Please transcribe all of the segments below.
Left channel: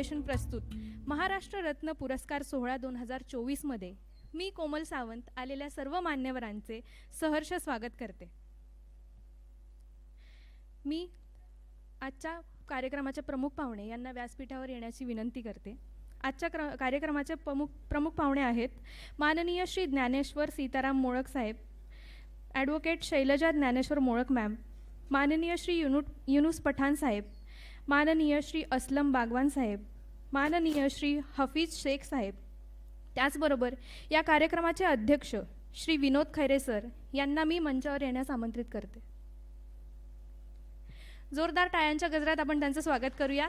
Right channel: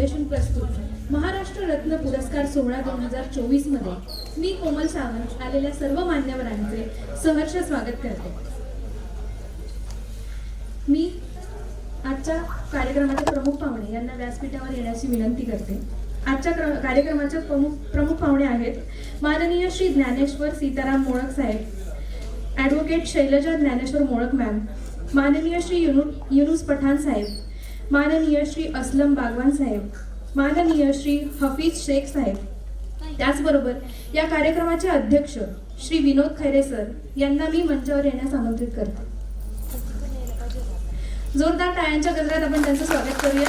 Foundation प्रस्तुत महाराष्ट्र रत्न पुरस्कार सोहळा 2024 मध्ये मी कोमल सावंत आलेल्या सर्व मान्यवरांचे सहर्ष स्वागत करते. मी आजच्या कार्यक्रमाचे प्रमुख पाहुणे यांना व्यासपीठावर येण्याची विनंती करते. आजच्या कार्यक्रमाचे प्रमुख पाहुणे आहेत माननीय श्री ज्ञानेश्वर सीताराम मोळक साहेब, ॲडव्होकेट शैलजा ज्ञानेश्वर मोळक मॅम, माननीय श्री युनुस पठाण साहेब, माननीय श्री असलम बागवान साहेब, माननीय श्री हफीज शेख साहेब. त्याचबरोबर या कार्यक्रमाचे अध्यक्ष श्री विनोद खैरे सर यांना मी मंचावर येण्यास आमंत्रित करते. जोरदार टाळ्यांच्या गजरात आपण त्यांचं स्वागत करूया.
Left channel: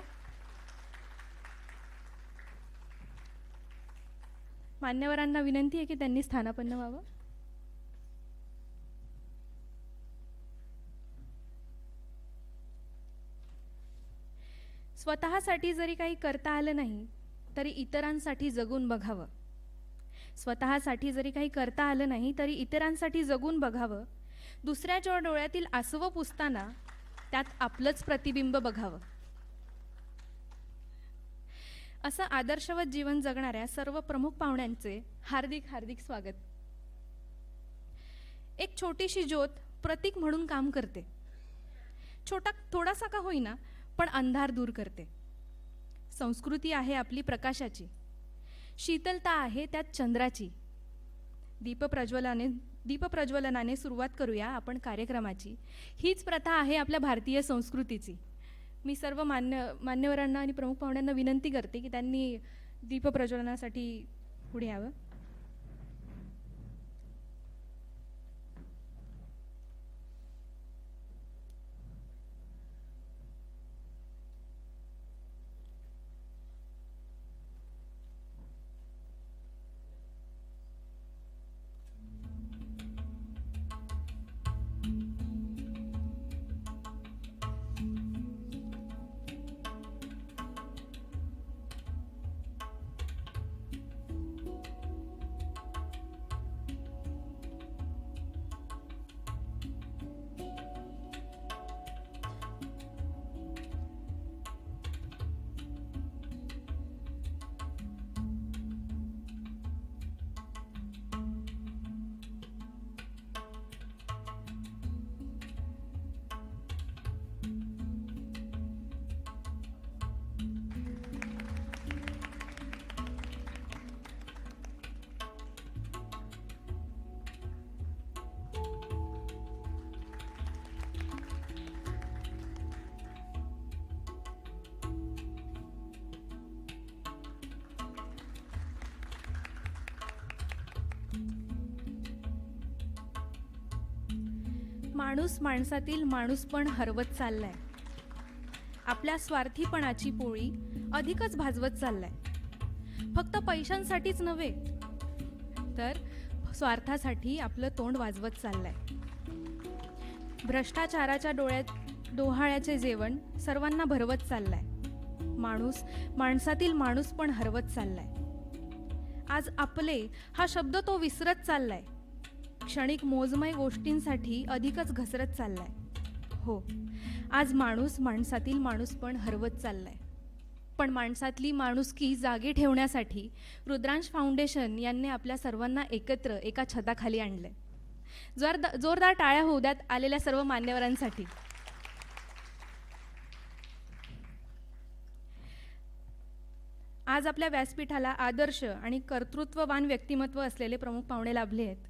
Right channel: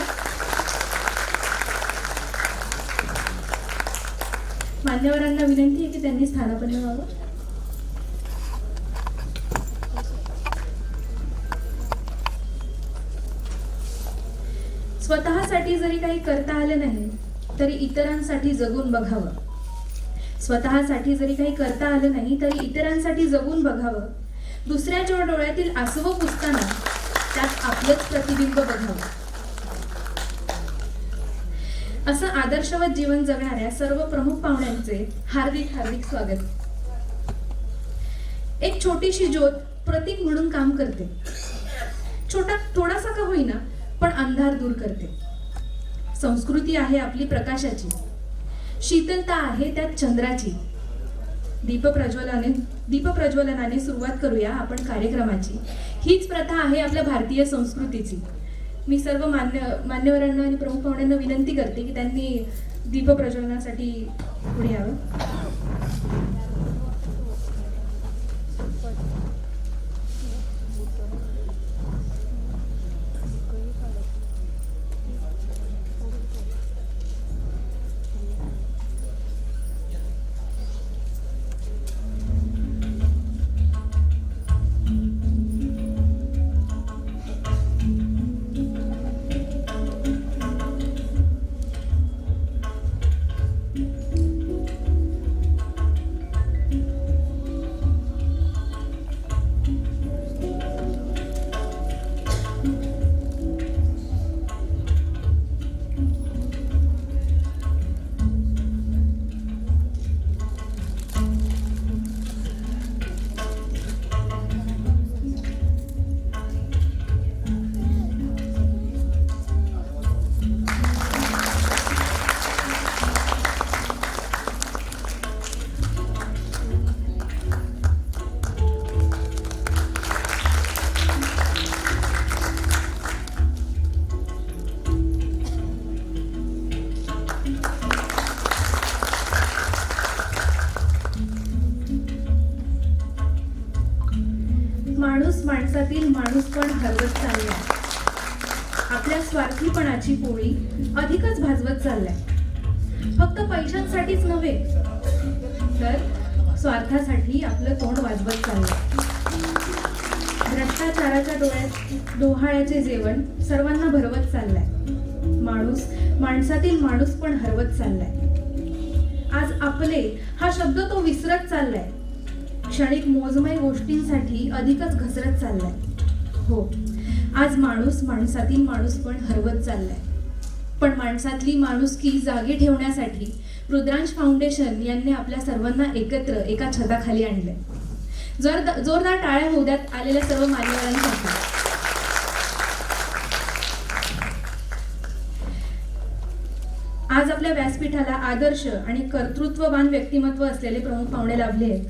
मान्यवरांना विनंती आहे की त्यांनी स्थानापन्न व्हावं. स्वतःसाठी जरी काही करता आले नाही तरी इतरांसाठी जगून बघावं. स्वतःसाठी जरी काही करता आलं नाही तरी इतरांसाठी जगून बघावं. दुसऱ्याच्या डोळ्यातील आसवं पुसताना त्यात आपलंच प्रतिबिंब बघावं. असं आदर्शवत जीवन जगणाऱ्या सर्व प्रमुख पाहुण्यांचे हार्दिक हार्दिक स्वागत. एक छोटीशी ज्योत प्रतीक म्हणून काम करते. थोडासा का होईना पण अंधार दूर करते. संस्कृती आहे आपली प्रकाशाची, शीतलता आहे त्यात चंद्राची. दीपप्रज्वलनाने सुरुवात करूया आपण कार्यक्रमाची. हीच प्रथा आहे आपल्या भारतीय संस्कृतीची. मी सर्व मान्यवरांना आणि प्रमुख पाहुण्यांना विनंती करते की त्यांनी दीपप्रज्वलनासाठी पुढे यावं. माणसातील माणूस पण हरवत चाललाय. आपल्या स्वार्थीपणाची पोळी अधिकच भाजवत चाललाय. फक्त पैशांसाठीच नव्हे तर स्वार्थासाठी आपलं तोंड वाजवत चाललंय. भ्रष्टाचाराच्या डोळ्यात डोहाळ्याचे जेवण सर्वांना भरवत चाललाय. माणसातील माणूस पण हरवत चाललाय. आज आपले हा शब्द तो विसरत चाललाय. क्षणिक मोजमय गोष्टींसाठी अधिकच घसरत चाललाय. हो, आज माणसातील माणूस पण हरवत चाललाय. पण माणसातली माणुसकी जागी ठेवण्यासाठी रुद्रांश फाउंडेशन यांनी आपल्या सर्वांना एकत्र एका छताखाली आणले. जोरदार टाळ्या होऊ द्यात आलेल्या सर्व मान्यवरांसाठी. आज आपल्या व्यासपीठाला आदर्श आणि कर्तृत्ववान व्यक्तिमत्व असलेले प्रमुख पाहुणे लाभले आहेत.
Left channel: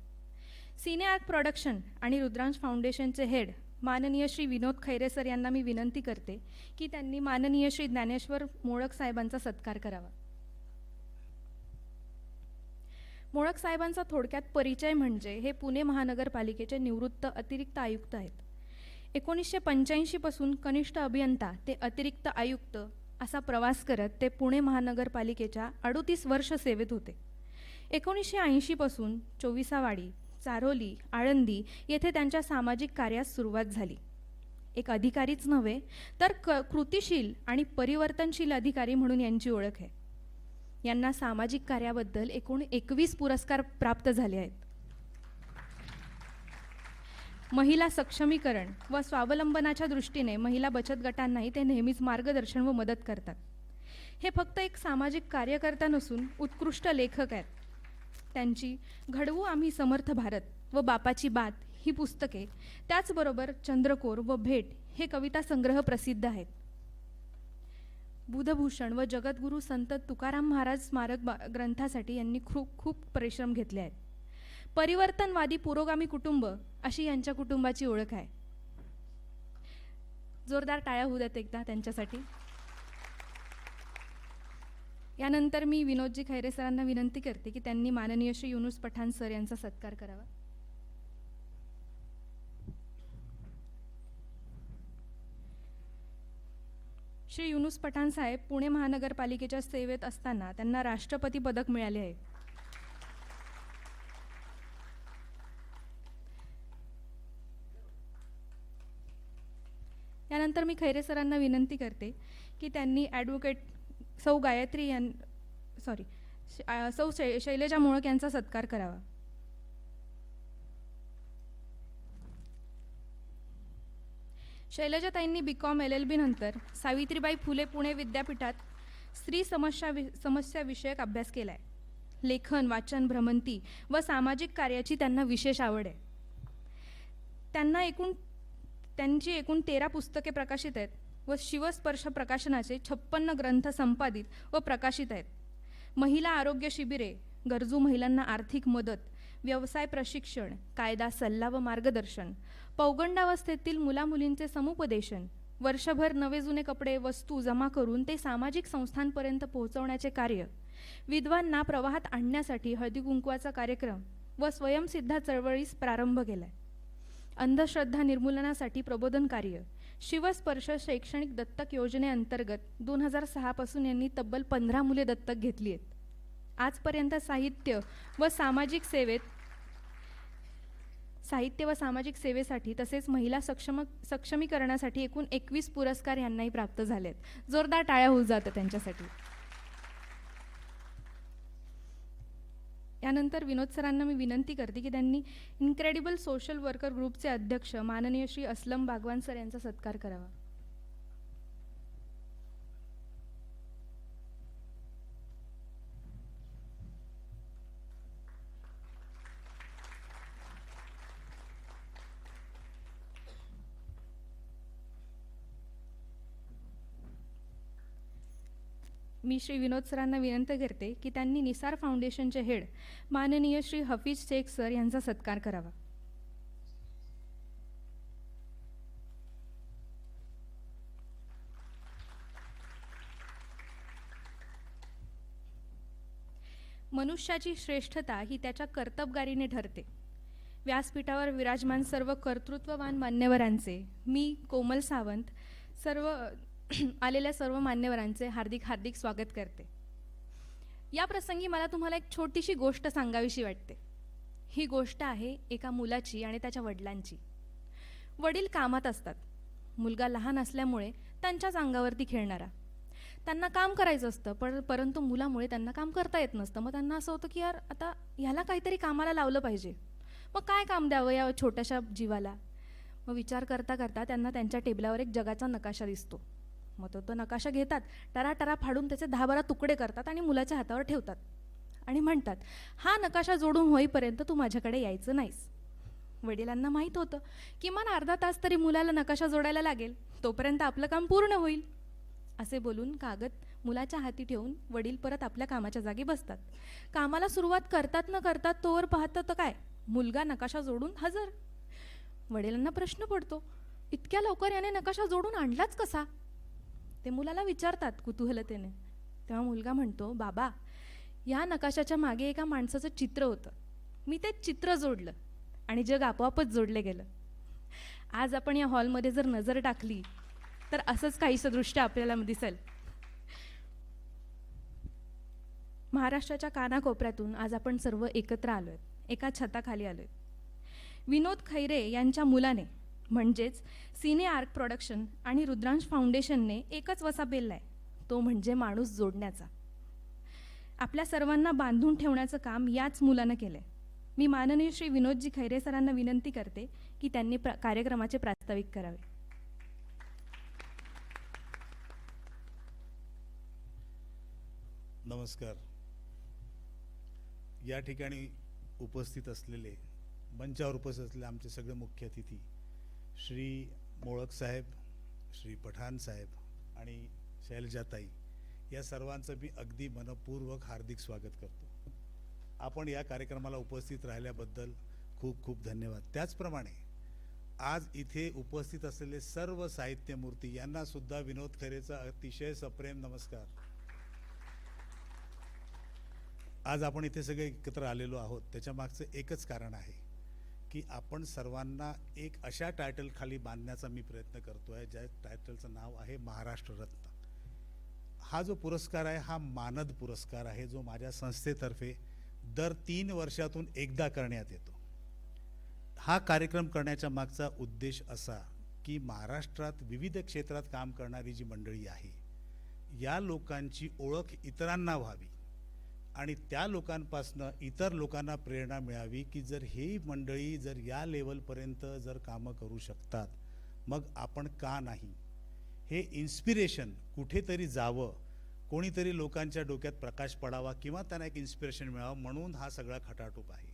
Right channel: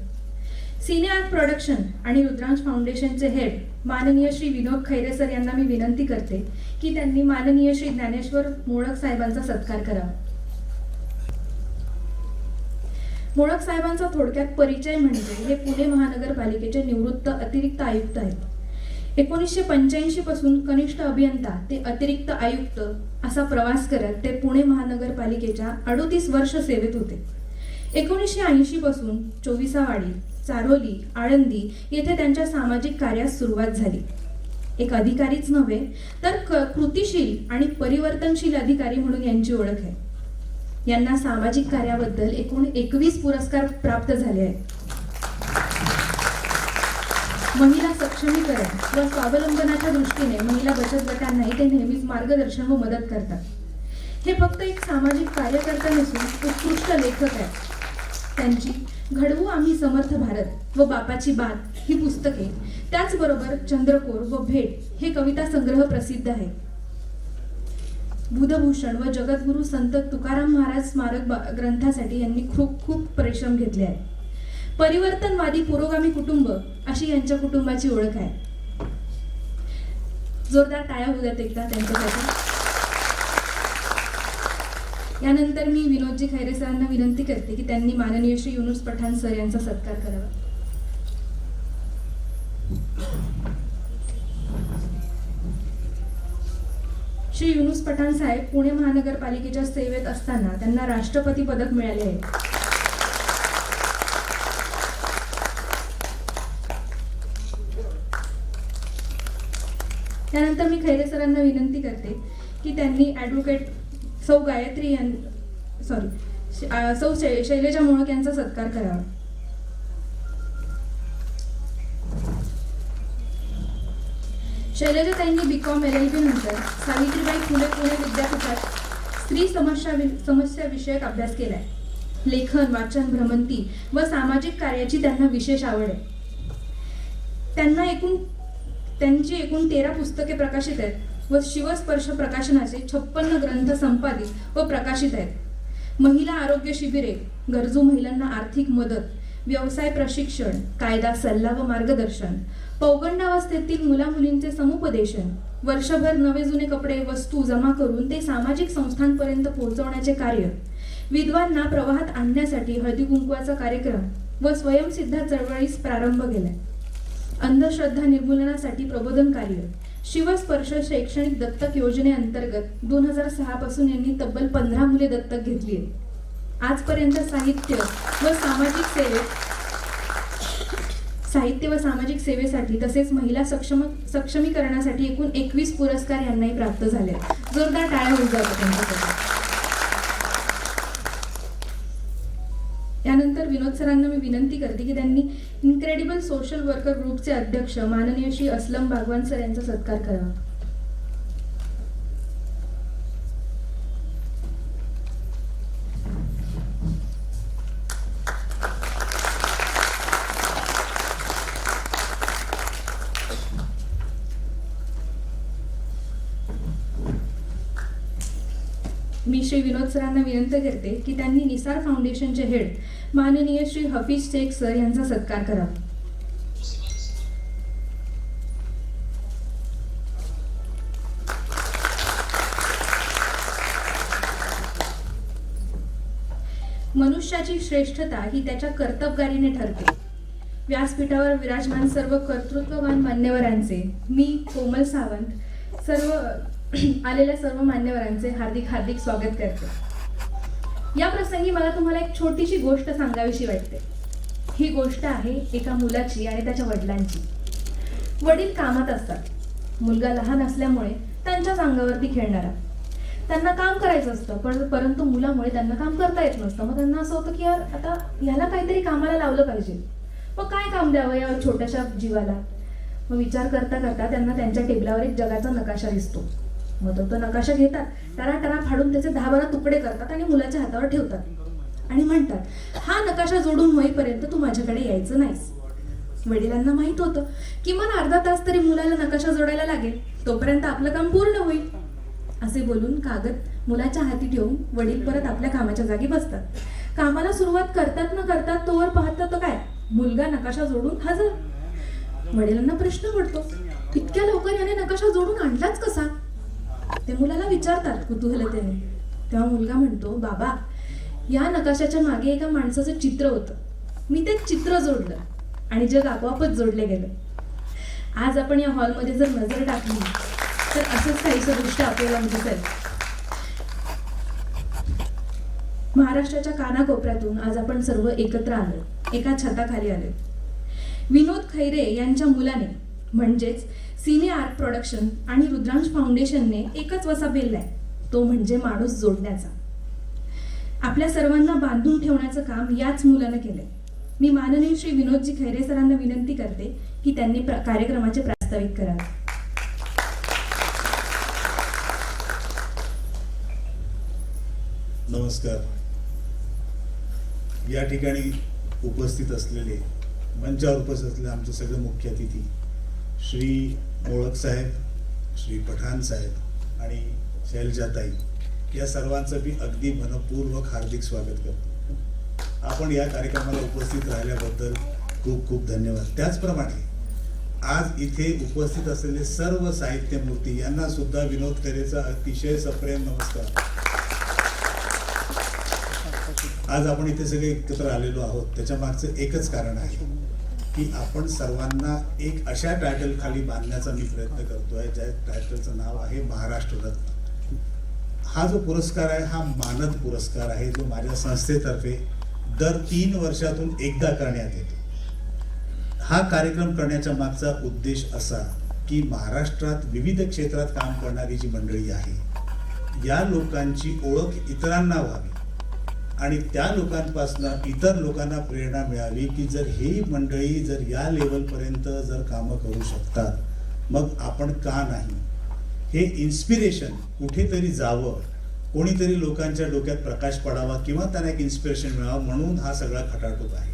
सिनेआर्ट प्रोडक्शन आणि रुद्रांश फाउंडेशनचे हेड माननीय श्री विनोद खैरे सर यांना मी विनंती करते की त्यांनी माननीय श्री ज्ञानेश्वर मोळक साहेबांचा सत्कार करावा. मोळक साहेबांचा थोडक्यात परिचय म्हणजे हे पुणे महानगरपालिकेचे निवृत्त अतिरिक्त आयुक्त आहेत. 1985 पासून कनिष्ठ अभियंता ते अतिरिक्त आयुक्त असा प्रवास करत ते पुणे महानगरपालिकेच्या 38 वर्ष सेवेत होते. 1980 पासून चोविसावाडी, चारोली, आळंदी येथे त्यांच्या सामाजिक कार्यास सुरुवात झाली. एक अधिकारीच नव्हे तर कृतिशील आणि परिवर्तनशील अधिकारी म्हणून यांची ओळख आहे. यांना सामाजिक कार्याबद्दल एकूण 21 पुरस्कार प्राप्त झाले आहेत. महिला सक्षमीकरण व स्वावलंबनाच्या दृष्टीने महिला बचत गटांनाही ते नेहमीच मार्गदर्शन व मदत करतात. हे फक्त एक सामाजिक कार्यकर्ता नसून उत्कृष्ट लेखक आहेत. त्यांची घडवू आम्ही समर्थ भारत व बापाची बात ही पुस्तके, त्याचबरोबर चंद्रकोर व भेट हे कविता संग्रह प्रसिद्ध आहे. बुधभूषण व जगद्गुरु संत तुकाराम महाराज स्मारक ग्रंथासाठी यांनी खूप खूप परिश्रम घेतले आहेत. परिवर्तनवादी पुरोगामी कुटुंब अशी यांच्या कुटुंबाची ओळख आहे. जोरदार टाळ्या होत्या एकदा त्यांच्यासाठी. यानंतर मी विनोदजी खैरे सरांना विनंती करते की त्यांनी माननीय श्री युनुस पठाण सर यांचा सत्कार करावा. श्री युनुस पठाण साहेब पुणे महानगरपालिकेच्या सेवेत असताना त्यांना राष्ट्रपती पदक मिळाले आहे. त्यानंतर मी खैरे सरांना विनंती करते की त्यांनी ॲडव्होकेट सौ गायत्री सौ शैलेजा मोहक यांचा सत्कार करावा. शैलेजाताईंनी BCom LLB नंतर सावित्रीबाई फुले पुणे विद्यापीठात स्त्री समस्या विषयक अभ्यास केलाय. लेखन, वाचन, भ्रमंती व सामाजिक कार्याची त्यांना विशेष आवड आहे. त्यांची एकूण 13 पुस्तके प्रकाशित आहेत व शिवस्पर्श प्रकाशनाचे 56 ग्रंथ संपादित व प्रकाशित आहेत. महिला आरोग्य शिबिरे, गरजू महिलांना आर्थिक मदत, व्यवसाय प्रशिक्षण, कायदा सल्ला व मार्गदर्शन, पौगंडावस्थेतील मुला-मुलींचे समुपदेशन, वर्षभर नवे जुने कपडे वस्तू जमा करून ते सामाजिक संस्थांपर्यंत पोहोचवण्याचे कार्य, विधवांना प्रवाहात आणण्यासाठी हळदी कुंकवाचा कार्यक्रम व स्वयंसिद्धा चळवळीस प्रारंभ केलाय. अंधश्रद्धा निर्मूलनासाठी प्रबोधन कार्य, शिवस्पर्श शैक्षणिक दत्तक योजनेअंतर्गत 2006 पासून यांनी तब्बल 15 मुले दत्तक घेतली आहेत. आजपर्यंत साहित्य व सामाजिक सेवेसाठी तसेच महिला सक्षमीकरणासाठी एकूण 21 पुरस्कार यांनाही प्राप्त झाले. जोरदार टाळ्या होऊ जातात त्यांच्यासाठी. यानंतर विनोद सरांना मी विनंती करते की त्यांनी इनक्रेडिबल सोशल वर्कर ग्रुपचे अध्यक्ष माननीय श्री असलम भागवान सर यांचा सत्कार करावा. मी श्री विनोद सरांना विनंती करते की त्यांनी निसार फाउंडेशनचे हेड माननीय श्री हफीज शेख सर यांचा सत्कार करावा. मनुष्याची श्रेष्ठता ही त्याच्या कर्तबगारीने ठरते. व्यासपीठावर विराजमान सर्व कर्तृत्ववान मान्यवरांचे, मी कोमल सावंत, आलेल्या सर्व मान्यवरांचे हार्दिक स्वागत करते. या प्रसंगी मला तुम्हाला एक छोटीशी गोष्ट सांगावीशी वाटते. ही गोष्ट आहे एका मुलाची आणि त्याच्या वडिलांची. वडील कामात असतात. मुलगा लहान असल्यामुळे त्यांच्याच अंगावरती खेळणारा. त्यांना काम करायचं असतं, परंतु मुलामुळे त्यांना काम करता येत नसतं. मग त्यांना असं होतं की यार आता याला काहीतरी कामाला लावलं पाहिजे. मग काय काम द्यावं या छोट्याशा जीवाला. मग विचार करता करता त्यांना त्यांच्या टेबलावर एक जगाचा नकाशा दिसतो. मग तो नकाशा घेतात, टरा फाडून त्याचे 10-12 तुकडे करतात आणि मुलाच्या हातावर ठेवतात आणि म्हणतात, हा नकाशा जोडून होईपर्यंत तू माझ्याकडे यायचं नाहीस. वडिलांना माहित होतं किमान अर्धा तास तरी मुलाला नकाशा जोडायला लागेल, तोपर्यंत आपलं काम पूर्ण होईल. असे बोलून कागद मुलाच्या हाती ठेवून वडील परत आपल्या कामाच्या जागी बसतात. कामाला सुरुवात करतात न करतात तोवर पाहतात काय, मुलगा नकाशा जोडून हजर. वडिलांना प्रश्न पडतो, इतक्या लवकर याने नकाशा जोडून आणलाच कसा. ते मुलाला विचारतात कुतूहलतेने. तेव्हा मुलगा म्हणतो, बाबा या नकाशाच्या मागे एका माणसाचं चित्र होतं. मी ते चित्र जोडलं आणि जग आपोआपच जोडले गेलं. आज आपण या हॉलमध्ये जर नजर टाकली तर असंच काहीचं दृश्य आपल्याला दिसेल. महाराष्ट्राच्या कानाकोपऱ्यातून आज आपण सर्व एकत्र आलो, एका छताखाली आलो. विनोद खैरे यांच्या मुलाने म्हणजेच सिने आर्ट प्रोडक्शन आणि रुद्रांश फाउंडेशनने एकच वसा पेललाय, तो म्हणजे माणूस जोडण्याचा. आपल्या सर्वांना बांधून ठेवण्याचं काम याच मुलाने केलंय. मी माननीय श्री विनोदजी खैरे सरांना विनंती करते की त्यांनी कार्यक्रमाचे प्रास्ताविक करावे. नमस्कार. या ठिकाणी उपस्थित असलेले, मंचावर उपस्थित असलेले आमचे सगळे मुख्य अतिथी श्री मोळक साहेब, श्री पठाण साहेब आणि शैलजाताई, या सर्वांचं मी अगदी मनपूर्वक हार्दिक स्वागत करतो. आपण या कार्यक्रमाला उपस्थित राहिल्याबद्दल खूप खूप धन्यवाद. त्याचप्रमाणे आज इथे उपस्थित असलेले सर्व साहित्यमूर्ती यांना सुद्धा विनोद खैरेचा अतिशय सप्रेम नमस्कार. आज आपण इथे सगळे एकत्र आलेलो आहोत त्याच्या मागचं एकच कारण आहे की आपण सर्वांना एक अशा टायटल खाली बांधण्याचा मी प्रयत्न करतोय ज्या टायटलचं नाव आहे महाराष्ट्र रत्न. हा जो पुरस्कार आहे हा मानद पुरस्कार आहे जो माझ्या संस्थेतर्फे दर 3 वर्षातून एकदा करण्यात येतो. हा कार्यक्रम करण्याच्या मागचा उद्देश असा की महाराष्ट्रात विविध क्षेत्रात काम करणारी जी मंडळी आहे या लोकांची ओळख इतरांना व्हावी आणि त्या लोकांपासून इतर लोकांना प्रेरणा मिळावी की जर ही मंडळी जर या लेवलपर्यंत जर कामं करू शकतात मग आपण का नाही. हे इन्स्पिरेशन कुठेतरी जावं, कोणीतरी लोकांच्या डोक्यात प्रकाश पडावा किंवा त्यांना एक इन्स्पिरेशन मिळावं म्हणून हा सगळा खटाटोप आहे.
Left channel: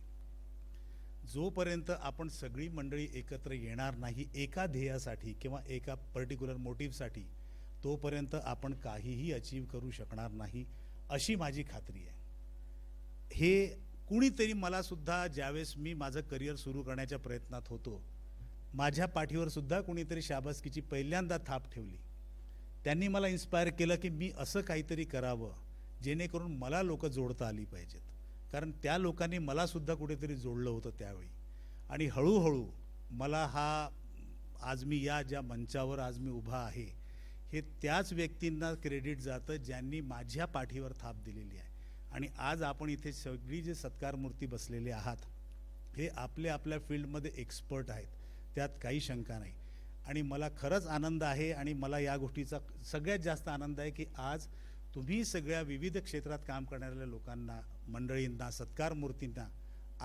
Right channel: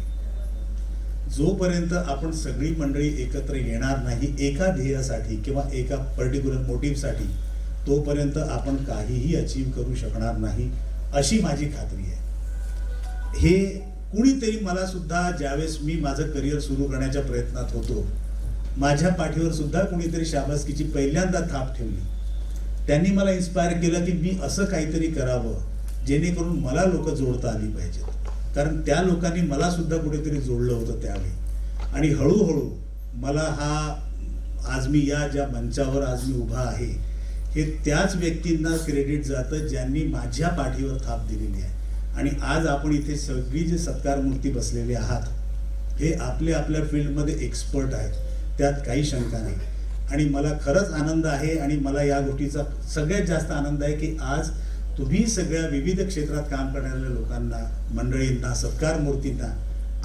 जोपर्यंत आपण सगळी मंडळी एकत्र येणार नाही एका ध्येयासाठी किंवा एका पर्टिक्युलर मोटिव्हसाठी तोपर्यंत आपण काहीही अचीव करू शकणार नाही अशी माझी खात्री आहे. हे कुणीतरी मला सुद्धा ज्यावेळेस मी माझं करिअर सुरू करण्याच्या प्रयत्नात होतो माझ्या पाठीवर सुद्धा कुणीतरी शाबासकीची पहिल्यांदा थाप ठेवली. त्यांनी मला इन्स्पायर केलं की मी असं काहीतरी करावं जेणेकरून मला लोक जोडता आली पाहिजेत. कारण त्या लोकांनी मला सुद्धा कुठेतरी जोडलं होतं त्यावेळी आणि हळूहळू मला हा आज मी या ज्या मंचावर आज मी उभा आहे हे त्याच व्यक्तींना क्रेडिट जातं ज्यांनी माझ्या पाठीवर थाप दिलेली आहे. आणि आज आपण इथे सगळी जे सत्कार मूर्ती बसलेले आहात हे आपल्या आपल्या फील्डमध्ये एक्सपर्ट आहेत, त्यात काही शंका नाही. आणि मला खरंच आनंद आहे आणि मला या गोष्टीचा सगळ्यात जास्त आनंद आहे की आज तुम्ही सगळ्या विविध क्षेत्रात काम करणाऱ्या लोकांना, मंडळींना, सत्कार मूर्तींना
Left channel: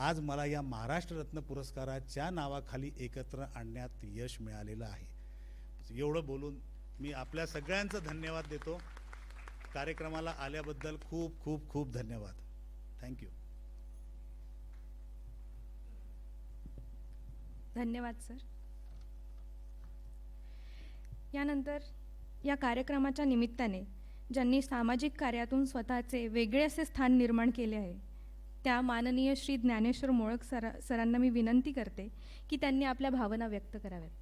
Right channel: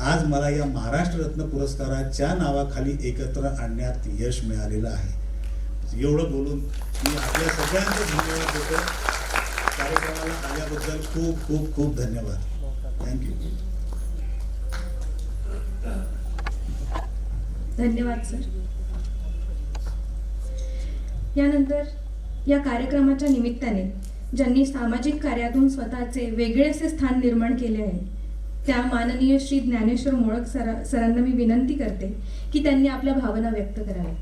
आज मला या महाराष्ट्र रत्न पुरस्काराच्या नावाखाली एकत्र आणण्यात यश मिळालेलं आहे. एवढं बोलून मी आपल्या सगळ्यांचे धन्यवाद देतो. कार्यक्रमाला आल्याबद्दल खूप खूप खूप धन्यवाद. थँक्यू. धन्यवाद सर. यानंतर या कार्यक्रमाच्या निमित्ताने ज्यांनी सामाजिक कार्यातून स्वतःचे वेगळेसे स्थान निर्माण केले आहे त्या माननीय श्री ज्ञानेश्वर मोळक सरांना मी विनंती करते की त्यांनी आपल्या भावना व्यक्त कराव्या.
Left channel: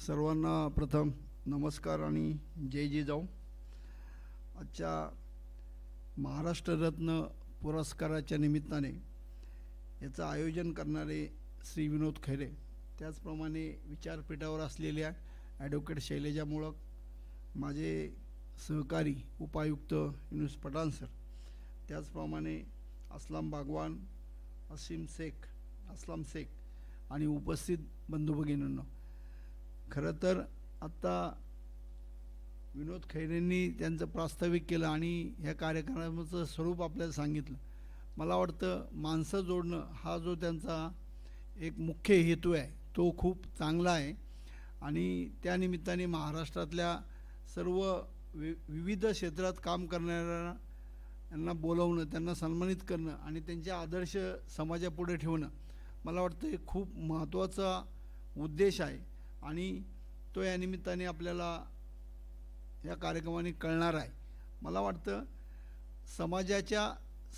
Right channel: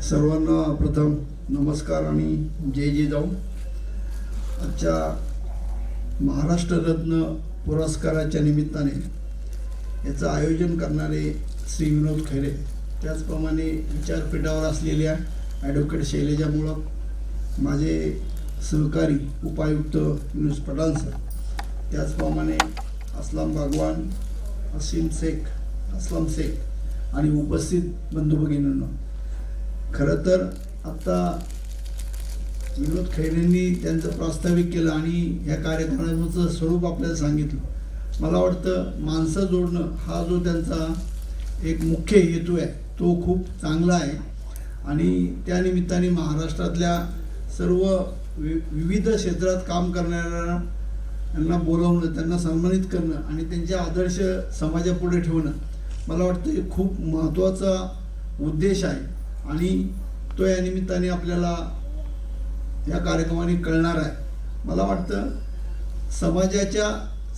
सर्वांना प्रथम नमस्कार आणि जय जय जाऊ. आजच्या महाराष्ट्र रत्न पुरस्काराच्या निमित्ताने याचं आयोजन करणारे श्री विनोद खैरे, त्याचप्रमाणे विचारपीठावर असलेल्या ॲडव्होकेट शैलजा मोळक, माझे सहकारी उपायुक्त युनुस पठाण सर, त्याचप्रमाणे असलम भगवान, असलम शेख आणि उपस्थित बंधू भगिनींनो, खरं तर आता विनोद खैरेंनी त्यांचं प्रास्ताविक केलं आणि ह्या कार्यक्रमाचं स्वरूप आपल्याला सांगितलं. मला वाटतं माणसं जोडणं हा जो त्यांचा एक मुख्य हेतू आहे तो खूप चांगला आहे आणि त्या निमित्ताने महाराष्ट्रातल्या सर्व विविध क्षेत्रात काम करणाऱ्यांना बोलावणं, त्यांना सन्मानित करणं आणि त्यांचे आदर्श समाजापुढे ठेवणं मला वाटतं हे खूप महत्त्वाचा उद्देश आहे आणि तो या निमित्ताने आपल्याला या कार्यक्रमाने कळणार आहे. मला वाटतं समाजाच्या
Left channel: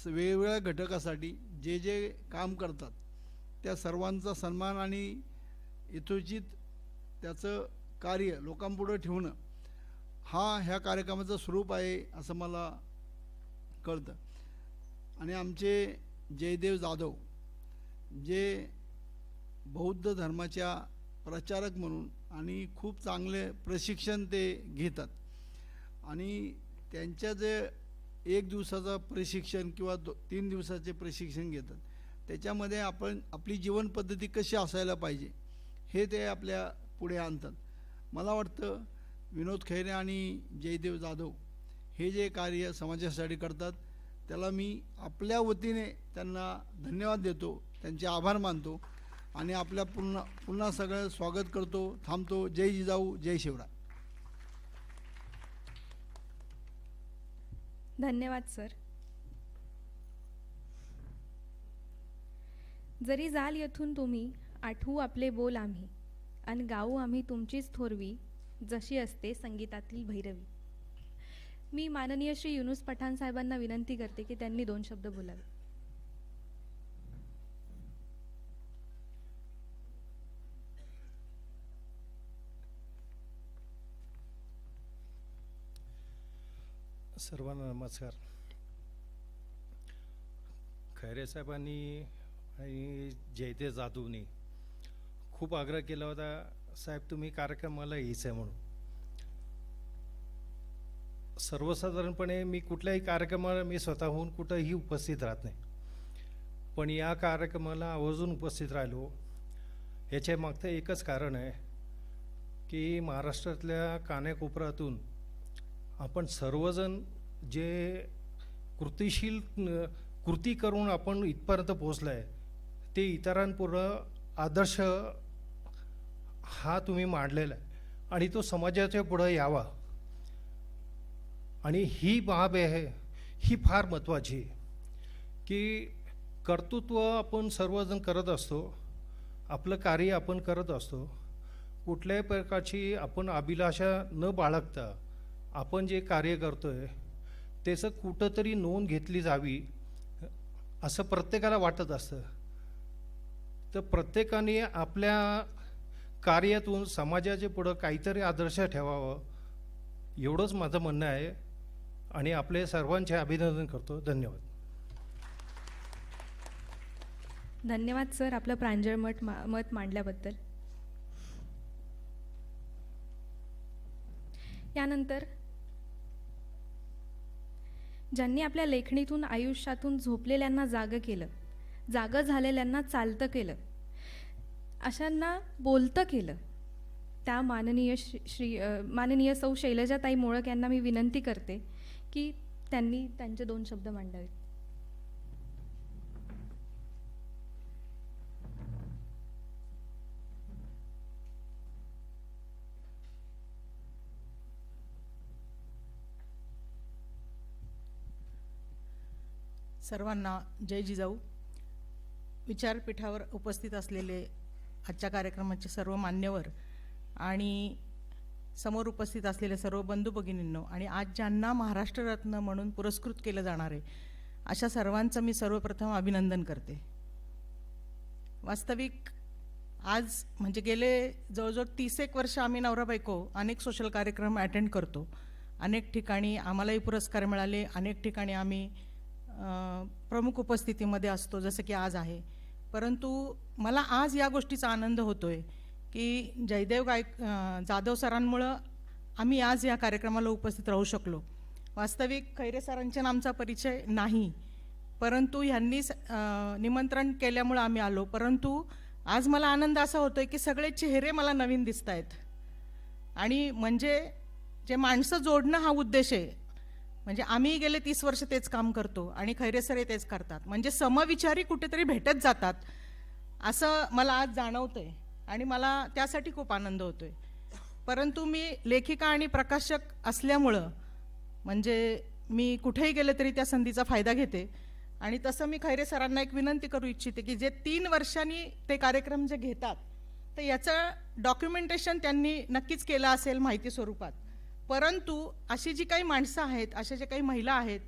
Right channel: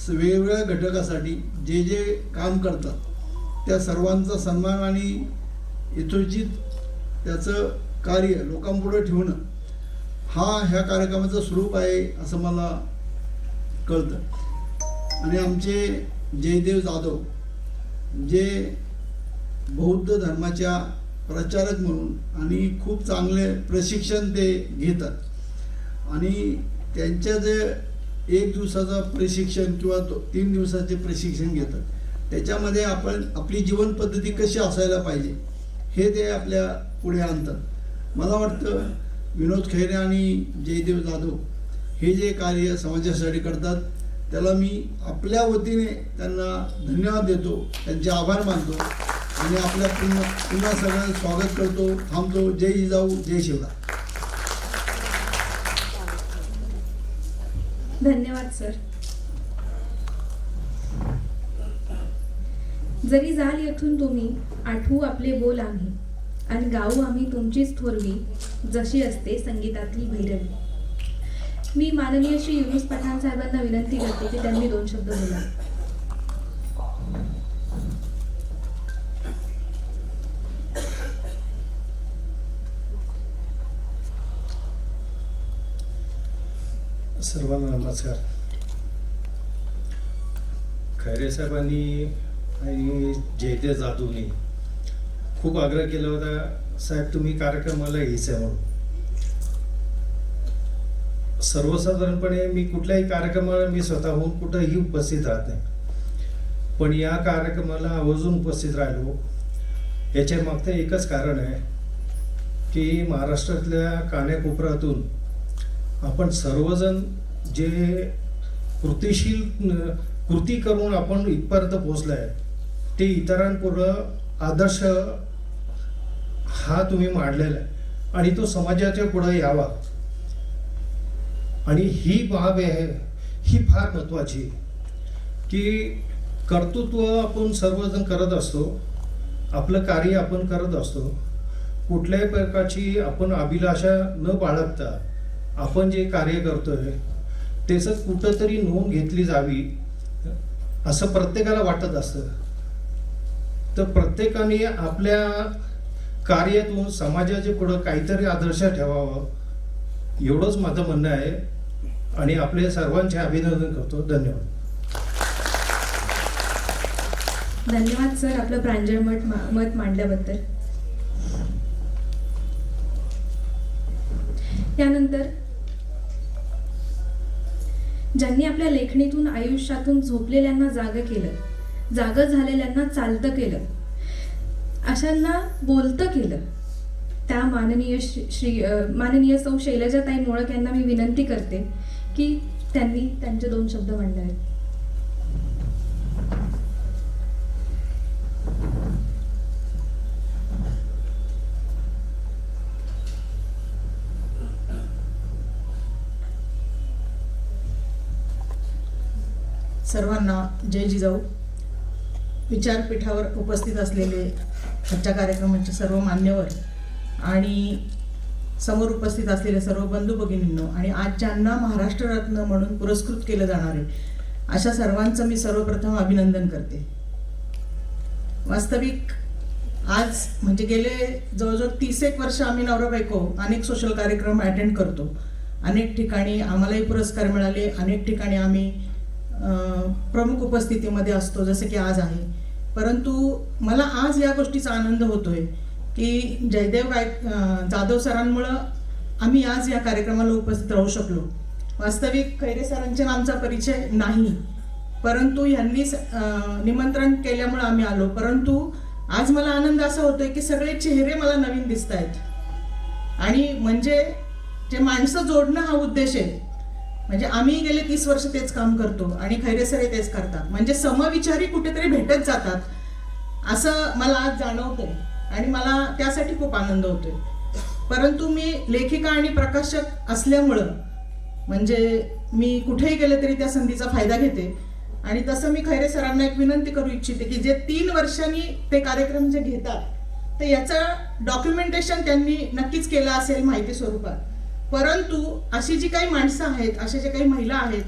वेगवेगळ्या घटकासाठी जे जे काम करतात त्या सर्वांचा सन्मान आणि यथोचित त्याचं कार्य लोकांपुढे ठेवणं हा ह्या कार्यक्रमाचं स्वरूप आहे असं मला कळतं. आणि आमचे जयदेव जाधव जे बौद्ध धर्माच्या प्रचारक म्हणून आणि खूप चांगले प्रशिक्षण ते घेतात आणि त्यांच्या जे 1 दिवसाचं प्रशिक्षण किंवा 3 दिवसाचे प्रशिक्षण घेतात त्याच्यामध्ये आपण आपली जीवन पद्धती कशी असायला पाहिजे हे ते आपल्या पुढे आणतात. मला वाटतं विनोद खैरे आणि जयदेव जाधव हे जे कार्य समाजासाठी करतात त्याला मी आपल्या वतीने त्यांना धन्यवाद देतो, त्यांचे आभार मानतो आणि आपल्या पुन्हा सगळं स्वागत करतो. थांबतो. जय जिजाऊ, जय शिवराय. धन्यवाद सर. जरी जाल येथून तुम्ही, आठवू आपले बोल आम्ही, आणि गाऊ आम्ही तुमचीच थोरवी, जशी असते संगीतातली भैरवी. मी माननीय श्री युनुस पठाण साहेबांना विनंती करते की त्यांनी 2 शब्द बोला. सर्वांना नमस्कार. खैरे साहेबांनी आणि जयदेव जाधवनी खूप आग्रह केला होता, साहेब तुम्ही कार्यक्रमाला यायचं म्हणून. सर्वसाधारणपणे मी कुठल्याही कार्यक्रमाला मी स्वतःहून कुठेही उपस्थित राहत नाही, पण या कार्यक्रमाला आवर्जून उपस्थित राहिलो. याच्या मागचं एकच कारण आहे की महाराष्ट्रातल्या कानाकोपऱ्यातून आपण सर्वजण जे कृती करून आपण इथपर्यंत पोहोचलाय, ते इतरांपुढं आदर्श हा तुम्ही मांडलेला आहे आणि तो समाजाच्या पुढे यावा. आणि ही बाब आहे, ही फार महत्वाची, की कर्तृत्व आपण सर्वजण करत असतो, आपलं कार्य आपण करत असतो, कुठल्याही प्रकारची आपण अभिलाषा न बाळगता आपण जे कार्य करतोय त्याचं कुठंतरी नोंद घेतली जावी असं प्रत्येकाला वाटत असतं. तर प्रत्येकाने आपल्या कार्यातून समाजाच्या पुढं काहीतरी आदर्श ठेवावं, एवढंच माझं म्हणणं आहे. आणि आपले सर्वांचे अभिनंदन करतो. धन्यवाद. धन्यवाद सर आपलं प्रांजळ मत मांडल्याबद्दल. यानंतर ज्यांनी आपल्या लेखणीतून आयुष्यातून झोपलेल्यांना जागं केलं, जागं झालेल्यांना चालतं केलं, अशांना बोलतं केलं, त्या माननीय सौ शैलजाताई मोळक यांना मी विनंती करते की त्यांनी त्यांचे 2 शब्द मांडावेत. सर्वांना जय जिजाऊ. विचारपीठावर उपस्थित असलेले आजच्या कार्यक्रमाचे सर्व मान्यवर आणि समोर उपस्थित असलेले सर्व बंधू भगिनींनो आणि आज ज्यांना महाराष्ट्र रत्न म्हणून पुरस्कृत केलं जाणार आहे अशा सर्वांचं मी सर्वप्रथम अभिनंदन करते. वास्तविक आज म्हणजे गेले जवळजवळ 30 वर्ष आम्ही नवरा बायको अनेक सोशल कार्यक्रम अटेंड करतो. अनेक ठिकाणी आम्हालाही पुरस्कार मिळाले, अनेक ठिकाणी आम्ही प्रमुख उपस्थितीमध्ये असतो जसे की आज आहे. परंतु मला आज या गोष्टीचा आनंद होतोय की जयदेव जाधव सरांमुळं आम्ही आज या कार्यक्रमाला उपस्थित राहू शकलो. वास्तविक खैरे सरांच्या आमचा परिचय नाही, परंतु यांनीच निमंत्रण केल्यामुळे आम्ही आलो. परंतु आज मला आनंद असा होतोय की सगळे चेहरे मला नवीन दिसत आहेत आणि म्हणजे जे माणसं जोडणं हा उद्देश आहे. म्हणजे आम्ही गेले 30 वर्ष तेच काम करतो आणि खैरे सर तेच करतात, म्हणजे समविचारी कुठेतरी भेटत जातात असं मला आज जाणवतंय आणि मला त्यासाठी खूप आनंद होतोय. परंतु मी लेखिका आणि प्रकाशक असल्यामुळं म्हणजे मी कुठेही गेले तरी त्या संधीचा फायदा घेते आणि तसं मी खैरे सरांना एक विनंती करू इच्छिते की जे 3 वर्षांनी ते कार्यक्रम जे घेतात तर याचं डॉक्युमेंटेशन त्यांनी नक्कीच केलं असेल माहिती स्वरूपात. परंतु अशी जी काही माणसं आहेत, असे जे काही महिला आहेत,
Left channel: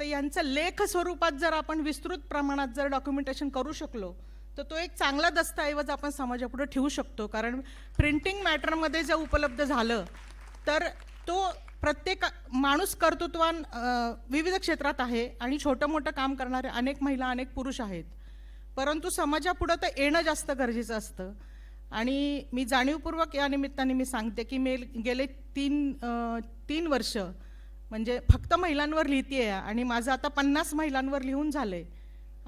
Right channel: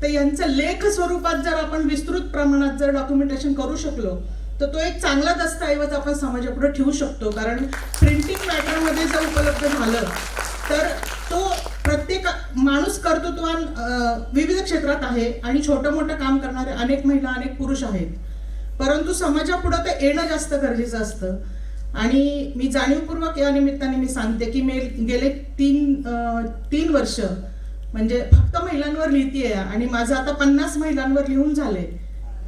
तर यांचं लेख स्वरूपात जर आपण विस्तृत प्रमाणात जर डॉक्युमेंटेशन करू शकलो तर तो एक चांगला दस्तऐवज आपण समाजापुढे ठेवू शकतो. कारण प्रिंटिंग मॅटरमध्ये जर उपलब्ध झालं तर तो प्रत्येक माणूस कर्तृत्वान विविध क्षेत्रात आहे आणि छोटं मोठं काम करणारे अनेक महिला अनेक पुरुष आहेत, परंतु समाजापुढे ते येणं जास्त गरजेचं असतं. आणि मी जाणीवपूर्वक या निमित्ताने मी सांगते की मी गेले 3 वर्ष म्हणजे फक्त महिलांवर लिहितेय आणि माझं आता 50 महिलांवर लिहून झाले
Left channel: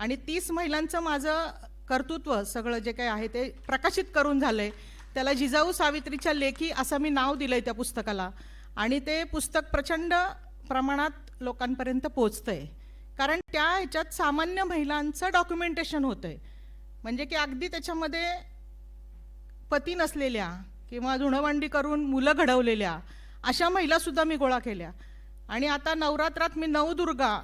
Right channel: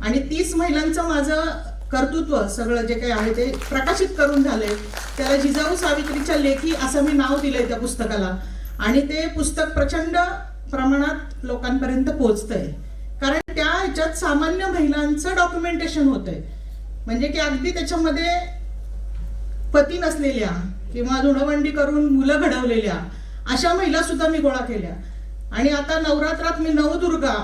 आणि 30 महिलांचं माझं कर्तृत्व सगळं जे काही आहे ते प्रकाशित करून झाले. त्याला जिजाऊ सावित्रीच्या लेखी असं मी नाव दिलंय त्या पुस्तकाला आणि ते पुस्तक प्रचंड प्रमाणात लोकांपर्यंत पोहोचतंय. कारण त्याच्यात सामान्य महिलांचं डॉक्युमेंटेशन होतंय. म्हणजे की अगदी त्याच्यामध्ये पती नसलेल्या किंवा धुणवंडी करून मुलं घडवलेल्या अशा महिला सुद्धा मी गोळा केल्या. आणि आता नवरात्रात मी नवदुर्गा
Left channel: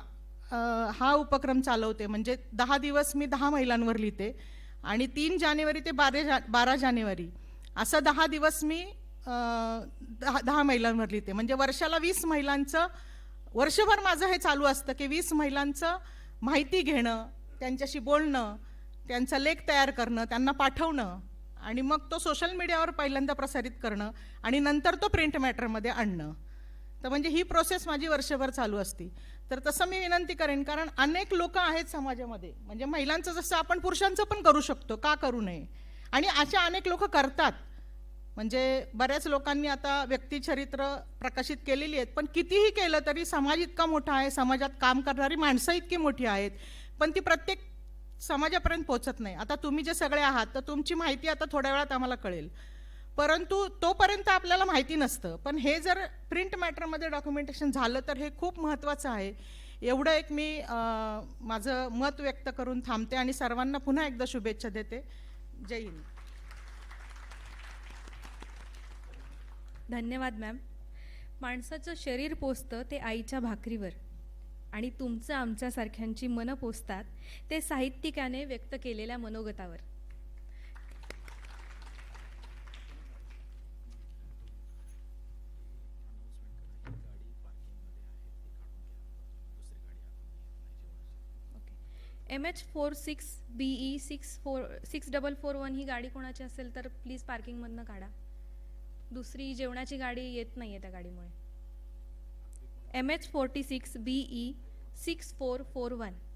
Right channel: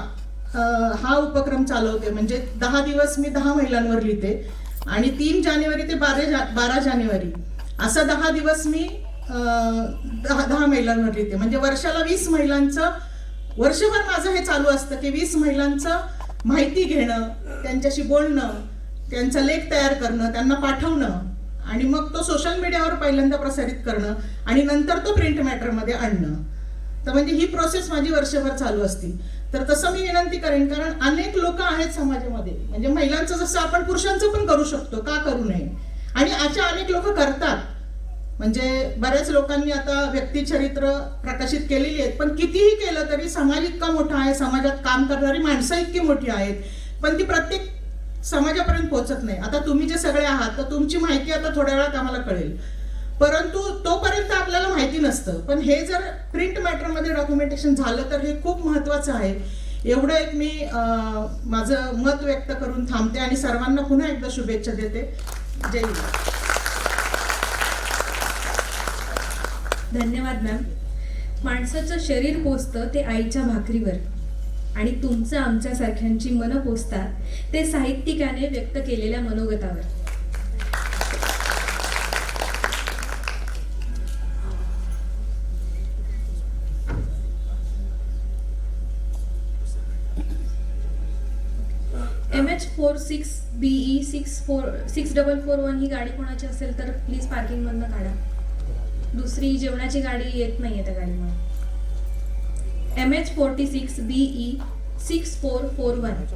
हा उपक्रम चालवते. म्हणजे 10 दिवस मी 10 महिलांवर लिहिते आणि 3 जानेवारी ते 12 जानेवारी असं 10 दिवस मी 10 महिलांवर लिहिते. म्हणजे वर्षाला 20 महिलांचं, वर्षभर माझं हे चालू असतं की 20 महिलांचं माहिती घेणं, त्यांच्याशी बोलणं, त्यांचा लेख तयार करणं, त्यांना पाठवणं आणि मग तो सोशल मीडियावर पहिल्यांदा प्रसारित करणं आणि नंतर तो प्रिंट मॅटरमध्ये आणणं. तर म्हणजे ही प्रोसेस माझी वर्षभर चालू असते. तर तसं मी विनंती करेन, कारण अनेक लोक आहेत समाजामध्ये, म्हणजे महिलांचं जसं आपण पुरुषांचं पण करू शकतो, का करू नये, आणि अशा अनेक लोक करतात. म्हणजे बऱ्याच लोकांनी आता व्यक्तिचरित्र प्रकाशित केलेली आहेत, पण कितीही केलं तरी समाज इतका मोठा आहे, समाजात काम करणारी माणसं इतकी मोठी आहेत, पण ती प्रत्येक समाजापर्यंत पोहोचत नाही. आता तुम्ही जे सगळे आहात तर तुमची माहिती आता थोड्या वेळात आम्हाला कळेल, परंतु तोपर्यंत आपल्याला माहिती नसतं. पण हे जर प्रिंट मॅटरमध्ये डॉक्युमेंटेशन झालं तर हे खूप महत्वाचं आहे. एवढं एक मी माझं मत व्यक्त करून थांबते आणि सर्वांना पुन्हा एकदा शुभेच्छा देते. जय हिंद. धन्यवाद मॅम. माणसाचं शरीर पोचतं ते आईच्या भाकरीवर आणि तुमचं आमच्यासारख्यांची मनं पोचतात ते साहित्यिकाने व्यक्त केलेल्या मनोगतावर. MH46BE 6441 ही गाडी कोणाची असेल तर प्लीज पार्किंग मधनं काढा. दुसरी जेवणाची गाडी येत नाहीये त्या गाडीमध्ये. MH46BE 6441.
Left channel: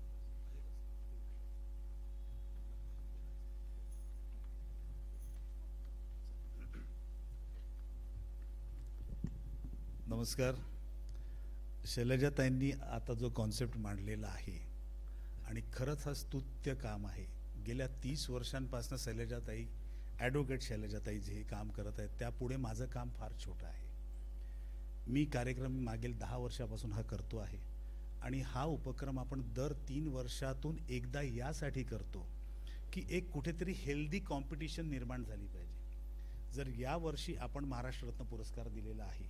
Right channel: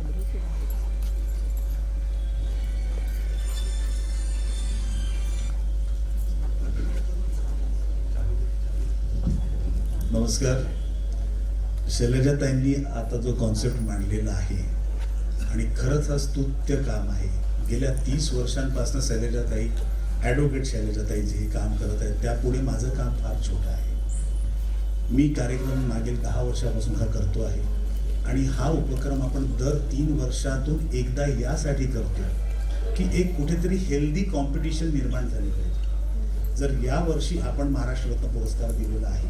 नमस्कार. शैलजाताईंनी आता जो कॉन्सेप्ट मांडलेला आहे आणि खरंच हा स्तुत्य काम आहे. गेल्या 30 वर्षांपासून शैलजाताई, ॲडव्होकेट शैलजाताई जे काम करत आहेत त्यापुढे माझं काम फार छोटं आहे. मी कार्यक्रम मागील 10 वर्षापासून हा करतो आहे आणि हा उपक्रम आपण दर 3 वर्षातून एकदा यासाठी करतो की एक कुठेतरी हेल्दी कॉम्पिटिशन निर्माण झाली पाहिजे. जर या वर्षी आपण महाराष्ट्र रत्न पुरस्कार दिलेला आहे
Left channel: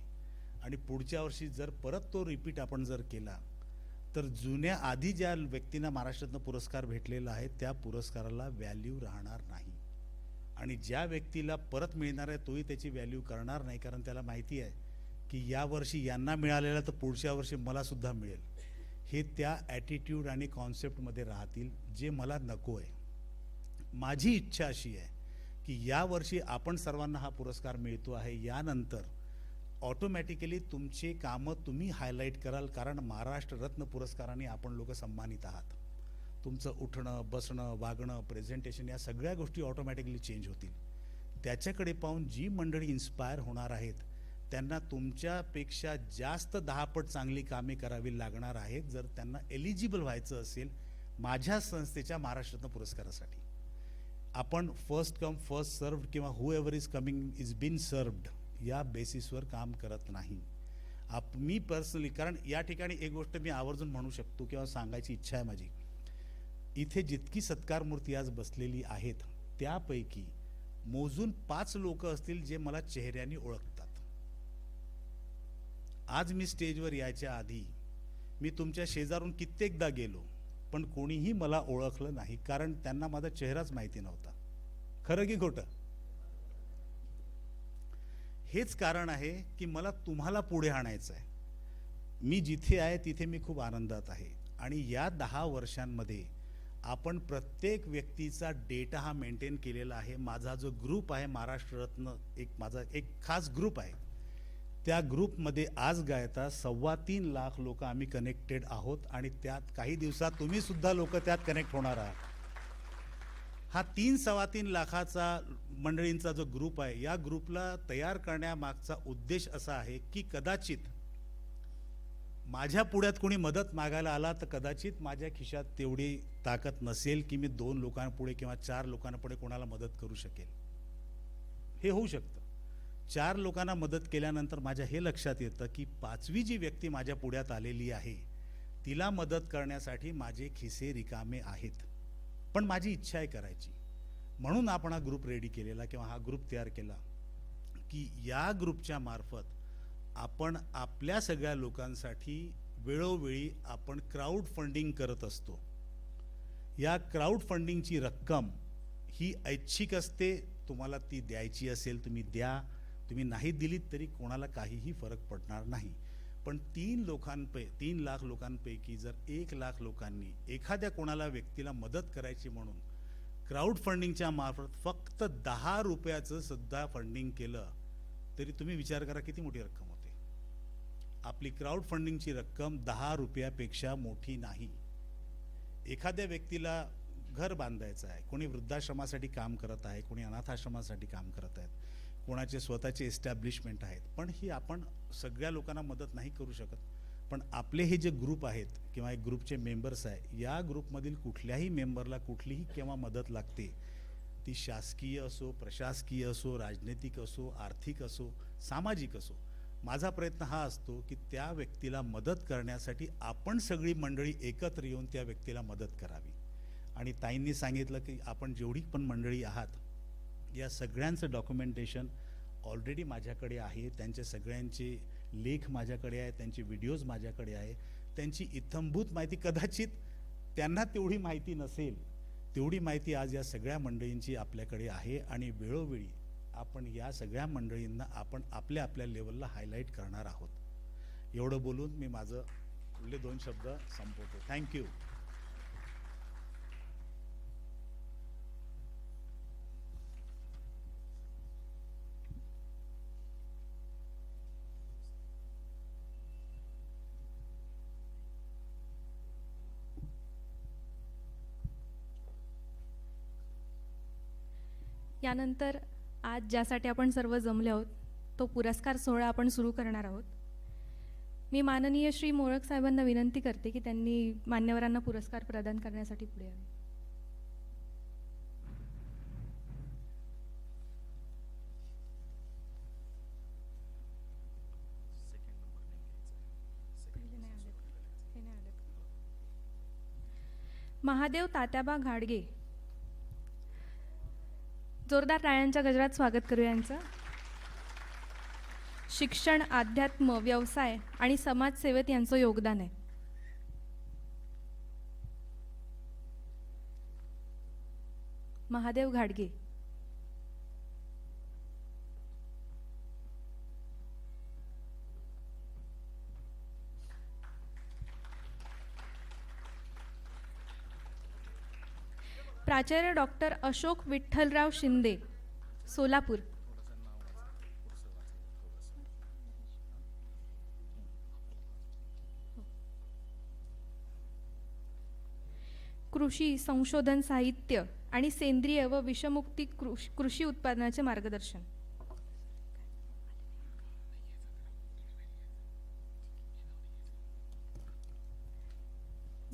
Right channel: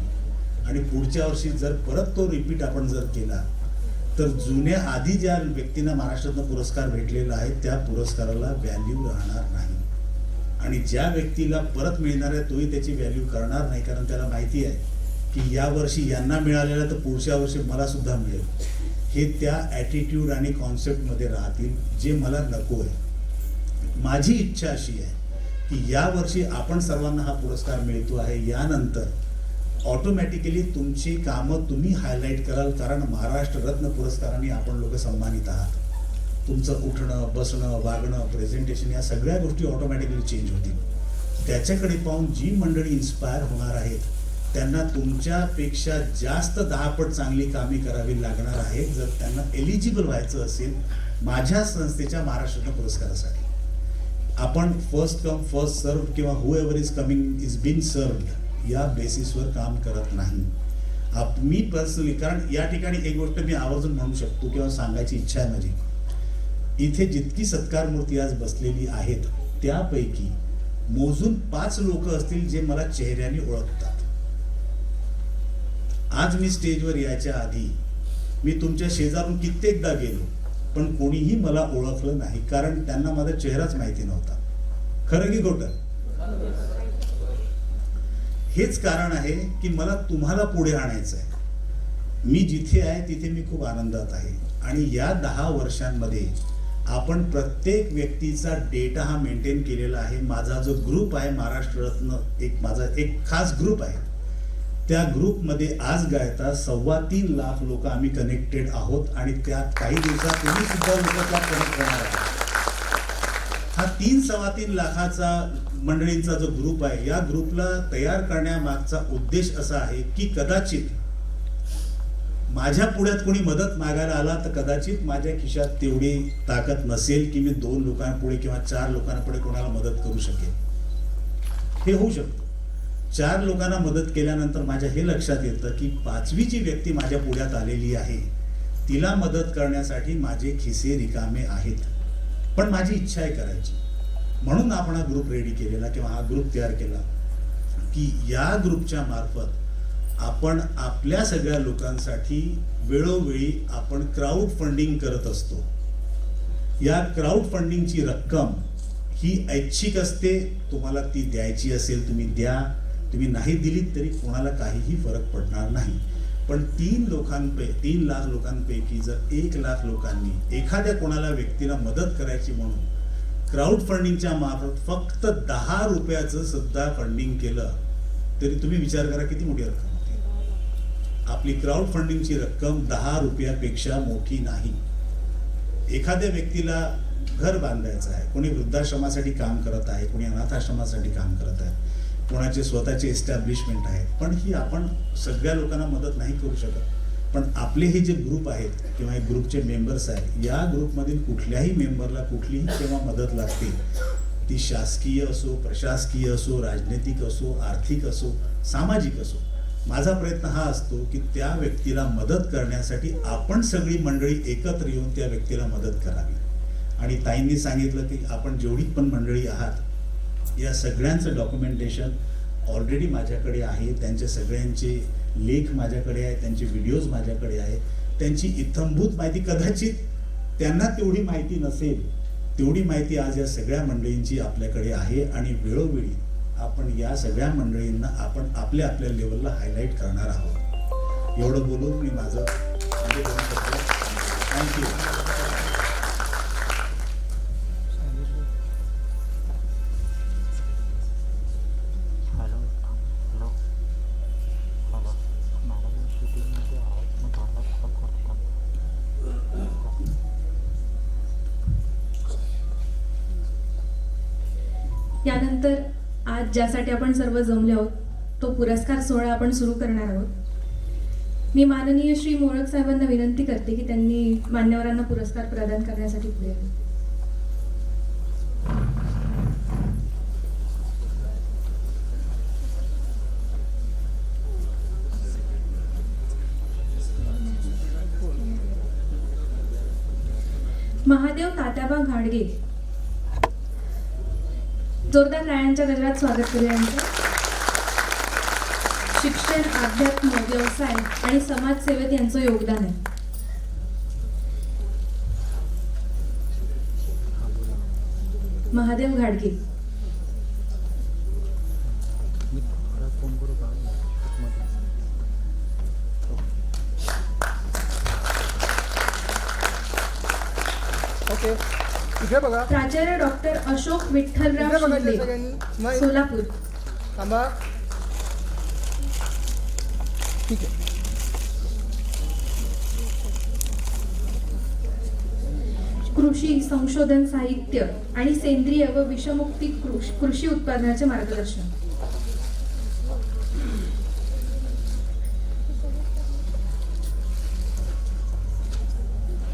आणि पुढच्या वर्षी जर परत तो रिपीट आपण जर केला तर जुन्या आधी ज्या व्यक्तींना महाराष्ट्र रत्न पुरस्कार भेटलेला आहे त्या पुरस्काराला व्हॅल्यू राहणार नाही आणि ज्या व्यक्तीला परत मिळणार आहे तोही त्याची व्हॅल्यू करणार नाही, कारण त्याला माहिती आहे की या वर्षी यांना मिळालेला तर पुढच्या वर्षी मला सुद्धा मिळेल. हे त्या ॲटिट्यूड आणि कॉन्सेप्टमध्ये राहतील जे मला नको आहे. माझी इच्छा अशी आहे की या वर्षी आपण सर्वांना हा पुरस्कार मिळतो आहे, यानंतर ऑटोमॅटिकली तुमची कामं तुम्ही हायलाईट कराल, कारण महाराष्ट्र रत्न पुरस्काराने आपण लोक सन्मानित आहात. तुमचं उठणं, बसणं, वागणं, प्रेझेंटेशन या सगळ्या गोष्टी ऑटोमॅटिकली चेंज होतील. त्याच्याकडे पाहून जी मंडळी इन्स्पायर होणार आहेत त्यांना तुमच्यापेक्षा जास्त 10 पट चांगली कामे करावी लागणार आहे जर त्यांना एलिजिबल व्हायचं असेल माझ्या संस्थेच्या महाराष्ट्र रत्न पुरस्कारासाठी. आपण फर्स्ट कम फर्स्ट सर्व किंवा whoever is coming is been served या बेसिसवर काम करत नाही. मी पर्सनली, कारण या ठिकाणी एक गोष्ट मी आवर्जून म्हणू शकतो किंवा सांगायची इच्छा आहे माझी, इथे जितकी सत्कार मूर्ती आज बसलेली आहेत त्यापैकी मोजून 5 लोक असतील जे मला चेहऱ्याने ओळखतात. आज मी स्टेजवर यायच्या आधी मी तुमच्या शेजारून कित्येकदा गेलो पण कोणीही मला ओळखलं नाही, कारण त्यांना माझा चेहराच माहिती नव्हता. खरं की खोटं? हेच कारण आहे की मला तुम्हाला पुढे आणायचं आहे. मी जिथे आहे तिथे मी खूप आनंदात आहे आणि या 10 वर्षांमध्ये आपण प्रत्येक व्यक्तीचा डेटा हा मेंटेन केलेला आहे. माझा जो ग्रुप आहे महाराष्ट्र रत्न, माझा एक खास ग्रुप आहे, त्या ग्रुपमध्ये आज गायता 3.25 लाख लोक आम्ही कनेक्टेड आहोत आणि त्या काही दिवसात तुम्ही सुद्धा लोक त्यात कनेक्ट होणार आहात. हा 3.25 लाखाचा मंडळींचा जो ग्रुप आहे, या ग्रुपला तयार करण्यामागचा उद्देश असा आहे की कदाचित माझ्या पुढ्यात कोणी मदत मागायला आला तर कदाचित माझ्या खिशात तेवढी ताकद नसेल की मी 2 लोकांपुढे किंवा 4 लोकांपुढे कोणाला मदत करू शकेल. हे होऊ शकतं. 4 लोकांना मदत केल्यानंतर माझ्या हे लक्षात येतं की 5वी जी व्यक्ती माझ्या पुढ्यात आलेली आहे तिला मदत करण्यासाठी माझे खिसे रिकामे आहेत, पण माझी इच्छा आहे करायची. म्हणून आपण हा ग्रुप रेडी केलेला किंवा हा ग्रुप तयार केला की या ग्रुपच्या मार्फत आपण आपल्या सगळ्या लोकांसाठी वेळोवेळी आपण क्राऊड फंडिंग करत असतो. या क्राऊड फंडिंगची रक्कम ही ऐच्छिक असते. तुम्हाला ती द्यायची असेल तुम्ही द्या, तुम्ही नाही दिली तरी कोणाला काहीही फरक पडणार नाही. पण 3 लाख लोकांपैकी जर 1 लाख लोकांनी एखाद्या कोणाला व्यक्तीला मदत करायची म्हणून क्राऊड फंडिंगच्या मार्फत फक्त 10 रुपयाचं सुद्धा फंडिंग केलं तरी तुम्ही विचार करा किती मोठी रक्कम होती. आपली क्राऊड फंडिंगची रक्कम 10 रुपयापेक्षा मोठी नाही. एखाद्या व्यक्तीला घर बांधायचं आहे, कोणी वृद्धाश्रमासाठी काम करत आहे, कोणी अनाथाश्रमासाठी काम करत आहे, कोणाचे स्वतःचे एस्टॅब्लिशमेंट आहेत, पण ही आपण सगळ्या लोकांना मदत नाही करू शकत. पण आपले हे जे ग्रुप आहेत किंवा हे ग्रुपचे मेंबर्स आहेत, या ग्रुपमधील कुठल्याही मेंबरला कुठलीही जेव्हा मदत लागते, ती शासकीय असो, प्रशासकीय असो, राजनैतिक असो, आर्थिक असो, सामाजिक असो, माझा प्रयत्न हा असतो की त्या व्यक्तीला मदत करण्यासाठी आपण सगळी मंडळी एकत्र येऊन त्या व्यक्तीला मदत करावी. आणि ताईंनी सांगितलं की आपण जेवढी पण मंडळी आहात या सगळ्यांचं डॉक्युमेंटेशन ऑलरेडी माझ्याकडे आहे. त्यांचे सगळ्यांचे लेख माझ्याकडे आहेत, त्यांचे व्हिडिओज माझ्याकडे आहेत. त्यांची इत्थंभूत माहिती कदाचित त्यांना तेवढी माहिती नसेल, तेवढी माहिती आज या सगळ्या मंडळींची आपल्याकडे आहे. आणि वेळोवेळी आपण या सगळ्या मंडळींना आपण आपल्या आपल्या लेवलला हायलाईट करणार आहोत. एवढं बोलून मी माझं थँक्यू. यानंतर आज ज्यासाठी आपण सर्व जमले आहोत तो पुरस्कार सोहळा आपण सुरू करणार आहोत. मी माननीय श्री मोळक साहेबांना विनंती करते की त्यांनी मान्यवरांना पुरस्कार प्रदान करण्यासाठी पुढे यावे. महादेव तात्याबा घाडगे, जोरदार टाळ्यांच्या गजरात स्वागत करूया यांचं. शिक्षण, अध्यात्म, व्यवसाय आणि समाजसेवेत यांचं योगदान आहे. महादेव घाडगे. ओके, इकडे बघा. प्राचार्य डॉक्टर अशोक विठ्ठलराव इकडे बघा शिंदे, सगळ्यांनी. स्माईल. सोलापूर. थांबा. ठीक आहे. कृषी संशोधन, साहित्य आणि सेंद्रिय व विषमुक्ती कृषी उत्पादनाचे मार्गदर्शन.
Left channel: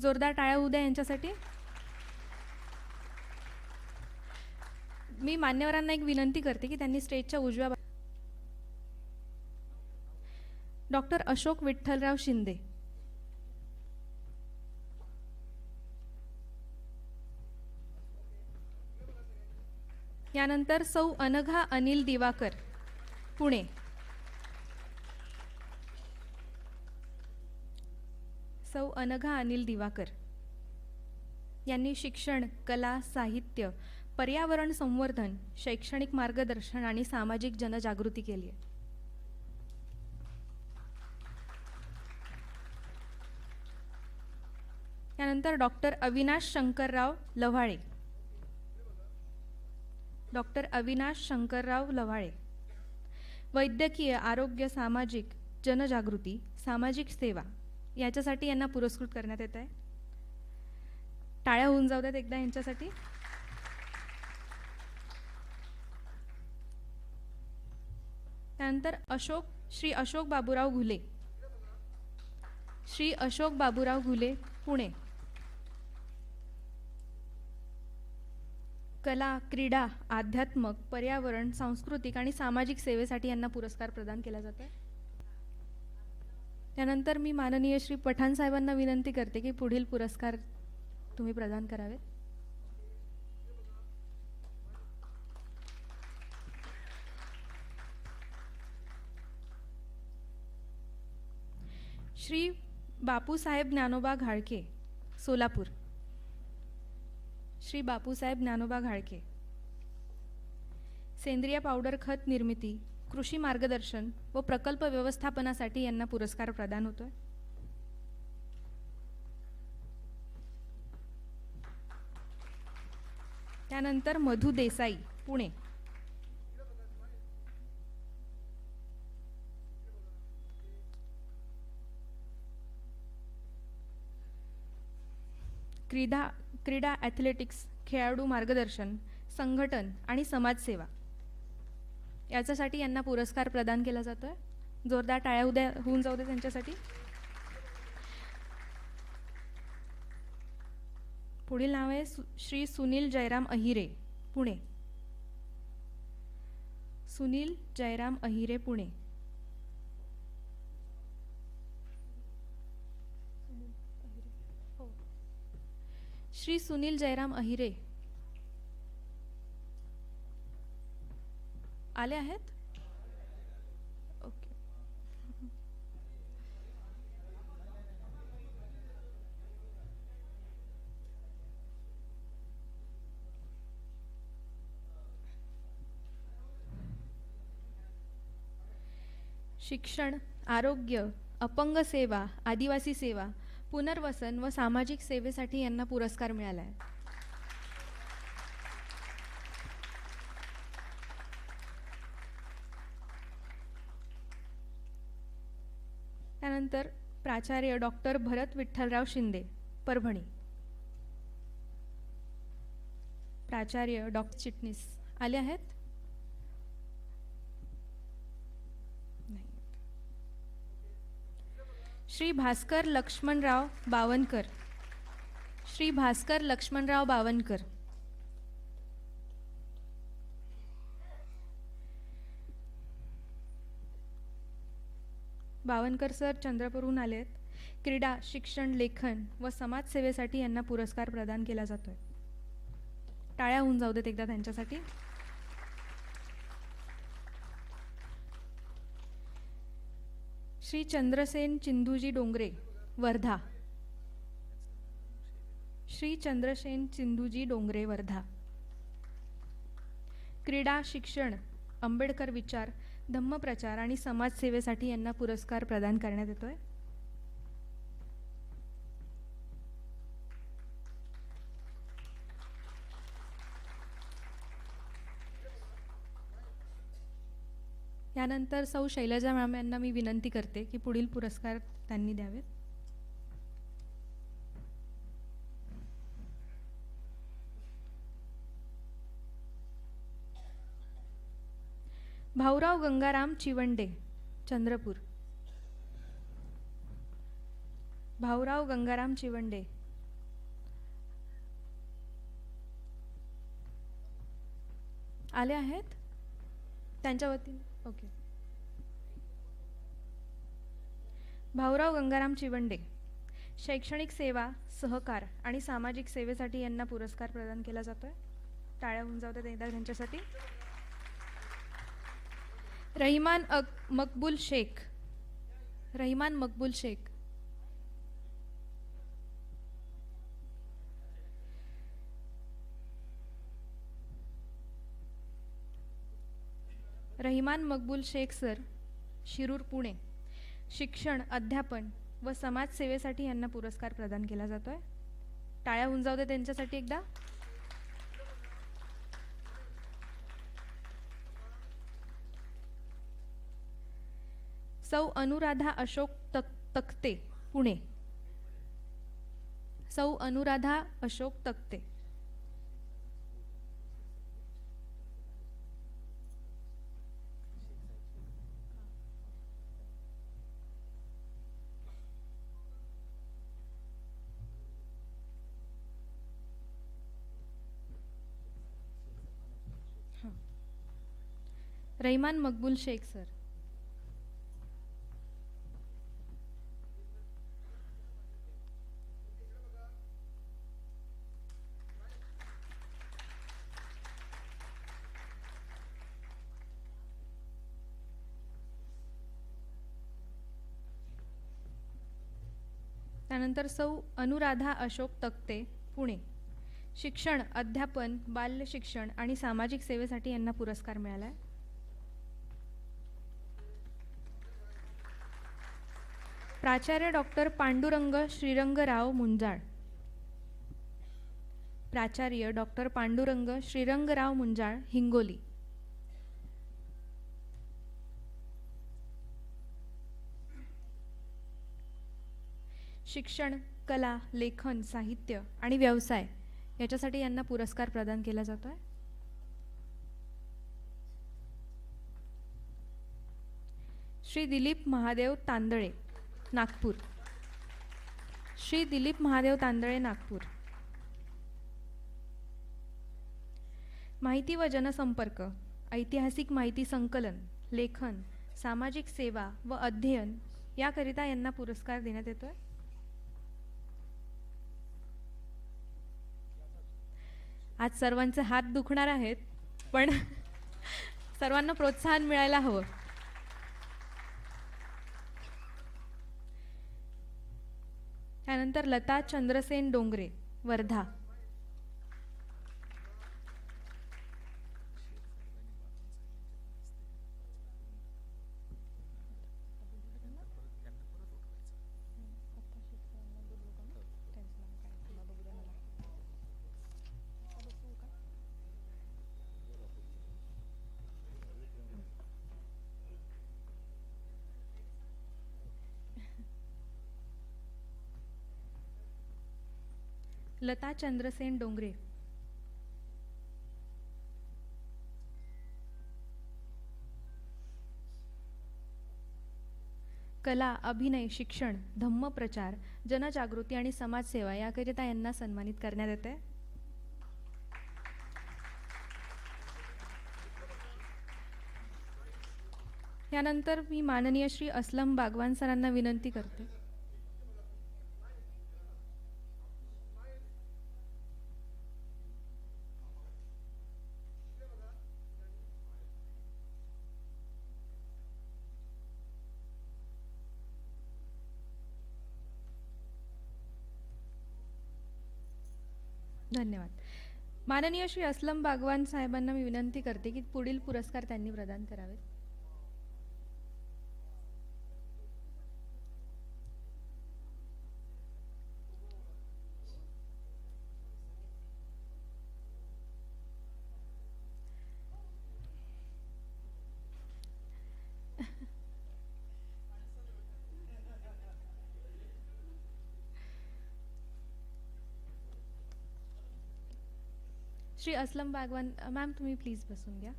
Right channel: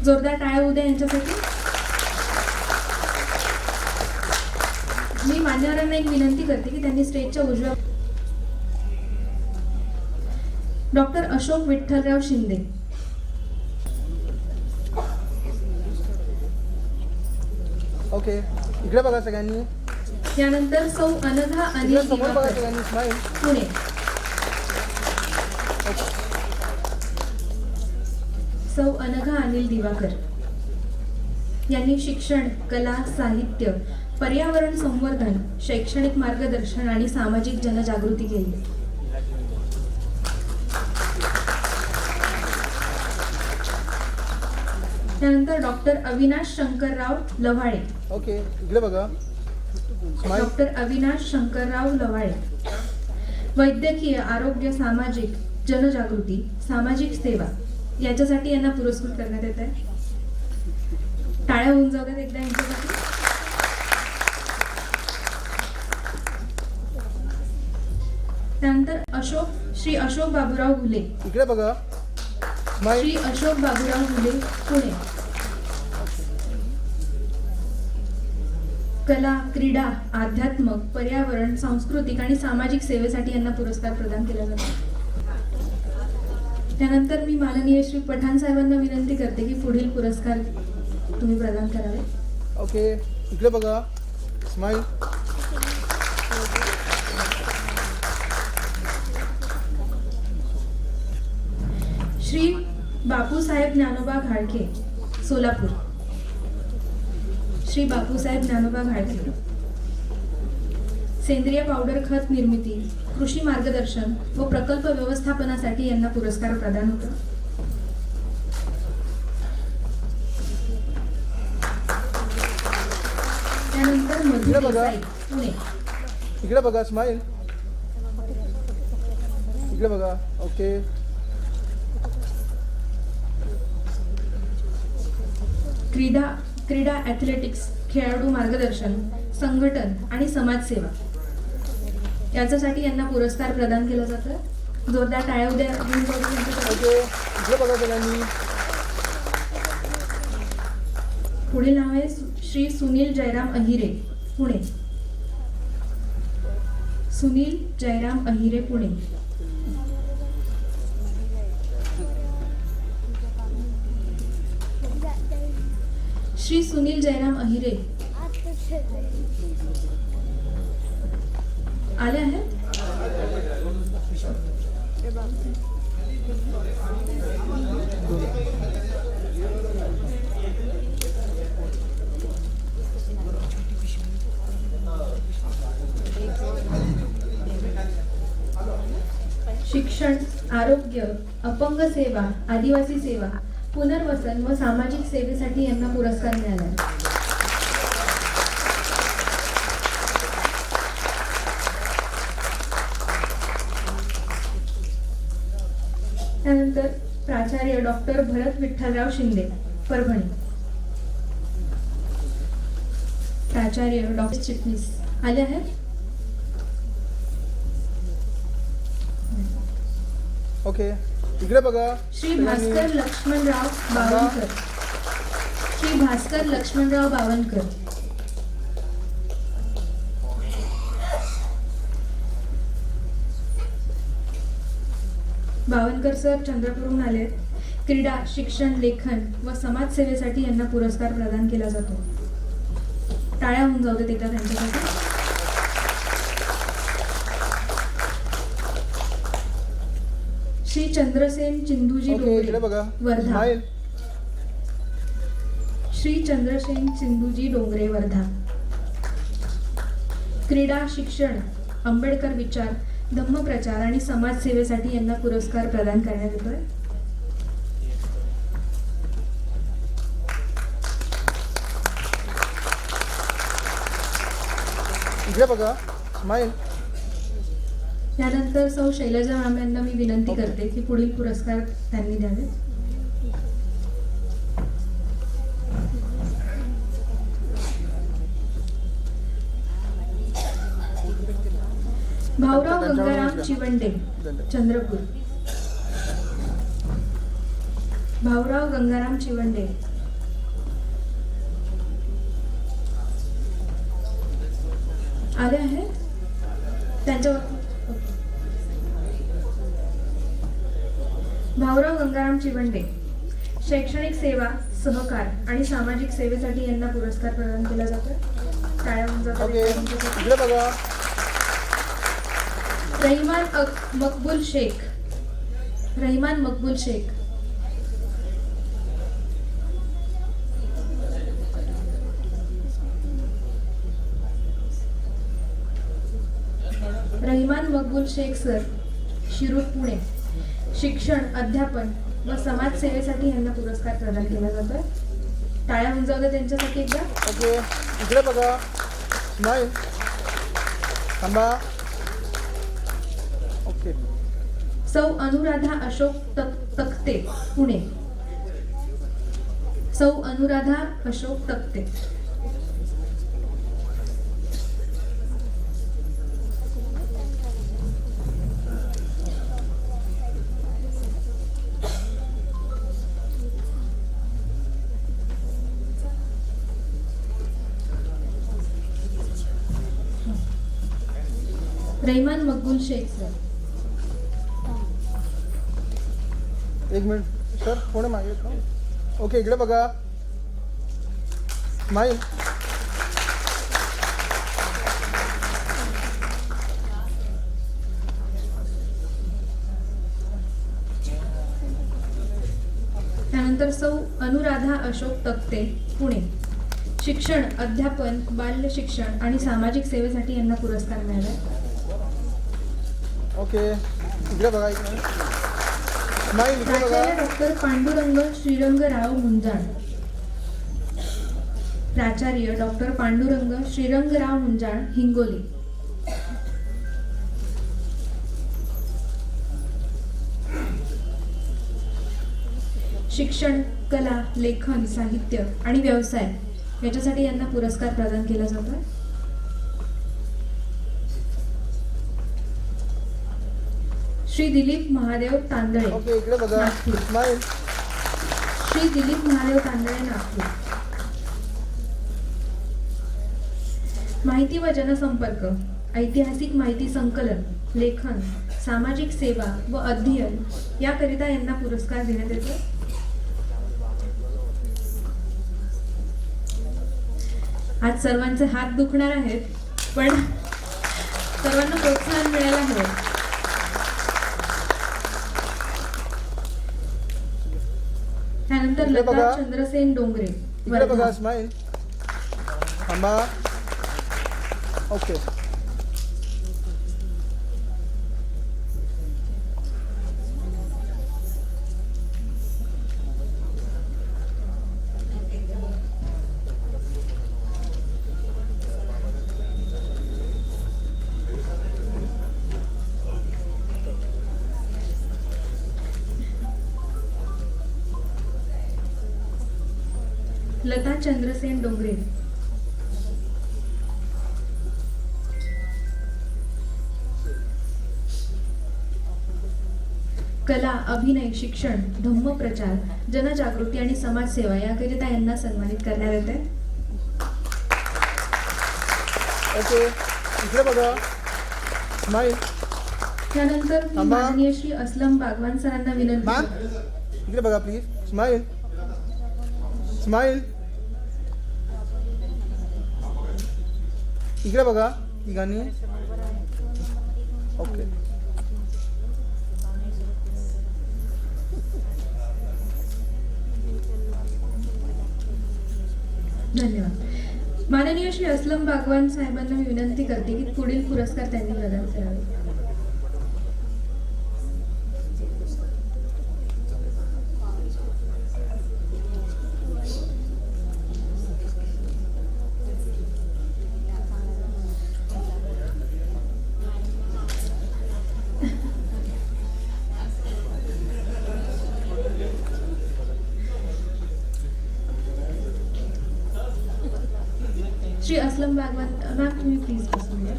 जोरदार टाळ्या उद्या यांच्यासाठी. मी मान्यवरांना एक विनंती करते की त्यांनी स्टेजच्या उजव्या. डॉक्टर अशोक विठ्ठलराव शिंदे. ओके, इकडे बघा सगळ्यांनी. यानंतर सौ अनघा अनिल इकडे समोर बघा दिवाकर, सगळ्यांनी. स्माईल. पुणे. सौ अनघा अनिल दिवाकर यांनी शिक्षण, कला, साहित्य, पर्यावरण संवर्धन, शैक्षणिक मार्गदर्शन आणि सामाजिक जनजागृती केली. त्यानंतर डॉक्टर अविनाश शंकरराव लव्हाळे. ओके, इकडे बघा. स्माईल. डॉक्टर अविनाश शंकरराव लव्हाळे. वैद्यकीय, आरोग्य, सामाजिक जनजागृती, सामाजिक सेवा याच्यासाठी यांना पुरस्कृत करण्यात येत आहे. टाळ्या होऊन जाऊ द्यात एकदा यांच्यासाठी. त्यानंतर श्री अशोक बाबूराव घुले. इकडे बघा. स्माईल. श्री अशोक बाबूराव घुले, पुणे. कला, क्रीडा, आध्यात्म, पर्यावरण, सांस्कृतिक आणि सामाजिक सेवेसाठी यांना पुरस्कार प्रदान केला जातो. त्यानंतर मी माननीय श्री पठाण साहेबांना विनंती करते की पुढील पुरस्कार तुम्ही प्रदान करावे. ओके इकडे बघा. स्माईल. श्री बापूसाहेब ज्ञानोबा घाडके, सोलापूर. श्री बापूसाहेब ज्ञानोबा घाडके. सेंद्रिय पावडर खत निर्मिती, कृषी मार्गदर्शन व प्रकल्प व्यवस्थापनासाठी यांना पुरस्कार प्रदान होतो. त्यानंतर मधु इकडे बघा. देसाई, पुणे. इकडे बघा. स्माईल. इकडे बघा. ओके. क्रीडा ॲथलेटिक्स, खेळाडू मार्गदर्शन, संघटन आणि समाजसेवा याच्यासाठी यांना पुरस्कार प्रदान केला जातो. जोरदार टाळ्या उद्या ओके इकडे बघा सगळ्यांनी. पुढील नाव आहे श्री सुनील जयराम अहिरे, पुणे. सुनील जयराम अहिरे, पुणे. श्री सुनील जयराम अहिरे आले आहेत. शिक्षण, आरोग्य, अपंग सेवा, आदिवासी सेवा, पुनर्वसन व सामाजिक सेवेसाठी यांना पुरस्कार मिळाला. त्यानंतर प्राचार्य डॉक्टर भरत विठ्ठलराव शिंदे, परभणी. प्राचार्य डॉक्टर चिटणीस आले आहेत. ओके इकडे बघा. श्री भास्कर लक्ष्मणराव बावनकर. श्री भास्कर लक्ष्मणराव बावनकर. बावनकर सर चंद्रपूरहून आले. क्रीडा, शिक्षण, लेखन व समाजसेवेसाठी यांना पुरस्कार प्रदान केला जातो. टाळ्या होऊन जाऊ देत एका त्यांच्यासाठी. श्री चंद्रसेन चिंदूजी ओके इकडे डोंगरे, बघा. वर्धा. स्माईल. श्री चंद्रसेन सिंधूजी डोंगरे, वर्धा. क्रीडा, शिक्षण, आंबेडकर विचार, धम्मप्रचार आणि समाजसेवेसाठी यांना पुरस्कार प्रदान करण्यात येतोय. इकडे बघा. स्माईल. त्यानंतर सौ शैलजा मॅम यांना मी विनंती करते की पुढील पुरस्कार त्यांनी द्यावे. भाऊराव गंगाराम चिवंडे, चंद्रपूर. भाऊराव गंगाराम चिवंडे. आले आहेत त्यांच्यावर. भाऊराव गंगाराम चिवंडे. शैक्षणिक सेवा, सहकार आणि सामाजिक सेवेसाठी यांना पुरस्कार प्रदान केला जातो. टाळ्या होऊन जातात. ओके इकडे बघा. रहिमान मकबूल शेख. रहिमान मकबूल शेख. रहिमान मकबूल शेख सर, शिरूर, पुणे. शिक्षण, अध्यापन व समाजसेवेसाठी यांना पुरस्कार प्रदान केला जातो. टाळ्या होऊन जाऊ द्या त्यांच्यासाठी एकदा. ओके इकडे बघा. स्माईल. थांबा. ओके सौ अनुराधा अशोक तक्ते, पुणे. सौ अनुराधा अशोक तक्ते. रहिमान मकबूल शेख सर. एक मिनिट सर कोणी मागे ओके इकडे बघा स्माईल त्यानंतर सौ अनुराधा अशोक तक्ते पुणे शिक्षण अध्यापन बाल्य शिक्षण आणि सामाजिक सेवेसाठी यांना पुरस्कार मिळाला. ओके इकडे बघा एक मिनिट स्माईल इकडे बघा प्राचार्य डॉक्टर पांडुरंग श्रीरंगराव मुंजाळ. प्राचार्य डॉक्टर पांडुरंग श्रीरंगराव मुंजाळ हिंगोली. शिक्षण कला लेखन साहित्य आणि व्यवसाय याच्यासाठी यांना पुरस्कार प्रदान केला जातो. श्री दिलीप महादेव तांदळे ओके इकडे बघा नागपूर. स्माईल श्री दिलीप महादेव तांदळे नागपूर. माहिती व जनसंपर्क ऐतिहासिक माहिती संकलन लेखन सामाजिक सेवा व अध्ययन याकरिता यांना पुरस्कार देण्यात येतो. आज सर्वांचे हात दुखणार आहेत पण सर्वांना प्रोत्साहन मिळायला हवं. त्यानंतर इकडे लता बघा. चंद्रसेन डोंगरे इकडे बघा वर्धा. स्माईल थांबा ओके लता चंद्रसेन डोंगरे कला अभिनय शिक्षण धम्मप्रचार जनजागृती आणि समाजसेवा याकरिता यांना सन्मानित करण्यात येते. ओके इकडे बघा स्माईल त्यानंतर मी थांबा. माननीय श्री असलम बागवान सरांना विनंती मॅम करते. इकडे बघा प्लीज स्माईल स्माईल इकडे बघा तिघांनी ओके धन्यवाद. माननीय श्री असलम बागवान साहेबांना मी विनंती करते की पुढील पुरस्कार त्यांनी प्रदान करावे. श्री असलम बागवान मॅम तुम्ही प्लीज बसून घ्या.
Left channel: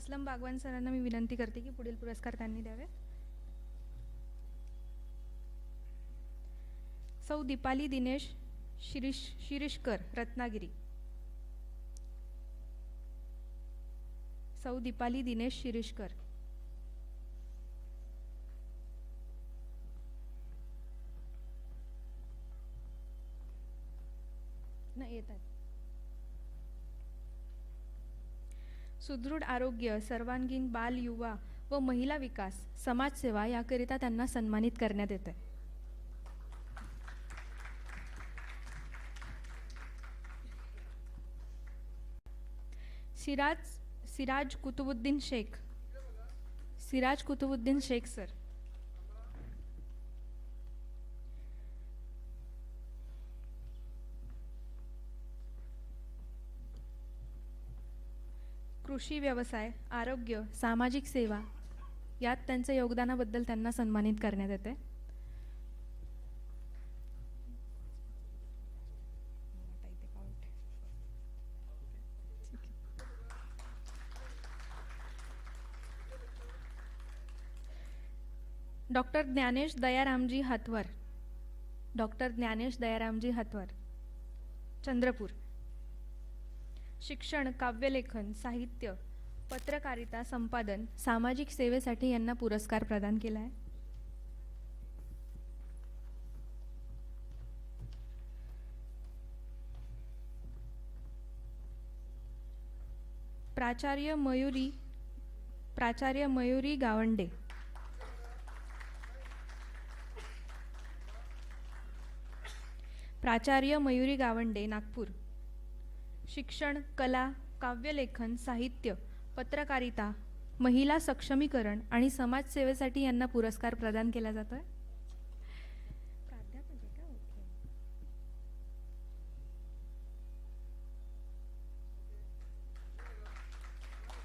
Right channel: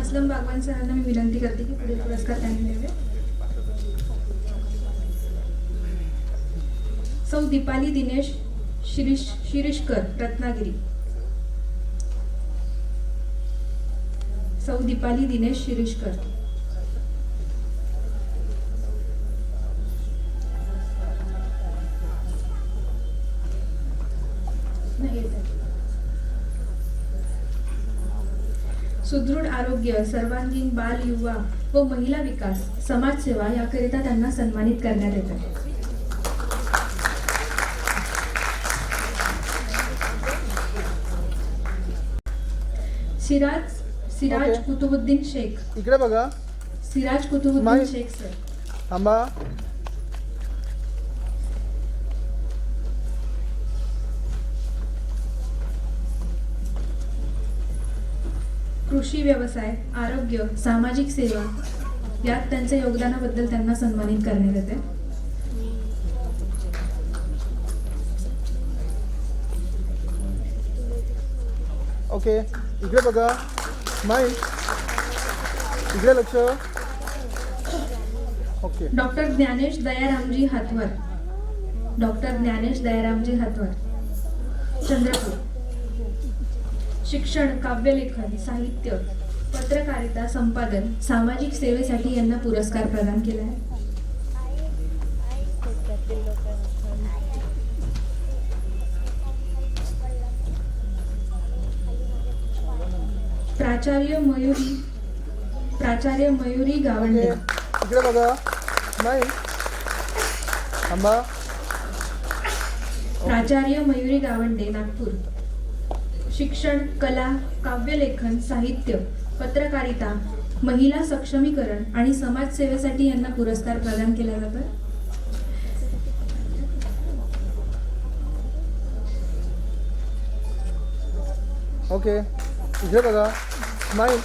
असलम बागवान सरांना मी विनंती करते की पुढील पुरस्कार त्यांनी द्यावे. सौ दीपाली दिनेश शिरीषकर रत्नागिरी. सौ दीपाली दिनेश शिरीषकर. सुदृढ आरोग्य सर्वांगीण बाल युवा व महिला विकास समाजसेवा याकरिता त्यांना सन्मानित करण्यात येते. सिराज ओके. कुतुबुद्दीन शेख. इकडे बघा सिराज कुतुबुद्दीन स्माईल. शेख सर. थांबा कृषी व्यवसाय आरोग्य सामाजिक सेवा यात त्यांच्या योगदानाबद्दल त्यांना सन्मानित करण्यात येते. ओके इकडे बघा स्माईल इकडे लक्ष okay doctor Gyanesh Dayaramji Hatwar. Doctor Gyanesh Dayaramji Hatwar Chandrapur. शिक्षण काव्यलेखन साहित्य पत्रकारिता संपादन सामाजिक सेवेसाठी यांना पुरस्कार प्रदान केला आहे. प्राचार्य मयुरी गावंडे. इकडे बघा. स्माईल. थांबा. प्राचार्य मयुरी गावंडे, नागपूर. शिक्षण, कला, काव्यलेखन, साहित्य, पत्रकारिता, महिला सक्षमीकरण आणि समाजसेवेसाठी यांना पुरस्कार प्रदान केला जातो. ओके. इकडे बघा. स्माईल.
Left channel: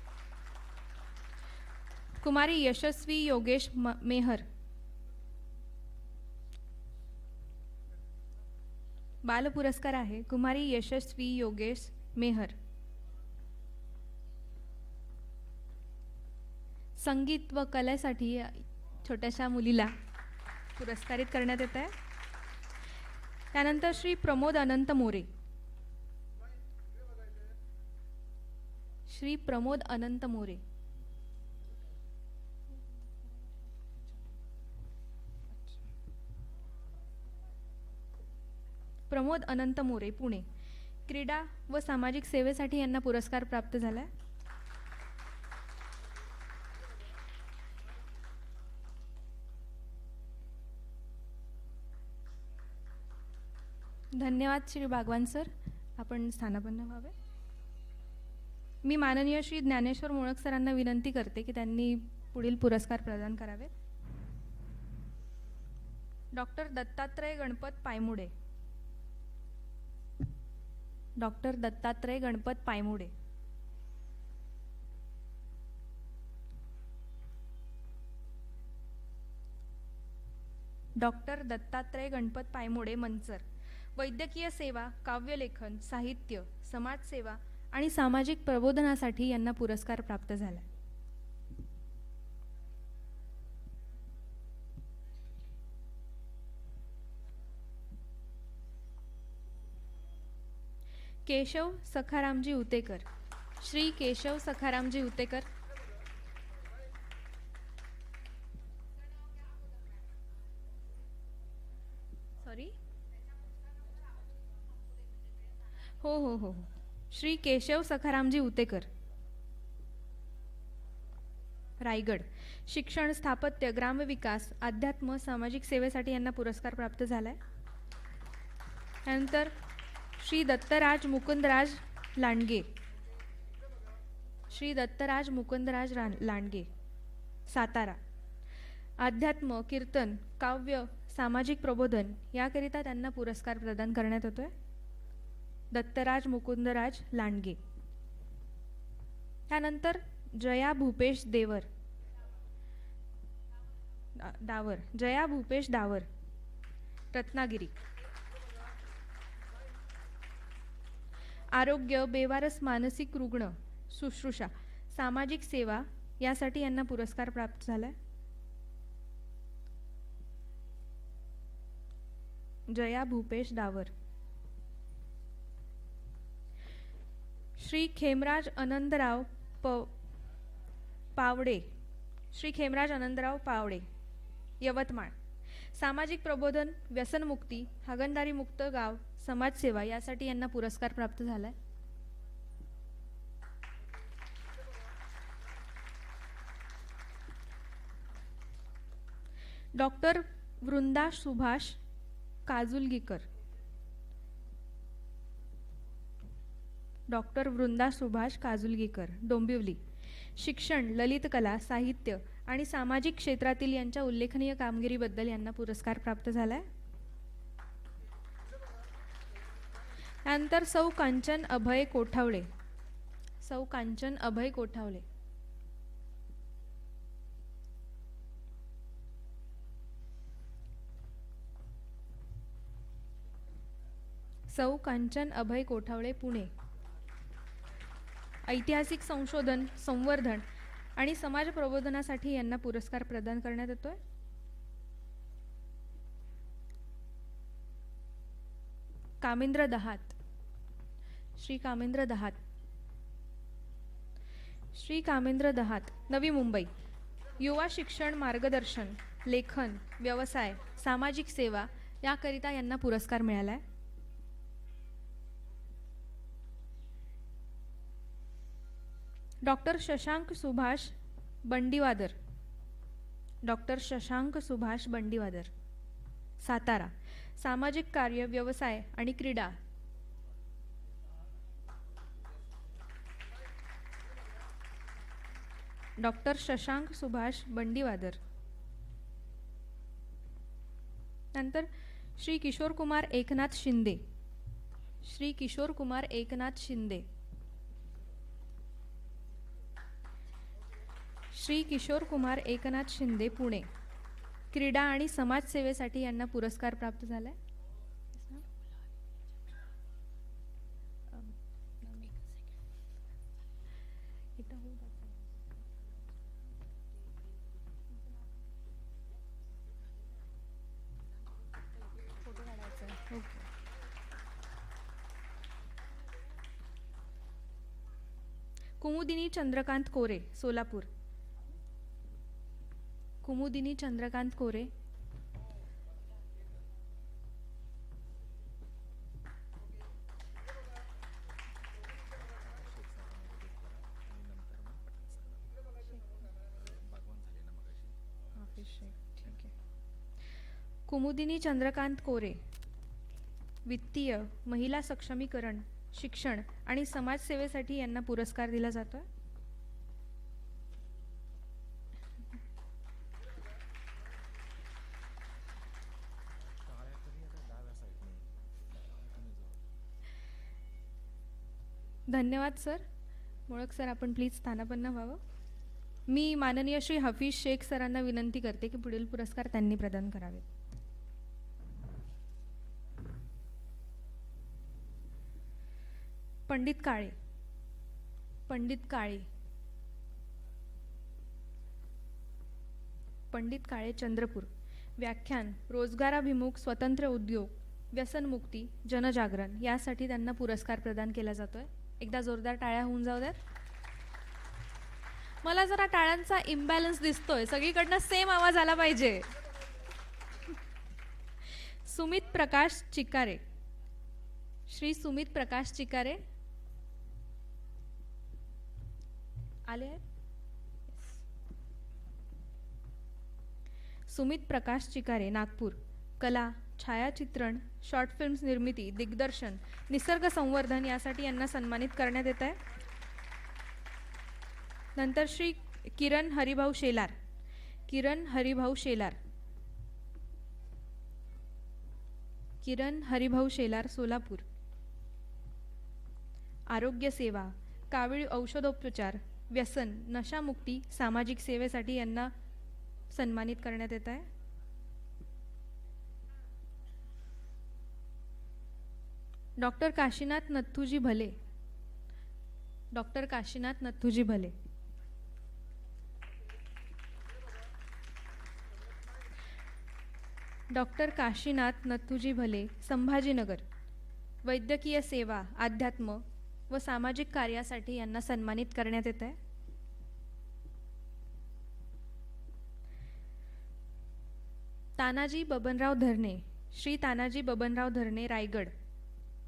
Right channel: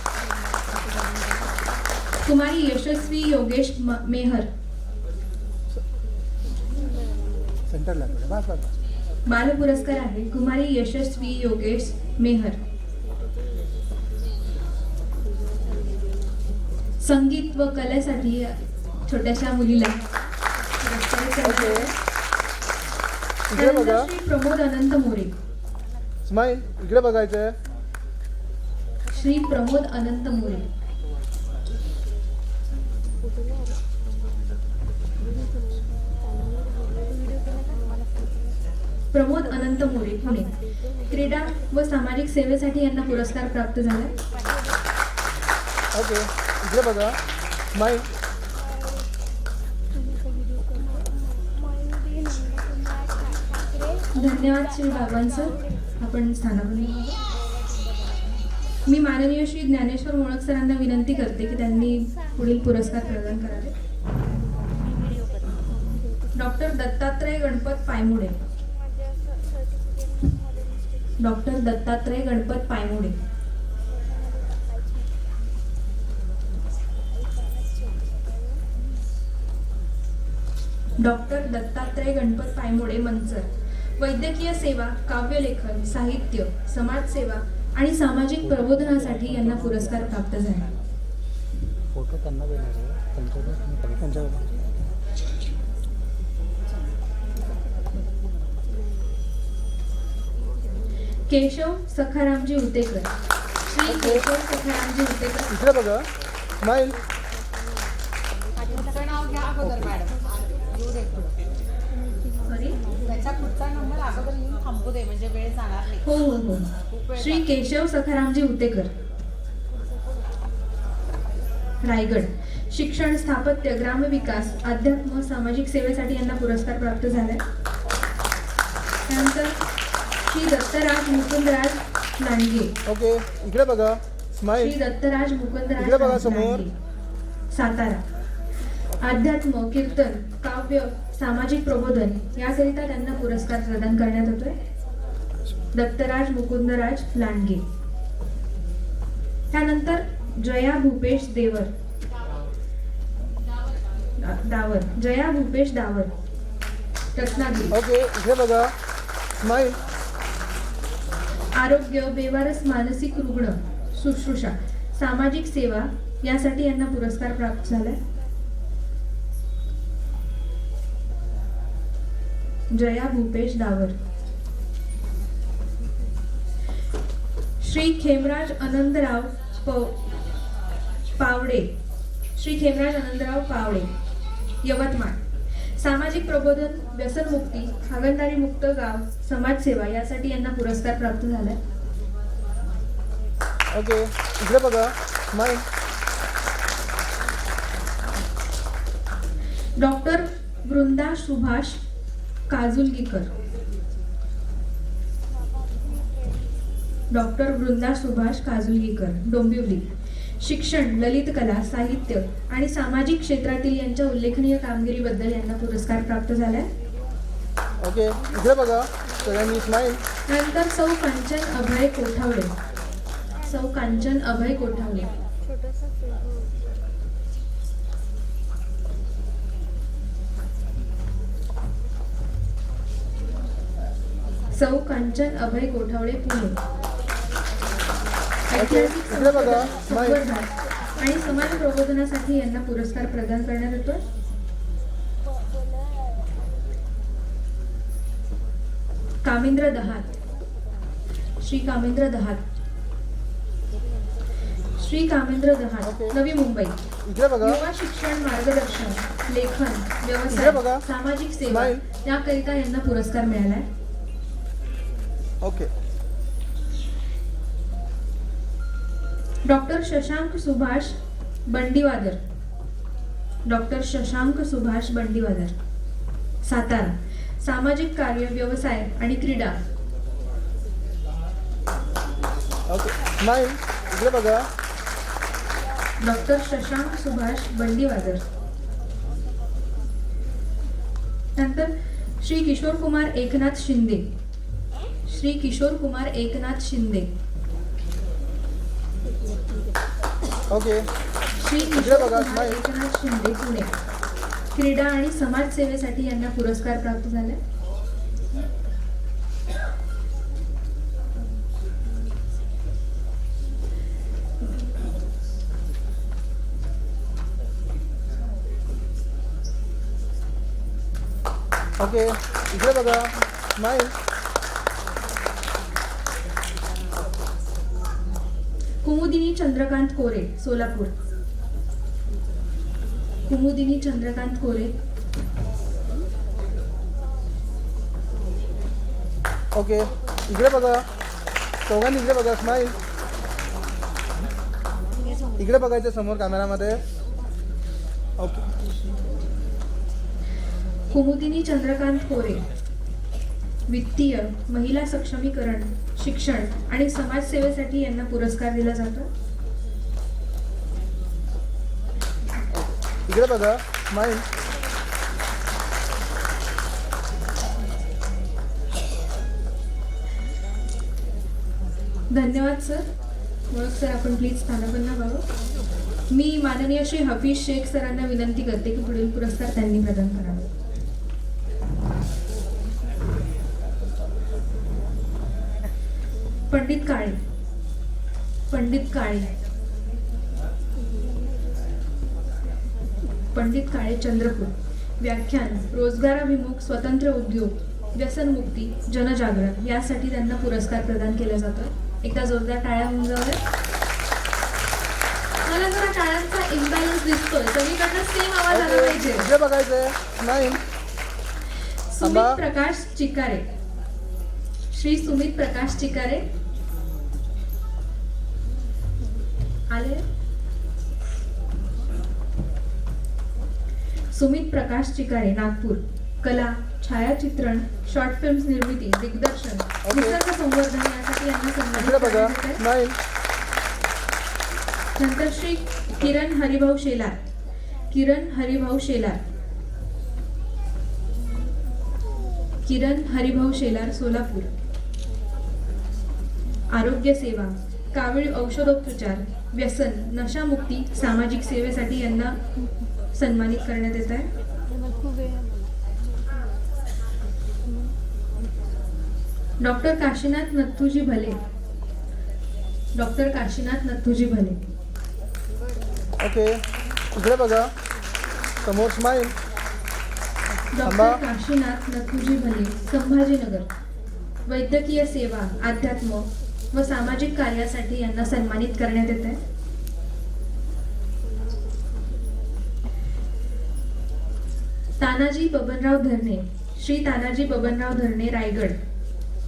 कुमारी यशस्वी योगेश मेहर. सेंटरला बस बस. बाल पुरस्कार आहे कुमारी यशस्वी योगेश मेहर. संगीत व कलेसाठी छोट्याशा मुलीला पुरस्कार देण्यात आला आहे. इकडे बघा. त्यानंतर श्री प्रमोद अनंत मोरे. स्माईल. इकडे बघायचंय. श्री प्रमोद अनंत मोरे. प्रमोद अनंत मोरे, पुणे. क्रीडा व सामाजिक सेवेसाठी यांना पुरस्कार प्राप्त झाला. ओके. इकडे बघा. स्माईल. धन्यवाद श्री बाबांसर. आपण स्थानापन्न व्हावं. मी माननीय श्री ज्ञानेश्वर मोळक सरांना विनंती करते की त्यांनी पुढील पुरस्कार प्रदान करावे. Doctor Dattatray Ganpat Paimude. Doctor Dattatray Ganpat Paimude. Doctor Dattatray Ganpat Paimude, Manchar. वैद्यकीय सेवा, काव्यलेखन, साहित्य, समाजसेवा आणि सामाजिक प्रबोधनासाठी यांना पुरस्कार प्राप्त झाला. फोटो त्यांना देणार आहे. त्यांच्यावर. केशव सखारामजी उतेकर. श्री केशव सखारामजी उतेकर. इकडे बघा. स्माईल. त्याचं नाव घ्या अगोदर मॅडम. येऊ दे पुढं. सॉरी. त्याचा पुढचा नंबर अगोदर लिहून थांबू दे म्हणजे वेळ जाणार नाही. हो हो हो. श्री केशव सखारामजी उतेकर, रायगड. शिक्षण, स्थापत्य, ग्रामविकास, अध्यात्म, सामाजिक सेवेसाठी यांना पुरस्कार प्राप्त झालाय. त्यानंतर श्री दत्तराज मुकुंदराज लांडगे. ओके. इकडे बघा. श्री स्माईल. दत्तराज मुकुंदराज इकडे बघा समोर. लांडगे, सातारा. अध्यात्म, कीर्तन, काव्य, सामाजिक प्रबोधन याकरिता त्यांना पुरस्कार प्रदान करण्यात होतोय. दत्तराज मुकुंदराज लांडगे. त्यानंतर जया भूपेश देवर, डावर. जया भूपेश डावर, रत्नागिरी. ओके. इकडे बघा. स्माईल. आरोग्य, बेवारस मानसिक रुग्ण, शुश्रूषा, सामाजिक सेवा यासाठी यांना पुरस्कार प्राप्त झालाय. जया भूपेश डावर. श्री खेमराज आनंदराव पावडे. श्री खेमराज आनंदराव पावडे, यवतमाळ. सामाजिक प्रबोधन, व्यसनमुक्ती, हागणदारी मुक्त गाव, समाजसेवा यासाठी यांना पुरस्कार प्राप्त झालाय. ओके. इकडे बघा. Smile. Doctor Vrunda Subhash Kajulgikar. Doctor Vrunda Subhash Kajulgikar, Dombivli. शिक्षण, दलित कला, साहित्य आणि सामाजिक क्षेत्रातील यांच्या उल्लेखनीय कामगिरीबद्दल यांना पुरस्कार प्राप्त झालाय. ओके. इकडे बघा. सगळ्यांनी स्माईल. त्यानंतर सौ कांचन अभय कोठावडे. सौ कांचन अभय कोठावडे. सौ कांचन अभय गोठावळे, पुणे. ऐतिहासिक इकडे बघा. संवर्धन आणि समाज प्रबोधनासाठी यांना पुरस्कार प्रदान करण्यात येतो. कामेंद्र दहात. श्री कामेंद्र दहात. श्री कामेंद्र दहाड ओके. नवी मुंबई. इकडे बघा. युवा शिक्षण मार्गदर्शन, लेखन, इकडे व्यवसाय, बघा. सामाजिक सेवा स्माईल. याकरिता यांना पुरस्कार मिळालाय. Okay. Doctor Shashank Subhash Bandiwadar. Doctor Shashank Subhash Bandiwadar, Satara. सामाजिक कार्य, व्यवसाय आणि क्रीडा. ओके. स्माईल. इकडे बघा. डॉक्टर शशांक सुभाष बंडीवादर. नंतर श्री किशोर कुमार एकनाथ शिंदे. श्री किशोर कुमार एकनाथ शिंदे. ओके. श्री इकडे किशोर बघा, कुमार स्माईल. एकनाथ शिंदे पुणे. क्रीडा आणि समाज सेवेसाठी यांना पुरस्कार प्राप्त झाले. ओके. इकडे बघा. स्माईल. कुमुदिनी चंद्रकांत कोरे, सोलापूर. कुमुदिनी चंद्रकांत कोरे. ओके. इकडे बघा. चौघांनी इकडे बघा. स्माईल. इकडे बघायचं समोर कॅमेरामध्ये. ओके. कुमुदिनी चंद्रकांत कोरे. वित्तीय, महिला सक्षमीकरण, शिक्षण आणि समाजसेवेसाठी यांना पुरस्कार दिला जातो. इकडे बघा. स्माईल. धन्यवाद सर. मग सर आपण प्लीज स्थानापन्न व्हावं. मी माननीय श्री हफीज शेख सरांना विनंती करते की पुढील पुरस्कार त्यांनी प्रदान करावा. पंडित काळे. पंडित काळे. पंडित काळे, चंद्रपूर. व्याख्यान, रोजगाराभिमुख स्वतंत्र उद्योग, व्यसनमुक्ती, जनजागरण यासाठी त्यांना पुरस्कार प्रदान केला जातो. एका जोरदार टाळ्या होऊन जाऊया. मला जरा टाळ्यांचा इम्बॅलन्स दिसतोय. सगळीकडनं सेम आवाज आला पाहिजे. इकडे बघायचंय. स्माईल. सुमित थांबा. प्रकाश चिकारे. श्री सुमित प्रकाश चिकारे आले. सुमित प्रकाश चिकारे, नागपूर. कला, छायाचित्रण, शॉर्ट फिल्म्स निर्मिती, दिग्दर्शन, निसर्ग संवर्धन यासाठी यांना सन्मानित इकडे बघा. करण्यात येत आहे. स्माईल. नंतर श्री किरण हरिभाऊ शेलार. किरण हरिभाऊ शेलार. किरण हरिभाऊ शेलार, सोलापूर. आरोग्य सेवा, कावीळ औषधोपचार, व्यसन, नशामुक्ती, सामाजिक सेवेसाठी यांना सन्मानित करण्यात येत आहे. डॉक्टर काशीनाथ नथुजी भले. डॉक्टर काशीनाथ नथुजी भले. ओके. इकडे बघा. समोर. स्माईल. थांबा. डॉक्टर काशीनाथ नथुजी भले, संभाजीनगर. वैद्यकीय सेवा, अध्यात्म व सामाजिक कार्यासाठी यांना सन्मानित करण्यात येत आहे. तानाजी बबनराव धरणे. श्री तानाजी बबनराव धरणे, रायगड.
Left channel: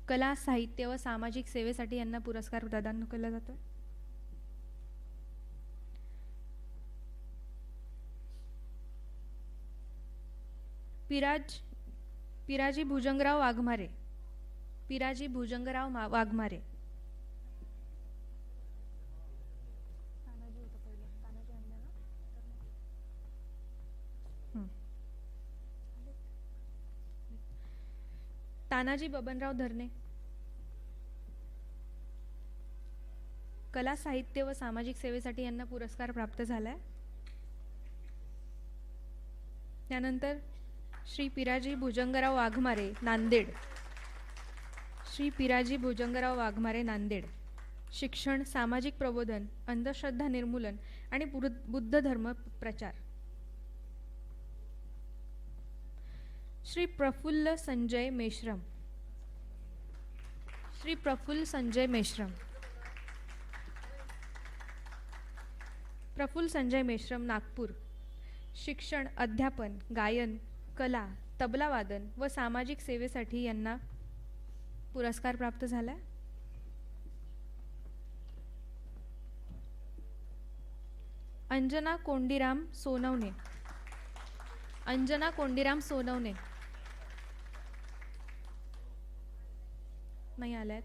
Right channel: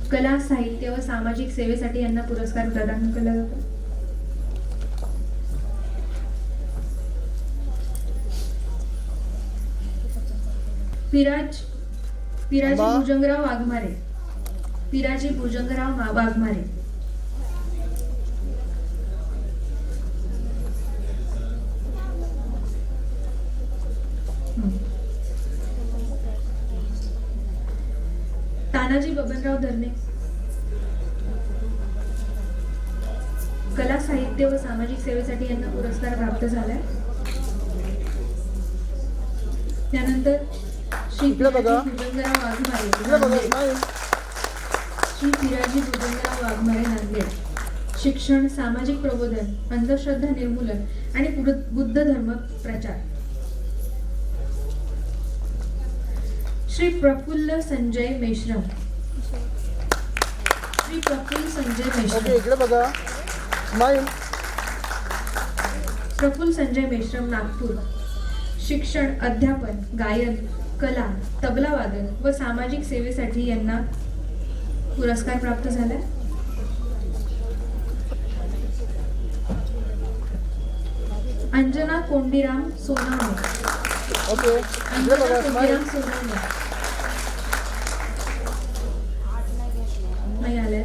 कला, साहित्य व सामाजिक सेवेसाठी यांना पुरस्कार प्रदान केला जातो. पिराजी थांबा. भुजंगराव वाघमारे. पिराजी भुजंगराव वाघमारे. तानाजी बबनराव धरणे. कला, साहित्य व सामाजिक सेवेसाठी यांना पुरस्कार प्राप्त झालाय. त्यानंतर श्री इकडे पिराजी बघा. भुजंगराव वाघमारे, इकडे बघा. नांदेड. स्माईल. श्री पिराजी भुजंगराव वाघमारे, नांदेड. शिक्षण, सामाजिक प्रबोधन, अंधश्रद्धा निर्मूलन आणि बुद्ध धर्म प्रचार. श्री प्रफुल्ल संजय मेश्राम. श्री प्रफुल्ल संजय ओके. मेश्राम. इकडे बघा. स्माईल. प्रफुल्ल संजय मेश्राम नागपूर शिक्षण, अध्यापन, गायन, कला, तबला वादन व सामाजिक सेवेसाठी यांना पुरस्कार प्राप्त झाला. अंजना कोंडीराम सोनावणे. ओके इकडे अंजना बघा स्माईल. कोंडीराम सोनावणे नाही आले.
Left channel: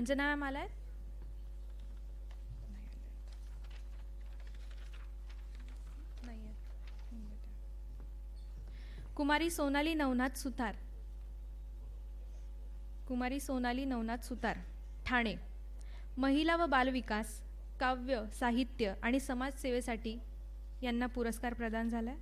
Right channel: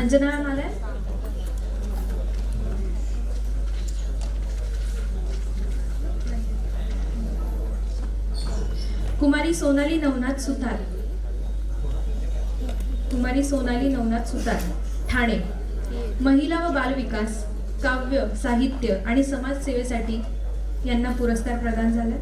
अंजना मॅम आल्या. कुमारी सोनाली नवनाथ सुतार. कुमारी सोनाली नवनाथ सुतार ठाणे महिला व बाल विकास, काव्य, साहित्य आणि समाजसेवेसाठी यांना पुरस्कार प्रदान झाला.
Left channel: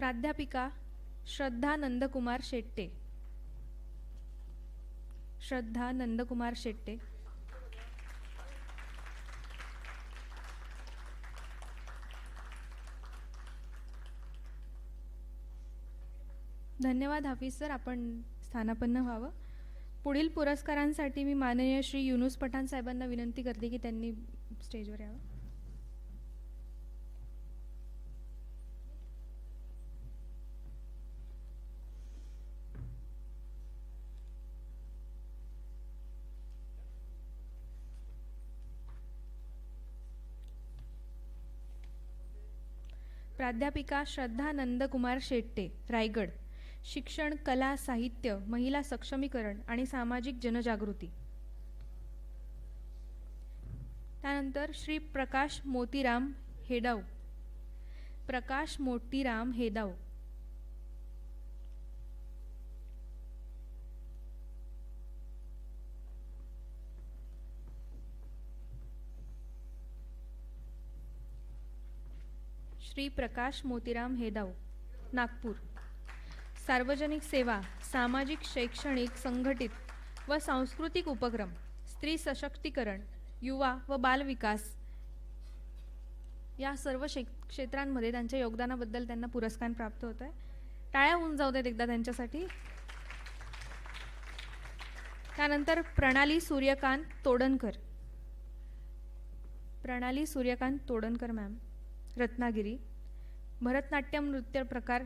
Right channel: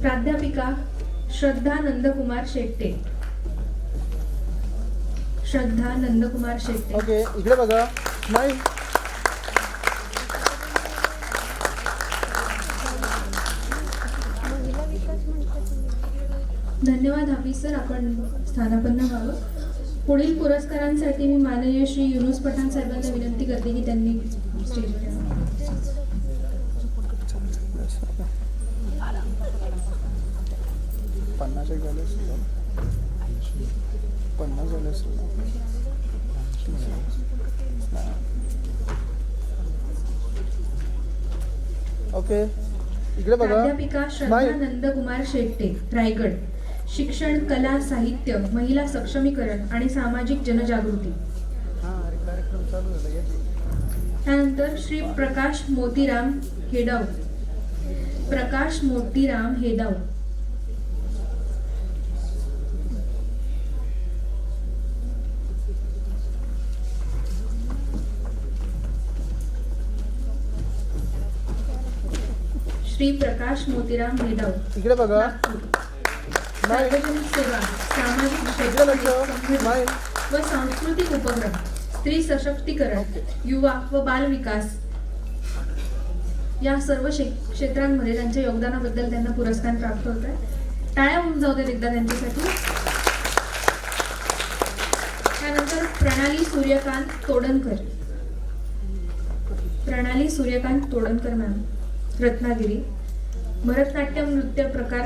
प्राध्यापिका श्रद्धा नंदकुमार शेट्टे. श्रद्धा नंदकुमार शेट्टे. ओके इकडे बघा स्माईल. धन्यवाद हाफिज सर, आपण स्थानापन्न व्हावं. पुढील पुरस्कारांसाठी मी माननीय श्री युनुस पठाण साहेबांना विनंती करते की त्यांनी स्टेजवर यावं. पन्नास एक झाले असतील. 50 झाले असतील. ओके इकडे बघा प्राध्यापिका श्रद्धा स्माईल. नंदकुमार शेट्टे रायगड शिक्षण, कला, साहित्य, महिला सक्षमीकरण आणि सामाजिक जनजागृती. त्यानंतर श्री प्रकाश मोतीराम हेडाव. प्रकाश मोतीराम हेडाव. श्री प्रकाश मोतीराम हेडाव. इकडे बघा सार्वजनिक सेवा, सामाजिक इकडे शैक्षणिक लक्ष संघटना स्माईल. व सांस्कृतिक उपक्रम, स्त्री सशक्तीकरण, युवा व बाल विकास या सर्व क्षेत्रांमध्ये त्यांच्या योगदानाबद्दल त्यांना पुरस्कार प्राप्त होत आहे. टाळ्या होऊन जाऊ देत एकदा त्यांच्यासाठी. त्यानंतर प्रणाली सूर्यकांत तोडणकर. प्रणाली सूर्यकांत तोडणकर मॅम रत्नागिरी भरतनाट्यम नृत्य प्रकार,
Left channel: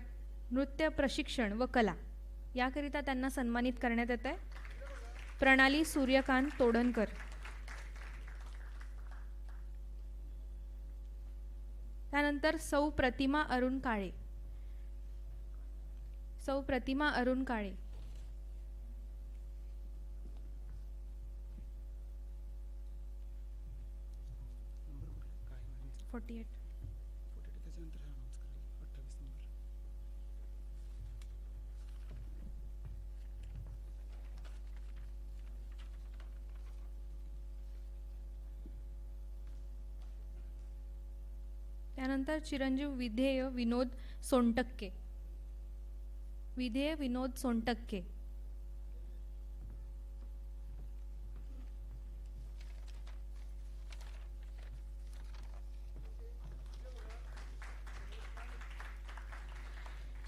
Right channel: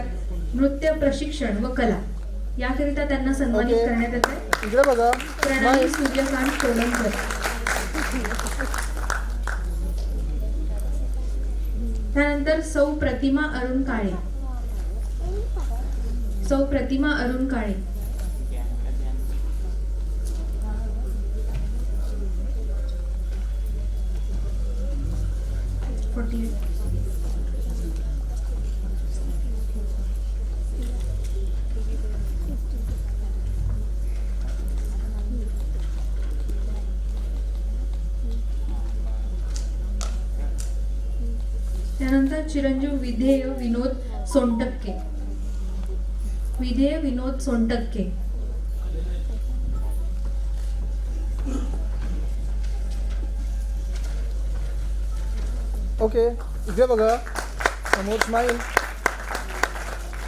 नृत्य प्रशिक्षण व कला याकरिता त्यांना सन्मानित ओके. करण्यात येत आहे. इकडे बघा प्रणाली स्माईल. सूर्यकांत तोडणकर. त्यानंतर सौ प्रतिमा अरुण काळे. सौ प्रतिमा अरुण काळे. त्यानंतर चिरंजीव विधेय विनोद सोनटक्के. विधेय विनोद सोनटक्के. ओके इकडे बघा समोर स्माईल.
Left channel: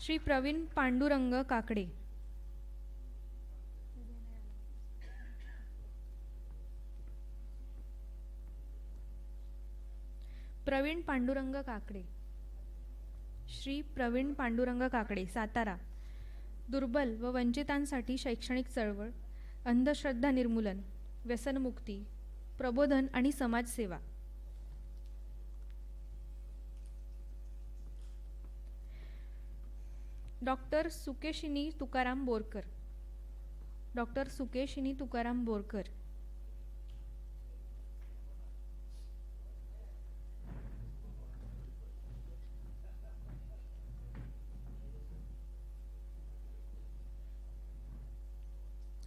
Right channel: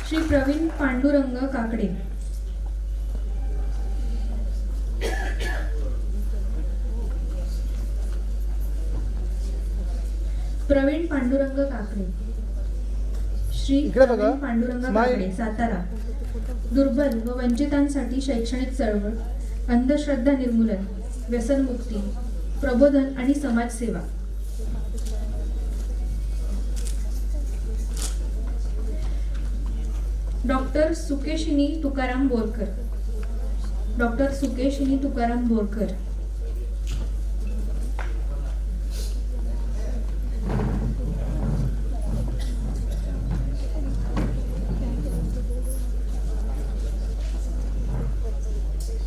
श्री प्रवीण पांडुरंग काकडे. प्रवीण पांडुरंग काकडे. श्री इकडे बघा. प्रवीण पांडुरंग स्माईल. काकडे सातारा दुर्बल व वंचितांसाठी शैक्षणिक चळवळ, अंधश्रद्धा निर्मूलन, व्यसनमुक्ती, प्रबोधन आणि समाजसेवा. डॉक्टर सुकेशिनी तुकाराम बोरकर. डॉक्टर सुकेशिनी तुकाराम बोरकर.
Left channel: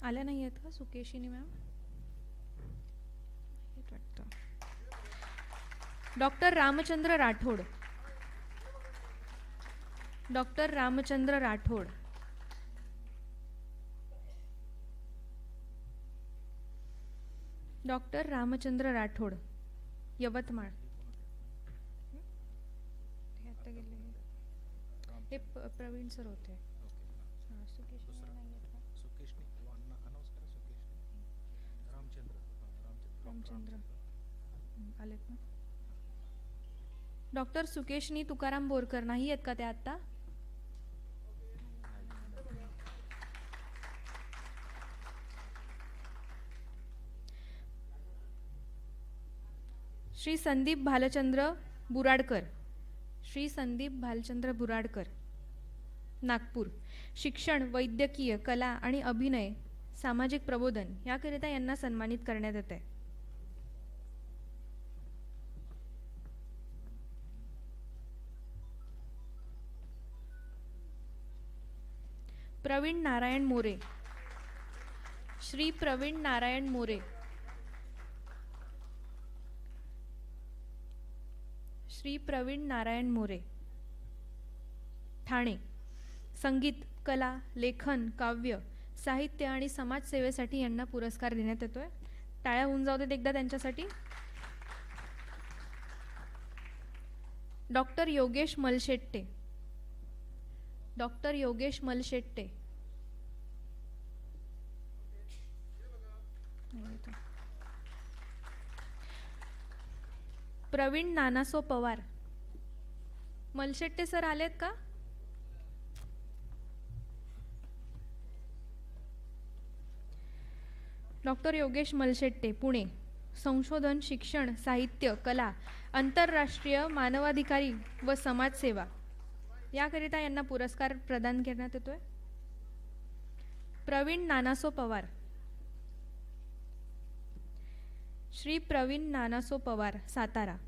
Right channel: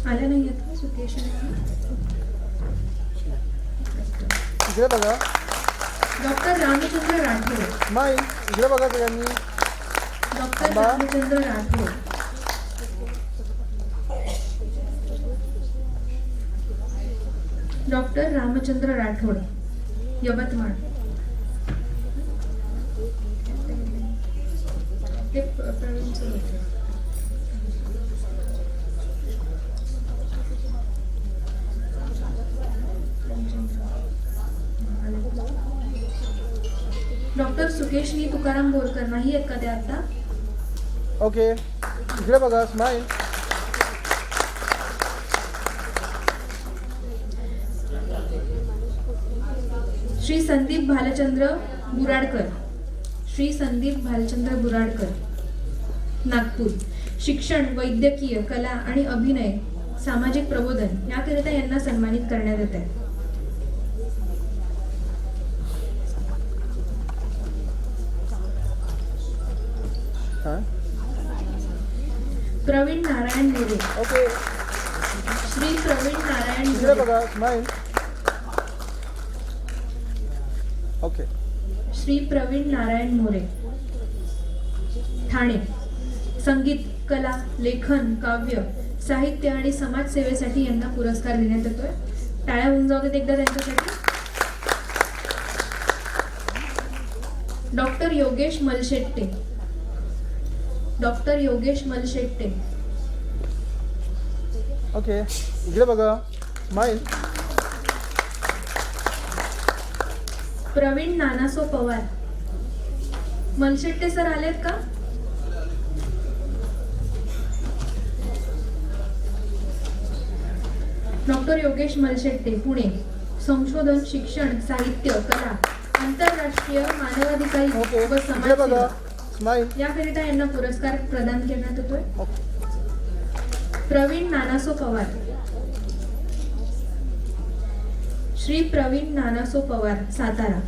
आल्या नाही आहेत का सुकेशिनी? इकडे बघा डॉक्टर रामचंद्र राठोड. स्माईल. इकडे बघा सगळ्यांनी. डॉक्टर बा. रामचंद्र राठोड. डॉक्टर रामचंद्र राठोड यवतमाळ. हे प्रवीणचं होतं. डॉक्टर सुकेशनी तुकाराम बोरकर नाही आहेत का ते आता? ओके इकडे बघा स्माईल. श्री संदीप भालचंद्र बुराडकर. श्री संदीप भालचंद्र बुराडकर, नागपूर. शिक्षण, वैद्यकीय, कला आणि अभिनय, सामाजिक प्रबोधन याकरिता यांना सन्मानित करण्यात येत आहे. हां प्रवीण नारायण मोरे. ओके श्री प्रवीण नारायण इकडे मोरे. बघा स्माईल. ओके श्री प्रवीण नारायण मोरे, ठाणे. संगीत, कला, लेखन, काव्य, साहित्य आणि समाजसेवेसाठी यांना पुरस्कार देण्यात येतोय. टाळ्या होऊन जाऊ देत एकदा त्यांच्यासाठी. Doctor Yogesh Malshette. Doctor Yogesh Malshette. Okay इकडे बघा स्माईल. प्रवीण नानासो पवार. मनशेट्टे सर आलेत का? डॉक्टर योगेश मनशेट्टे, पुणे. संशोधन, शिक्षण, साहित्य, कला, आंतरराष्ट्रीय मानवाधिकारी ओके व इकडे बघा समाजसेवा स्माईल. याकरिता यांना पुरस्कार प्रदान करण्यात येतोय. प्रवीण नानासो पवार. श्री प्रवीण नानासो पवार, सातारा.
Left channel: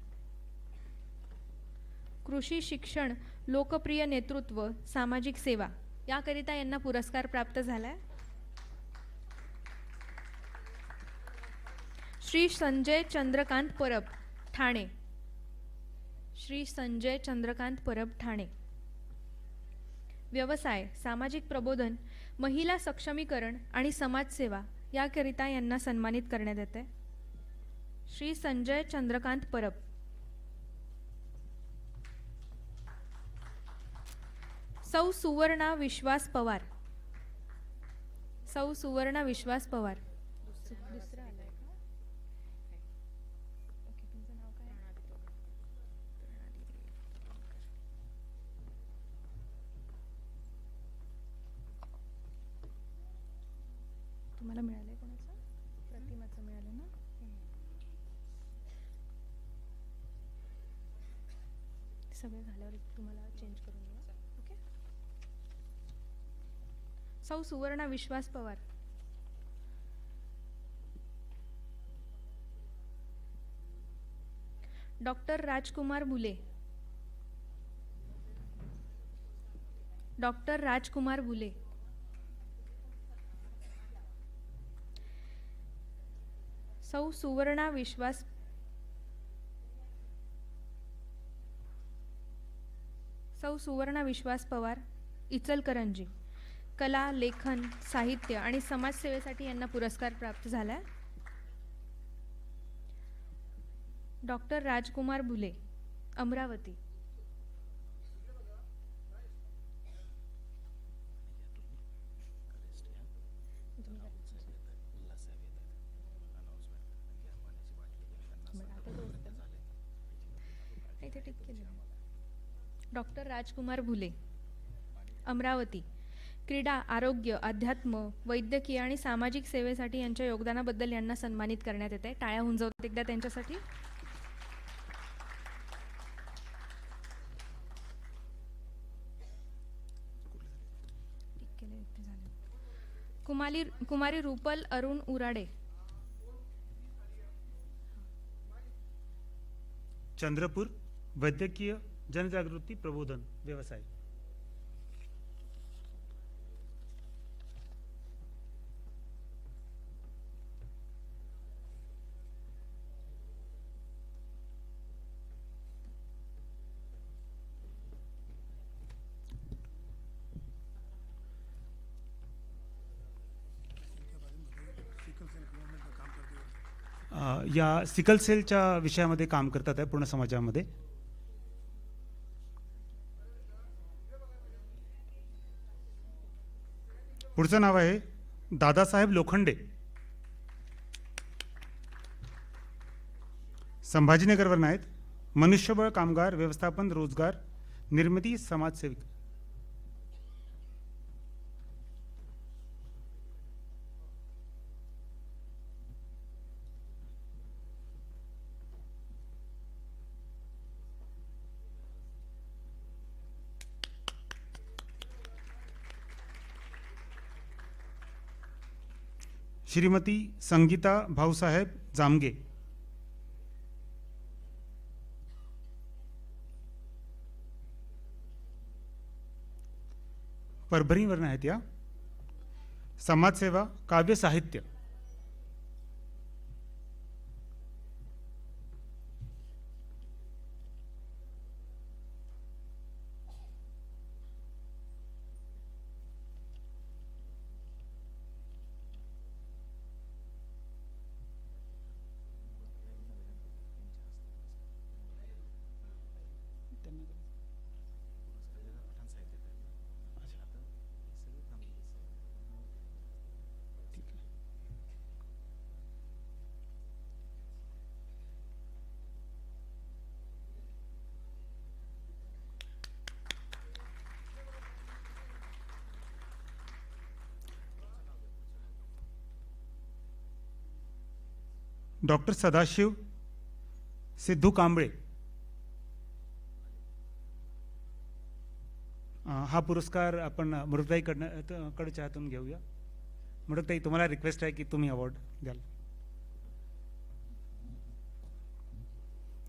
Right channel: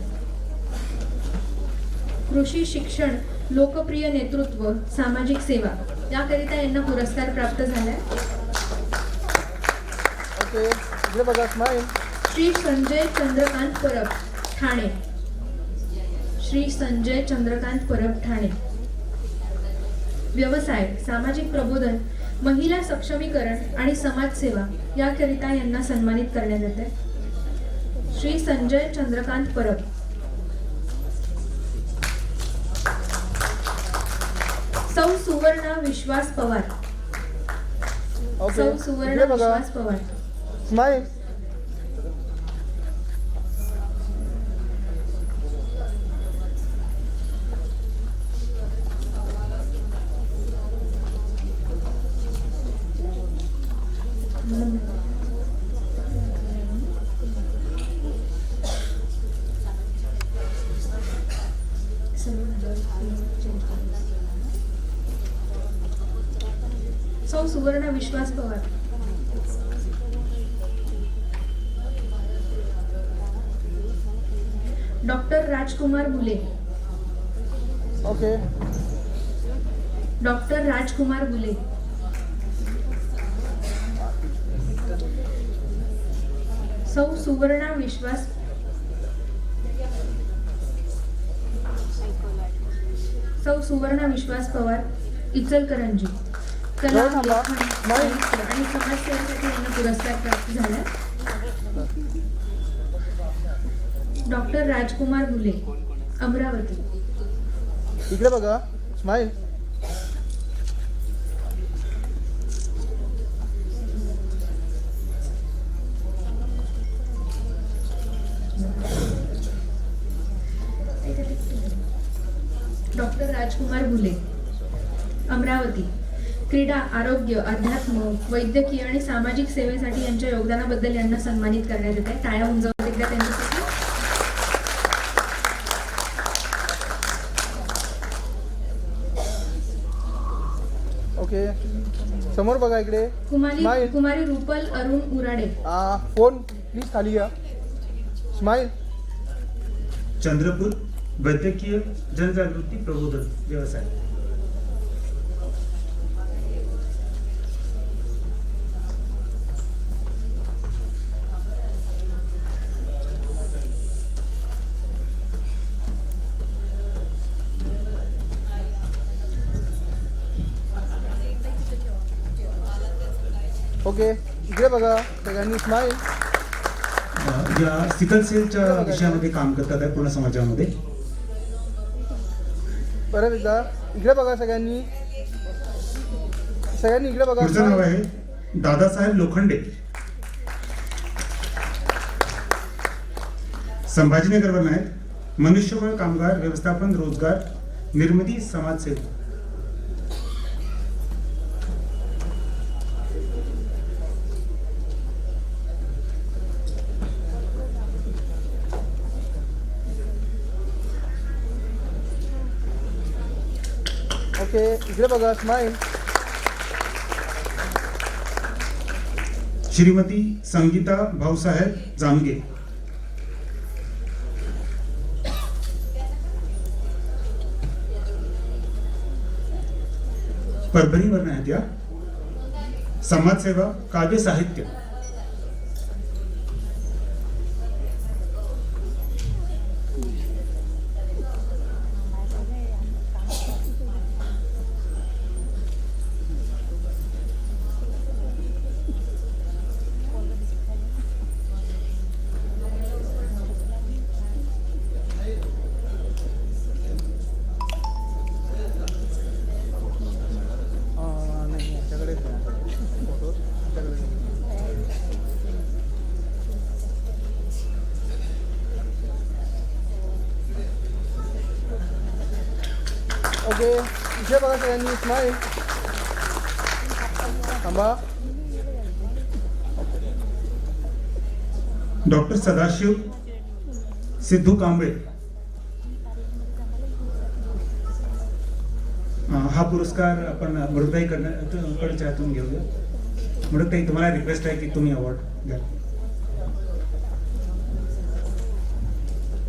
कृषी शिक्षण, लोकप्रिय नेतृत्व, सामाजिक सेवा याकरिता यांना पुरस्कार प्राप्त झालाय. ओके इकडे बघा स्माईल. श्री संजय चंद्रकांत परब, ठाणे. श्री संजय चंद्रकांत परब, ठाणे. व्यवसाय, सामाजिक प्रबोधन, महिला सक्षमीकरण आणि समाजसेवा याकरिता यांना सन्मानित करण्यात येत आहे. श्री संजय चंद्रकांत परब. सौ सुवर्णा विश्वास पवार. ओके सौ सुवर्णा इकडे बघा विश्वास पवार. स्माईल. सौ सुवर्णा विश्वास पवार. डॉक्टर राजकुमार बुले. ओके डॉक्टर राजकुमार बुले. सौ सुवर्णा विश्वास. सौ सुवर्णा विश्वास पवार, इचलकरंजी. कला, हो, थांबा. लेखन, नाही. साहित्य आणि समाजसेवेसाठी यांना पुरस्कार प्राप्त झाला. डॉक्टर राजकुमार बुले, अमरावती. इकडे बघा स्माईल. डॉक्टर राजकुमार बुले, अमरावती. क्रीडा, आरोग्य, अध्यात्म, वैद्यकीय आणि सामाजिक सेवेसाठी यांच्या योगदानाबद्दल यांना सन्मानित करण्यात येत आहे. टाळ्या होऊन जाऊ द्या त्यांच्यासाठी. ओके समोर बघा इकडे Kumari smile. Kumari Rupal Arun Urade. Phone please खाली घ्या. स्माईल. चंद्रपूर, वैद्यकीय जनजागृती प्रबोधन व्यवसाय. ओके इकडे बघा सगळ्यांनी स्माईल. या सिकल सेलच्या विषयामध्ये काम करतात आहे पूर्ण समाजामध्ये. परत एकदा इकडे बघा सगळ्यांनी इकडे बघा. पुढचं नाव आहे दादासाहेब लोखंडे. संभाजीनगरवर आहेत. मनुष्यबळ कामगार व्यवस्थापन रोजगार निर्मिती समाजसेवक. ओके इकडे बघा. स्माईल. श्रीमती संगीता भाऊसाहेब जांगे. परभणीवर आहेत या. समाजसेवा काव्य साहित्य. नाही याच्याकडे फोटो याच्याकडे. ओके इकडे बघा सगळ्यांनी. स्माईल. थांबा. डॉक्टर सदाशिव सिद्धू कांबळे. हा पुरस्कार आपण वडताईकडच्या हातून घेऊया. वडताई तुम्हाला रिक्वेस्ट आहे की तुम्ही अवॉर्ड द्या.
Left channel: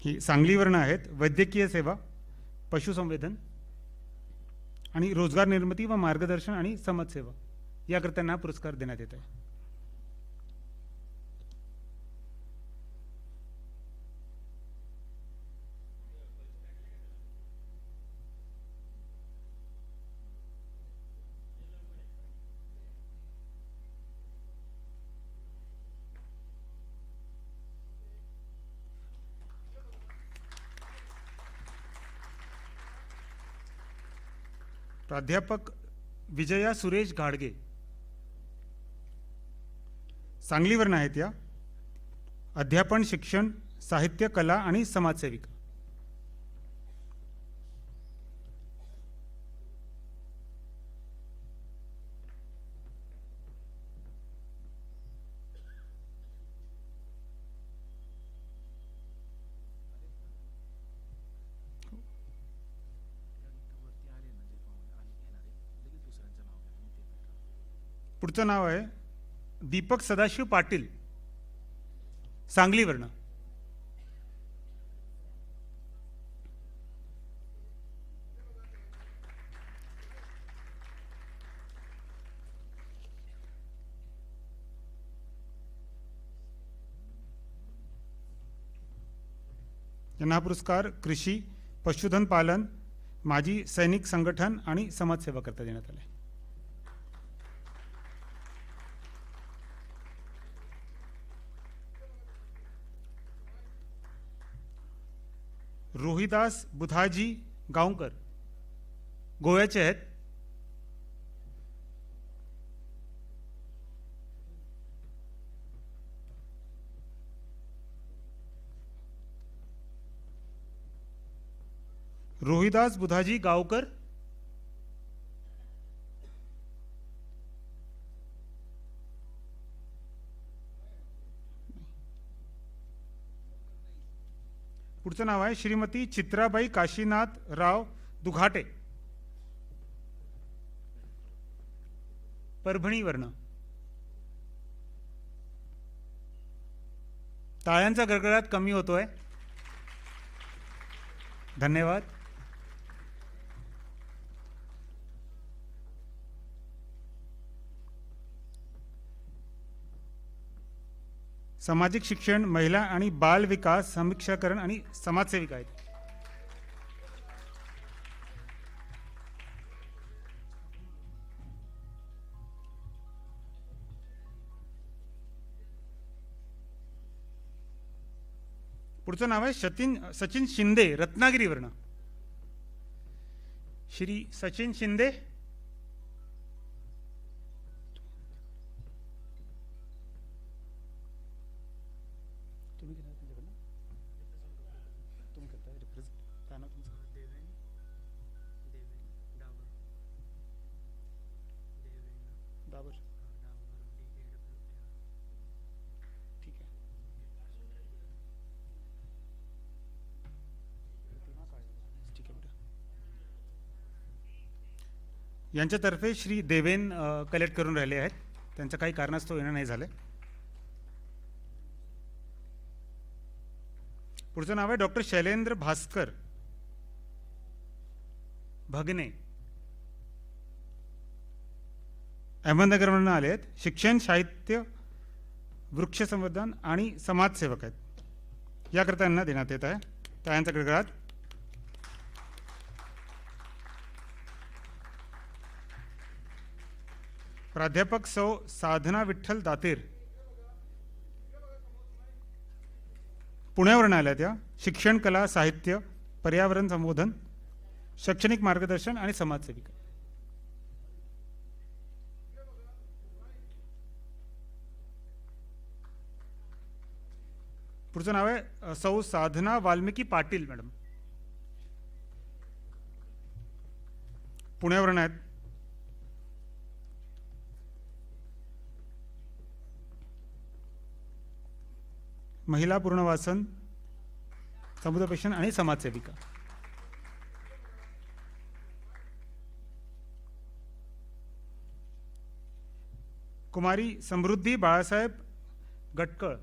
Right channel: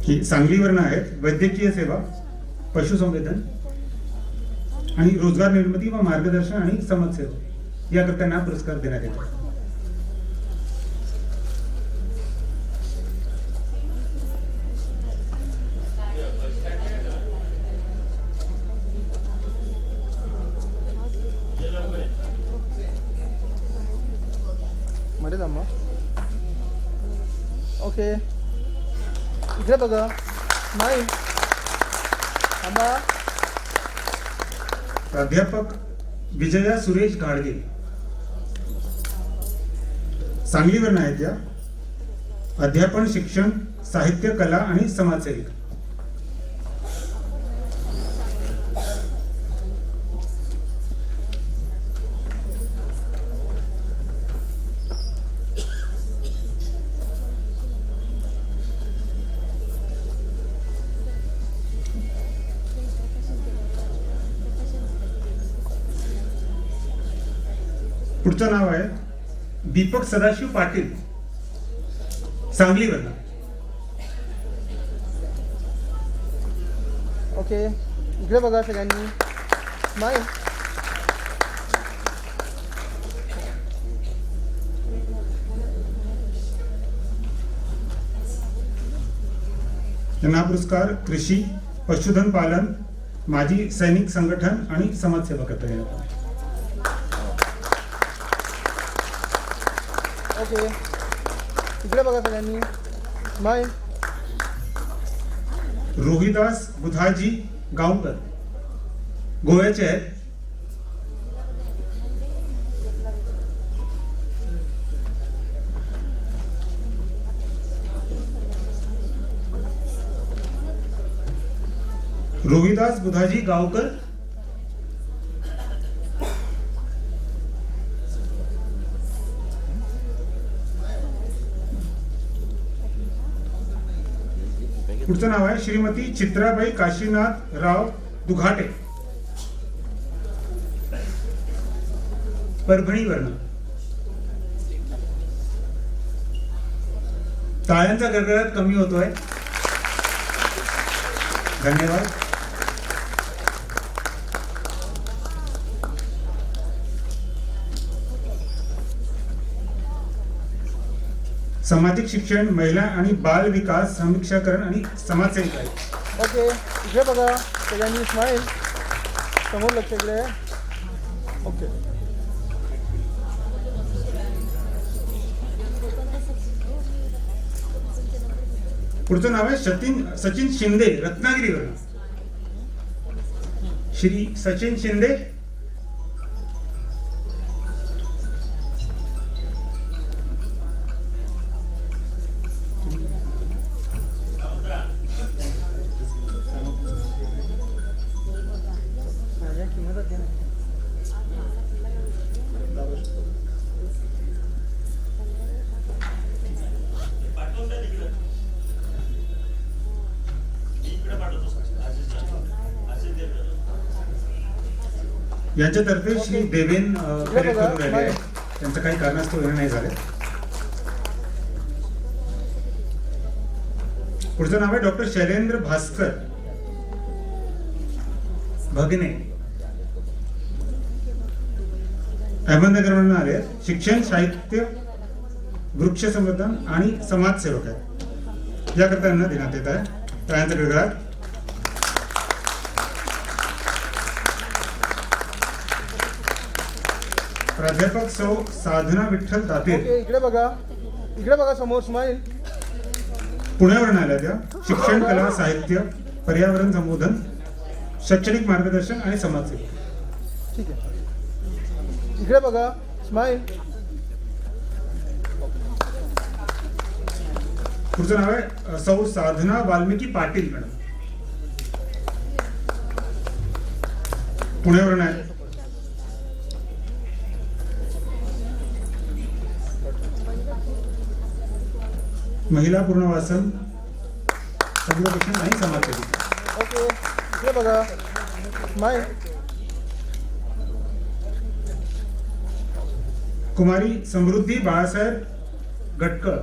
की सांगलीवरून आहेत. वैद्यकीय सेवा पशुसंवर्धन आणि रोजगार निर्मिती व मार्गदर्शन आणि समाजसेवा याकरता हा पुरस्कार देण्यात येतो. मध्ये थांबा. ओके इकडे बघा. नाही थांबा. प्राध्यापक विजया सुरेश गाडगे. सांगलीवरून आहेत या. अध्यापन शिक्षण साहित्य कला आणि समाजसेविका. पुढचं नाव आहे दीपक सदाशिव पाटील. सांगलीवर. ओके इकडे बघा सगळ्यांनी. स्माईल. त्यांना पुरस्कार कृषी पशुधन पालन माजी सैनिक संघटन आणि समाजसेवा करता येतात. ओके इकडे बघा सगळ्यांनी. स्माईल. रोहिदास बुधाजी गावकर गोव्याचे आहेत. रोहिदास बुधाजी गावकर. पुढचं नाव आहे श्रीमती चित्राबाई काशीनाथ राव दुघाटे. परभणीवरून. टाळ्यांचा गडगडाट कमी होतोय. धन्यवाद. सामाजिक शिक्षण महिला आणि बाल विकास समीक्षाकरण आणि समाजसेविका आहे. ओके इकडे बघा सगळ्यांनी. स्माईल. समोर लक्ष इकडे. ओके पुढचं नाव आहे सचिन शिंदे रत्नागिरीवर. श्री सचिन शिंदे. माझ्या किंमत द्या ना. यांच्यातर्फे श्री देवेन करेक्ट करून राहिले आहे. त्यांचं काही कारणास्तव येणं नाही झाले. पुढचं नाव आहे डॉक्टर शैलेंद्र भास्कर भगिने. अहमदनगरवरून आले आहेत. शिक्षण, साहित्य, वृक्ष संवर्धन आणि समाजसेवक आहेत. याकरता त्यांना देण्यात येत आहे. त्यानंतर विभाग प्राध्यापक सौ साधना विठ्ठल ताते ओके, इकडे बघा समोर स्माईल. पुण्यावरून आल्या त्या. शिक्षण, कला, साहित्य, पर्यावरण संबोधन, शैक्षणिक मार्गदर्शन आणि समाजसेवा. ठीक आहे, इकडे बघा स्माईल. तुझं नाव आहे सौ साधना वाल्मिकी पाटील मॅडम. पुण्यावरून आहे. महिला पुनर्वासन, समुपदेशन आणि समाजसेवा. ओके, इकडे बघा स्माईल. कुमारी समृद्धी बाळासाहेब गटकर.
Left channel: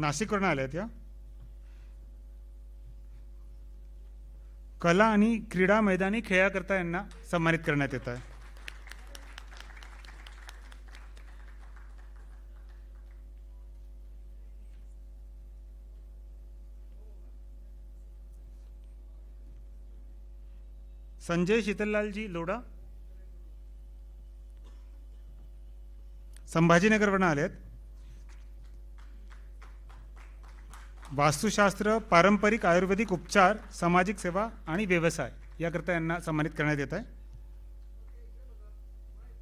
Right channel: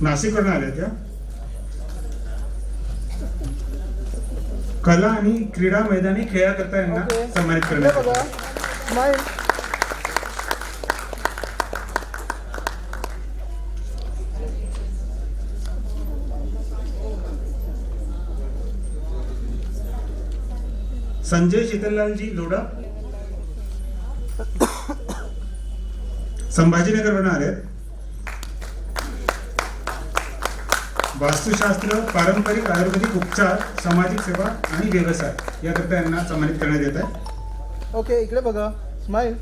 नाशिकवरून आल्या त्या. कला आणि क्रीडा मैदानी खेळाकरता यांना ओके, सन्मानित इकडे करण्यात बघा आलं. स्माईल. संजय शीतललालजी लोढा संभाजीनगरवरून आले. वास्तुशास्त्र, पारंपरिक आयुर्वेदिक उपचार, सामाजिक सेवा आणि व्यवसाय याकरता यांना सन्मानित करण्यात येत आहे. ओके, इकडे बघा स्माईल.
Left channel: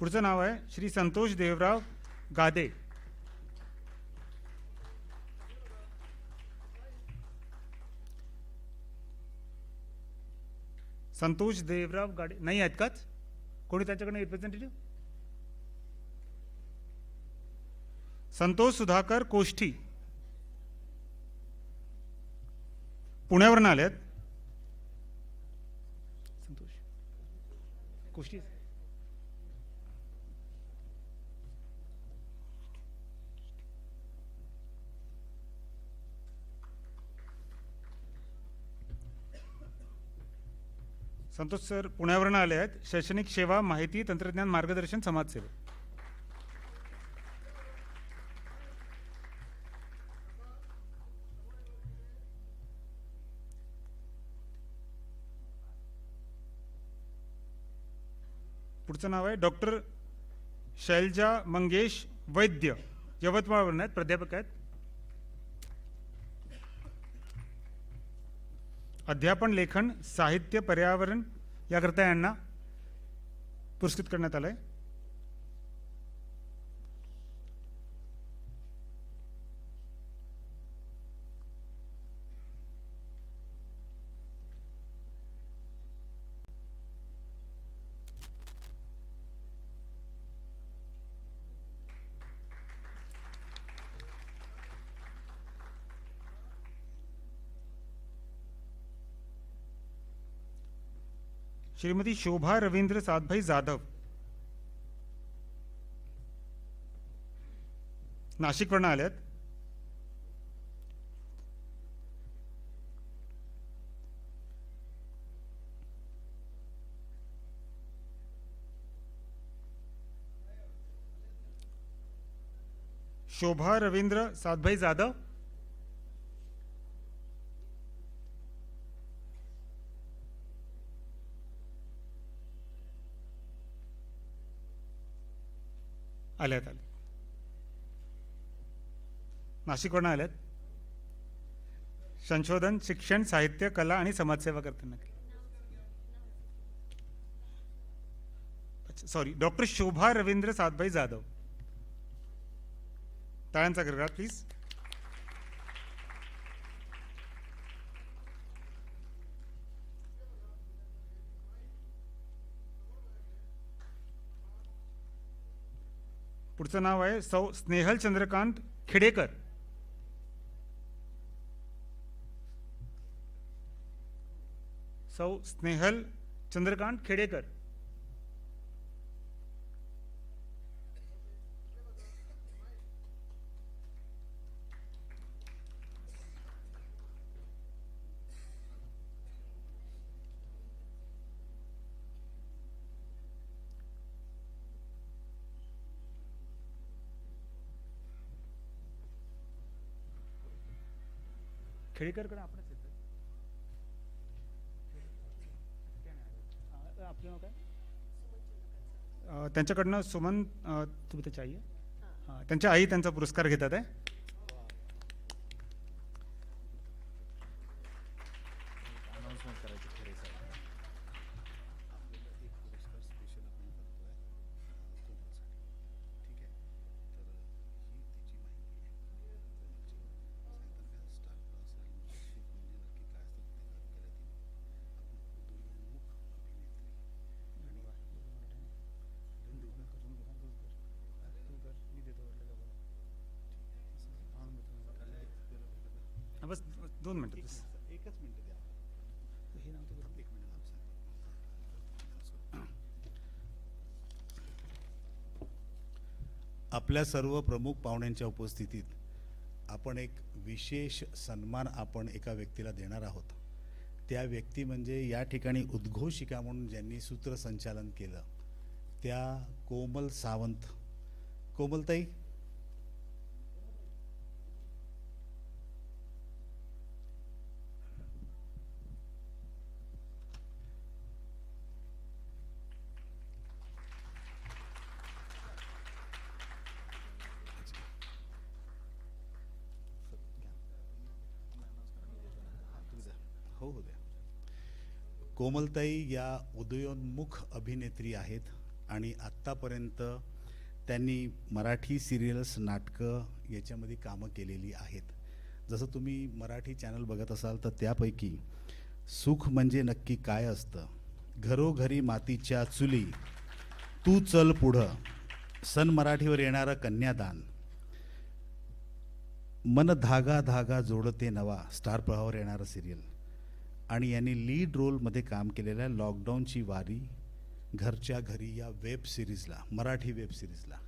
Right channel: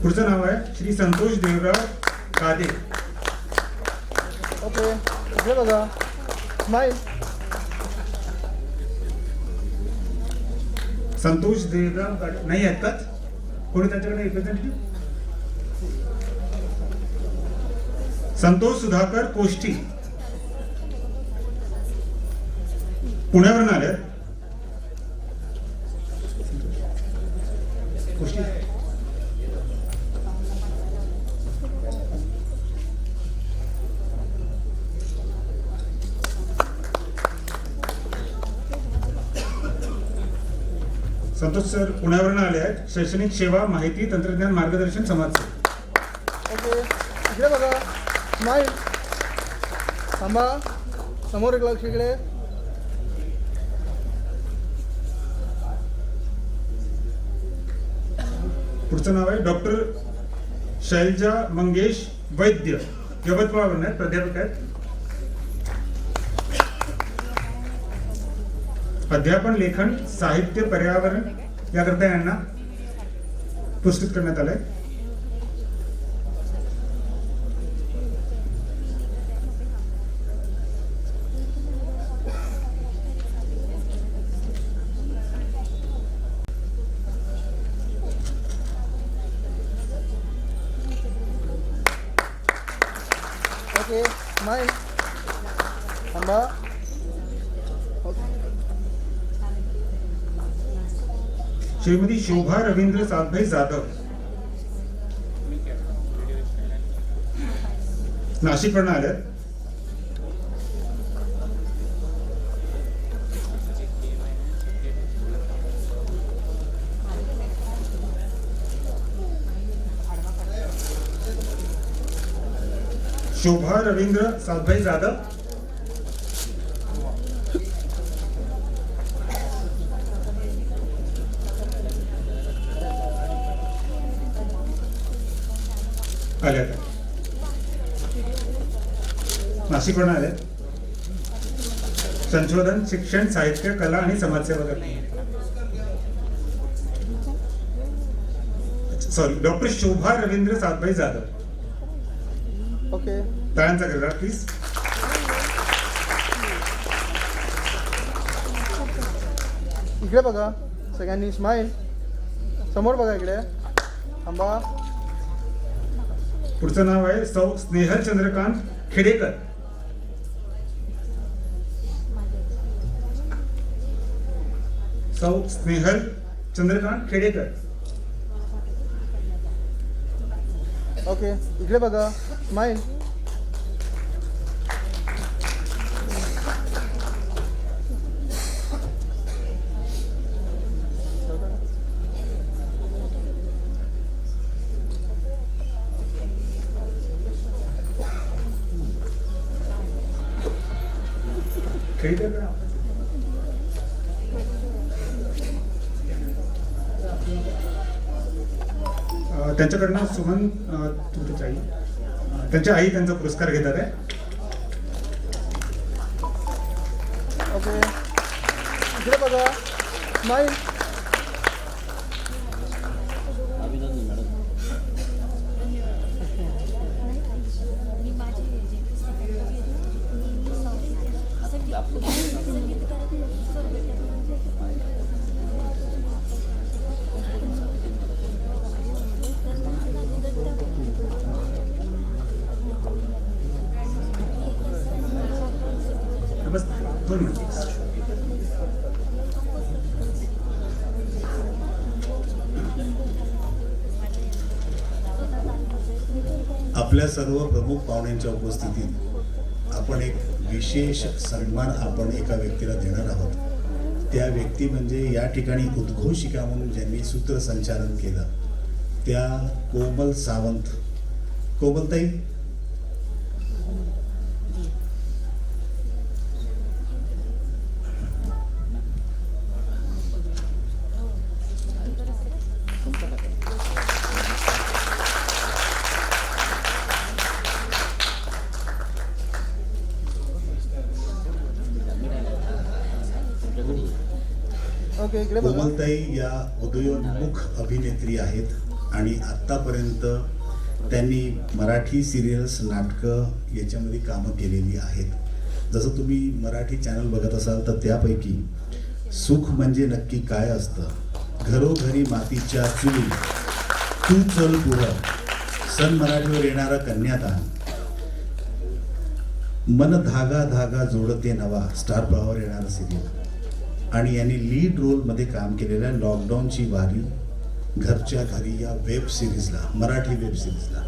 पुढचं नाव आहे श्री संतोष देवराव गादे. ओके, इकडे बघा स्माईल. संतोष देवराव गाडे नाही आहेत का? कोणी त्यांच्याकडे रिप्रेझेंटेटिव्ह? संतोष सुधाकर कोष्टी पुण्यावरून आले. कोष्टी संतोष सर पुण्यावरून आले आहेत. शैक्षणिक सेवा, माहिती तंत्रज्ञान मार्गदर्शन, समाजसेवा. ओके, इकडे बघा स्माईल. थांबा, समोर एक लक्ष इकडे. पुढचं नाव आहे डॉक्टर शैलजा मंगेश वैद्य. यवतमाळवरून आहेत. प्राध्यापक आहेत. अध्यापन, लेखन, साहित्य, पर्यावरण याकरता यांना पुरस्कृत करण्यात आलंय. Okay, smile. थांबा. श्रीमती शोभा रवींद्र साधभाई जाधव नाशिकवरून आल्यात. शोभा रवींद्र साधभाई जाधव आल्या आहेत. नाशिक आले संशोधन, शिक्षण, साहित्य, कला आणि समाजसेवा करणे. सॉरी, डॉक्टर शोभा रवींद्र सातभाई जाधव. ओके. टाळ्यांचा गजर प्लीज. इकडे बघा सगळ्यांनी, स्माईल. समोर बघा इकडे, थांबा. पुढचं नाव आहे सौ स्नेहल चंद्रकांत खेडेकर. सौ स्नेहल चंद्रकांत खेडेकर. ओके, इकडे बघा, स्माईल. खेडेकर त्यांच्याकडनं सुमन तुमच्या आई, त्यांच्या आई त्यांचा पुरस्कार घेणार आहे. ओके, इकडे बघा, स्माईल. बस 2 मिनिट. आपल्या सर्व प्रमुख पाहुण्यांच्या उपस्थितीत आपण एक विशेष सन्मान आपण एका व्यक्तीला देणार आहोत. त्या व्यक्ती म्हणजे या ठिकाणी उद्घोषिका म्हणून ज्यांनी सूत्रसंचालन केलं त्या कोमल सावंत. कोमलताई, ओके, इकडे बघा. कोमलताई या उदयोन्मुख अभिनेत्री आहेत आणि आतापर्यंत त्यांनी मराठी सिरियल्स, नाटकं याच्यामध्ये कामं केलेली आहेत. जसं तुम्ही मराठी चॅनल बघत असाल तर त्यापैकी सुख म्हणजे नक्की काय असतं, घरोघरी मातीच्या चुली, तू चल पुढं, सन मराठीवर येणारा कन्यादान, मन धागा धागा जोडते नवा, स्टार प्रवाहावर येणारा सिरियल, आणि यांनी लीड रोलमध्ये काम केलेल्या लॉकडाऊनची वारी, घरच्या घरी या वेब सिरीजला, मराठी वेब सिरीजला.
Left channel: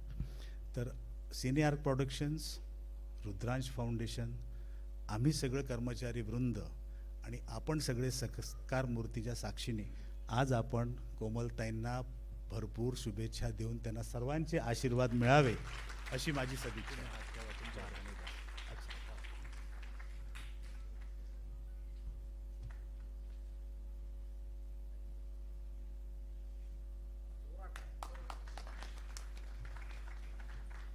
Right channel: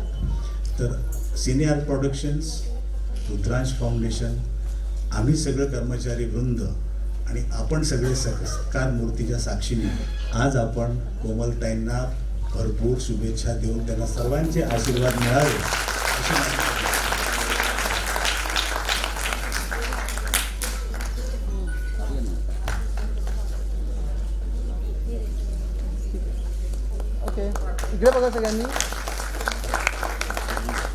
तर सिनियर प्रोडक्शन्स, रुद्रांश फाउंडेशन, आम्ही सगळं कर्मचारी वृंद आणि आपण सगळे सत्कार मूर्तीच्या साक्षीने आज आपण कोमलताईंना भरपूर शुभेच्छा देऊन त्यांना सर्वांचे आशीर्वाद मिळावे अशी माझी ओके, इकडे बघा सगळ्यांनी,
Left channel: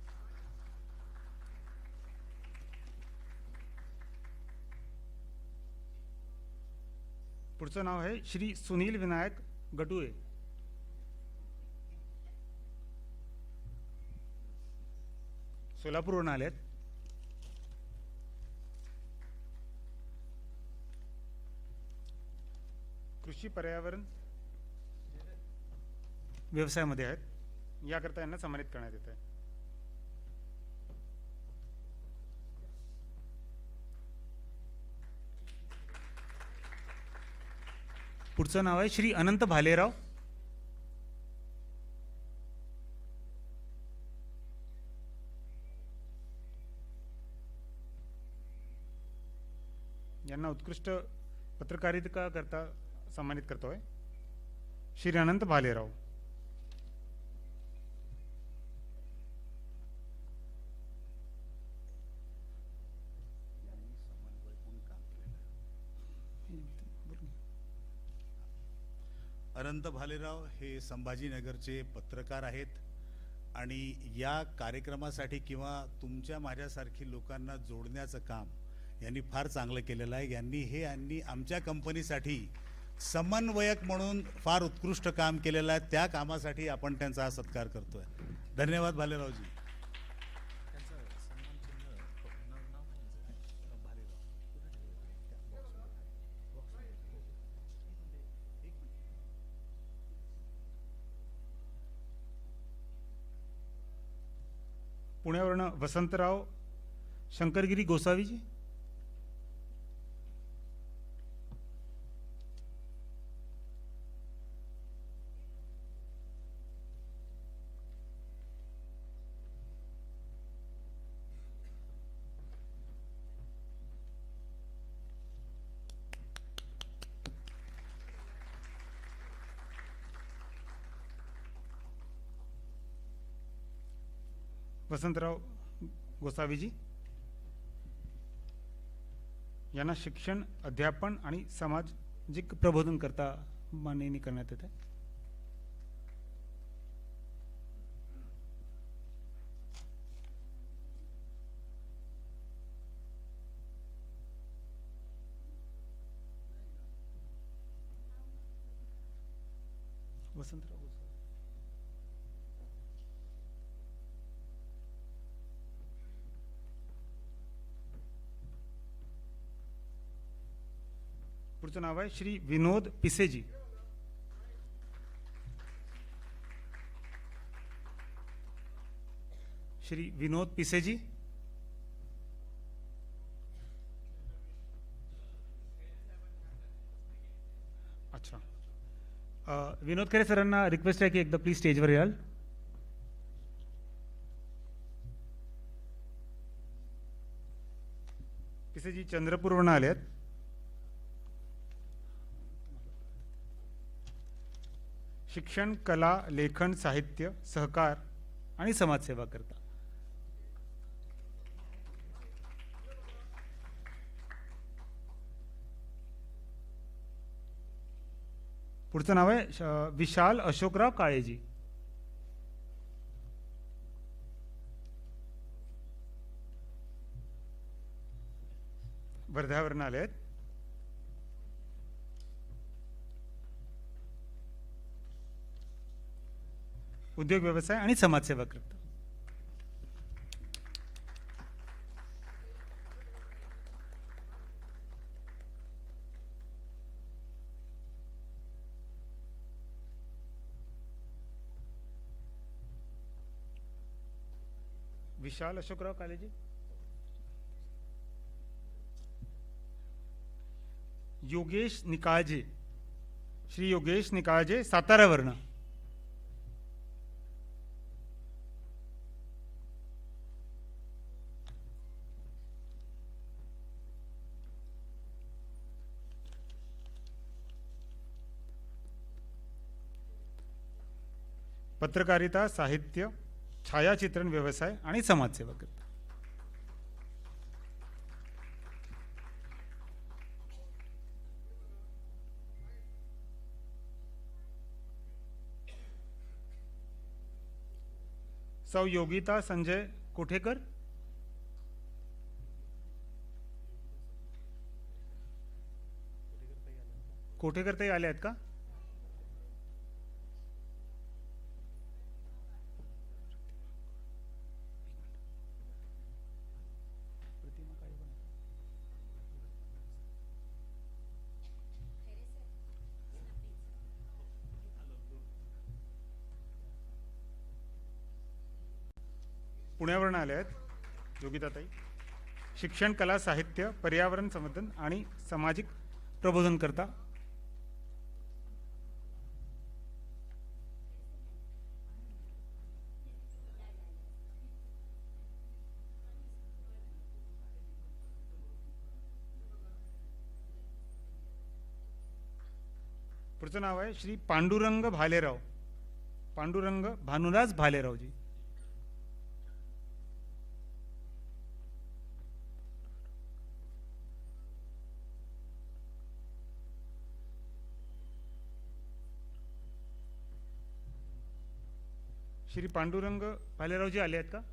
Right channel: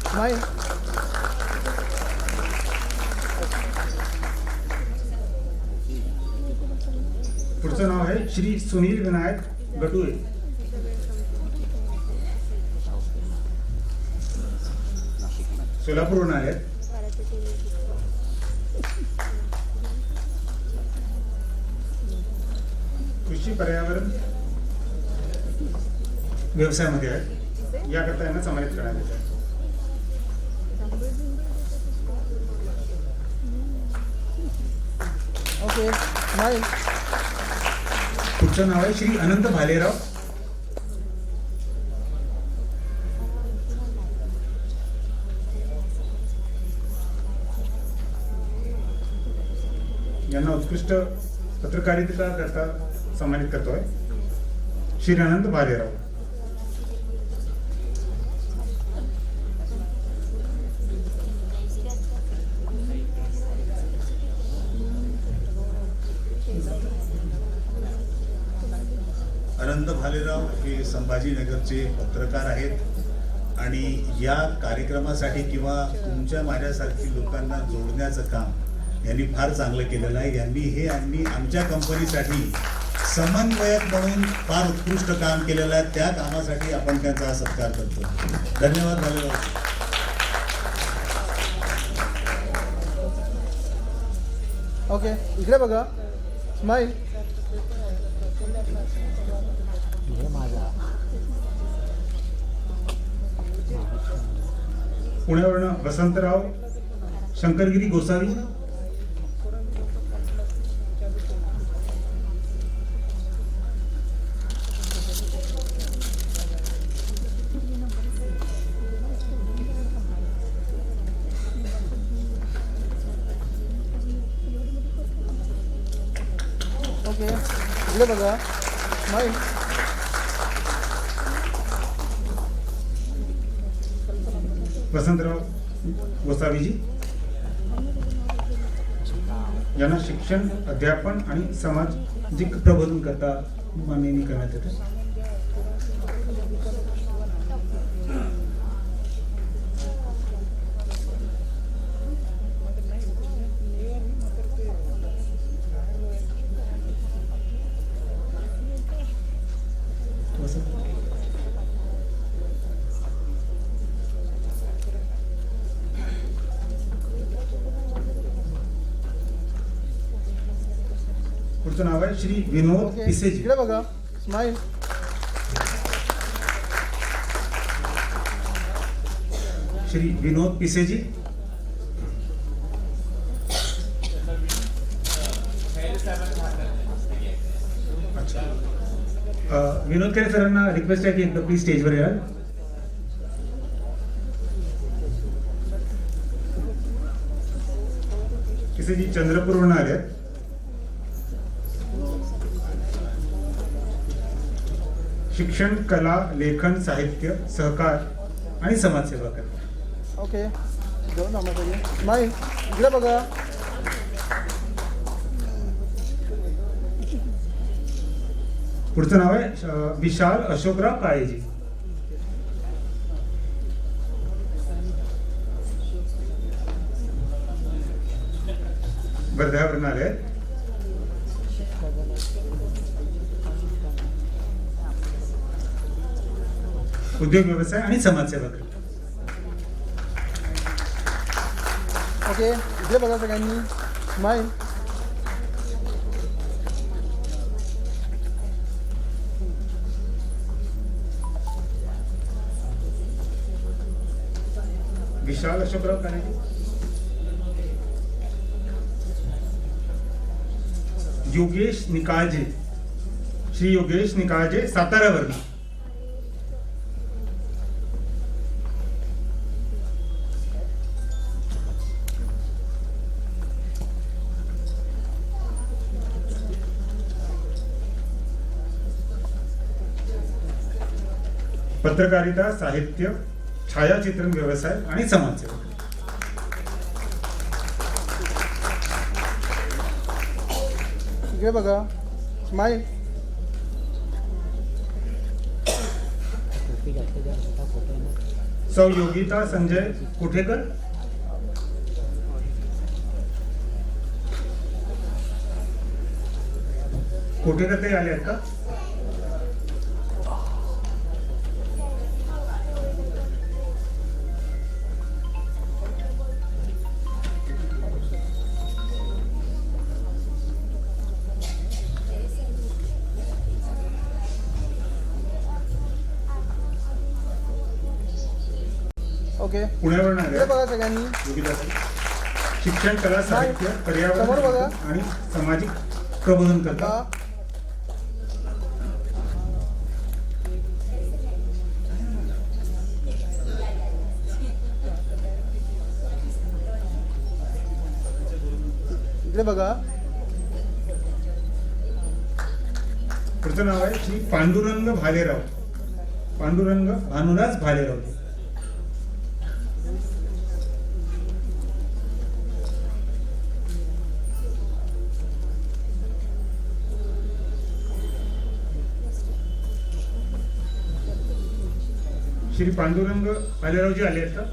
स्माईल. पुढचं नाव आहे श्री सुनील विनायक गटुळे. सोलापूरहून आले. कृषी पर्यावरण व्यवसायामध्ये आहे, याकरता यांना समाविष्ट करण्यात येत आहे. Okay, smile. पुढचं नाव आहे श्री अनंत भालेराव. यांना उत्कृष्ट पत्रकारितेचा करता सन्मानित करतोय श्री अनंत भालेराव. अनंत भालेराव हे संभाजीनगरचे पत्रकार आहेत आणि या कार्यक्रमासाठी किंवा तुमच्या माझ्यासारखी लोकांना जोडण्याचं काम यांनी फार चांगलं केलेलं आहे. यांनी आमच्या कंपनीसाठी समन्वयक म्हणून फार उत्कृष्ट काम केलेलं आहे. त्या कामासाठी आपण त्यांचा सत्कार करतो. धन्यवाद. धन्यवाद. ओके, इकडे बघा, स्माईल. पुण्यावरून वसंतराव शंकरगिरी गोसावी. ओके, इकडे बघा, स्माईल. वसंतराव गोसावीजी यांना शिक्षण, अध्यापन आणि सामाजिक प्रबोधन करता माननीय करण्यात येते. पुढचं नाव आहे श्री विनोद ओके, पिसेजी. इकडे बघा, स्माईल. श्री विनोद पिसेजी. अच्छा. विनोद खेड सरांना रिक्वेस्ट आहे की एकदा प्लीज स्टेजवर याल. पिसेजी चंद्रपूरहून आले आहेत. शिक्षण, कला, लेखन, साहित्य, सहकार आणि समाजसेवा करतात. ओके, दोन नामासाठी स्माईल. इकडे बघा, पुढचं नाव आहे विशाल अशोकराव काळेजी. वर्ध्यावरून आले आहेत. उद्योग व्यवसाय आणि समाजसेवा करतात. ओके, इकडे बघा सगळ्यांनी, स्माईल. विशाल अशोकराव काळेजी. योगेश निकाळजे. श्री योगेश निकाळजे, साताऱ्यावरून. पत्रकारिता, साहित्य, छायाचित्रण व्यवसाय आणि समाजसेवा. इकडे बघा, स्माईल. सौ योगिता संजय कुठेकर. कुठेकर ते आले आहेत का? ओके, पुण्यावरून आले इकडे आहेत. बघा सगळ्यांनी, शिक्षण, कला, साहित्य, समोर बघा. पर्यावरण आणि सामाजिक प्रबोधन करतात. इकडे बघा, पुढचं नाव आहे श्री पांडुरंग भालेराव. पांडुरंग भानुदास भालेराव. श्री पांडुरंग आलेरावजी आले आहेत का?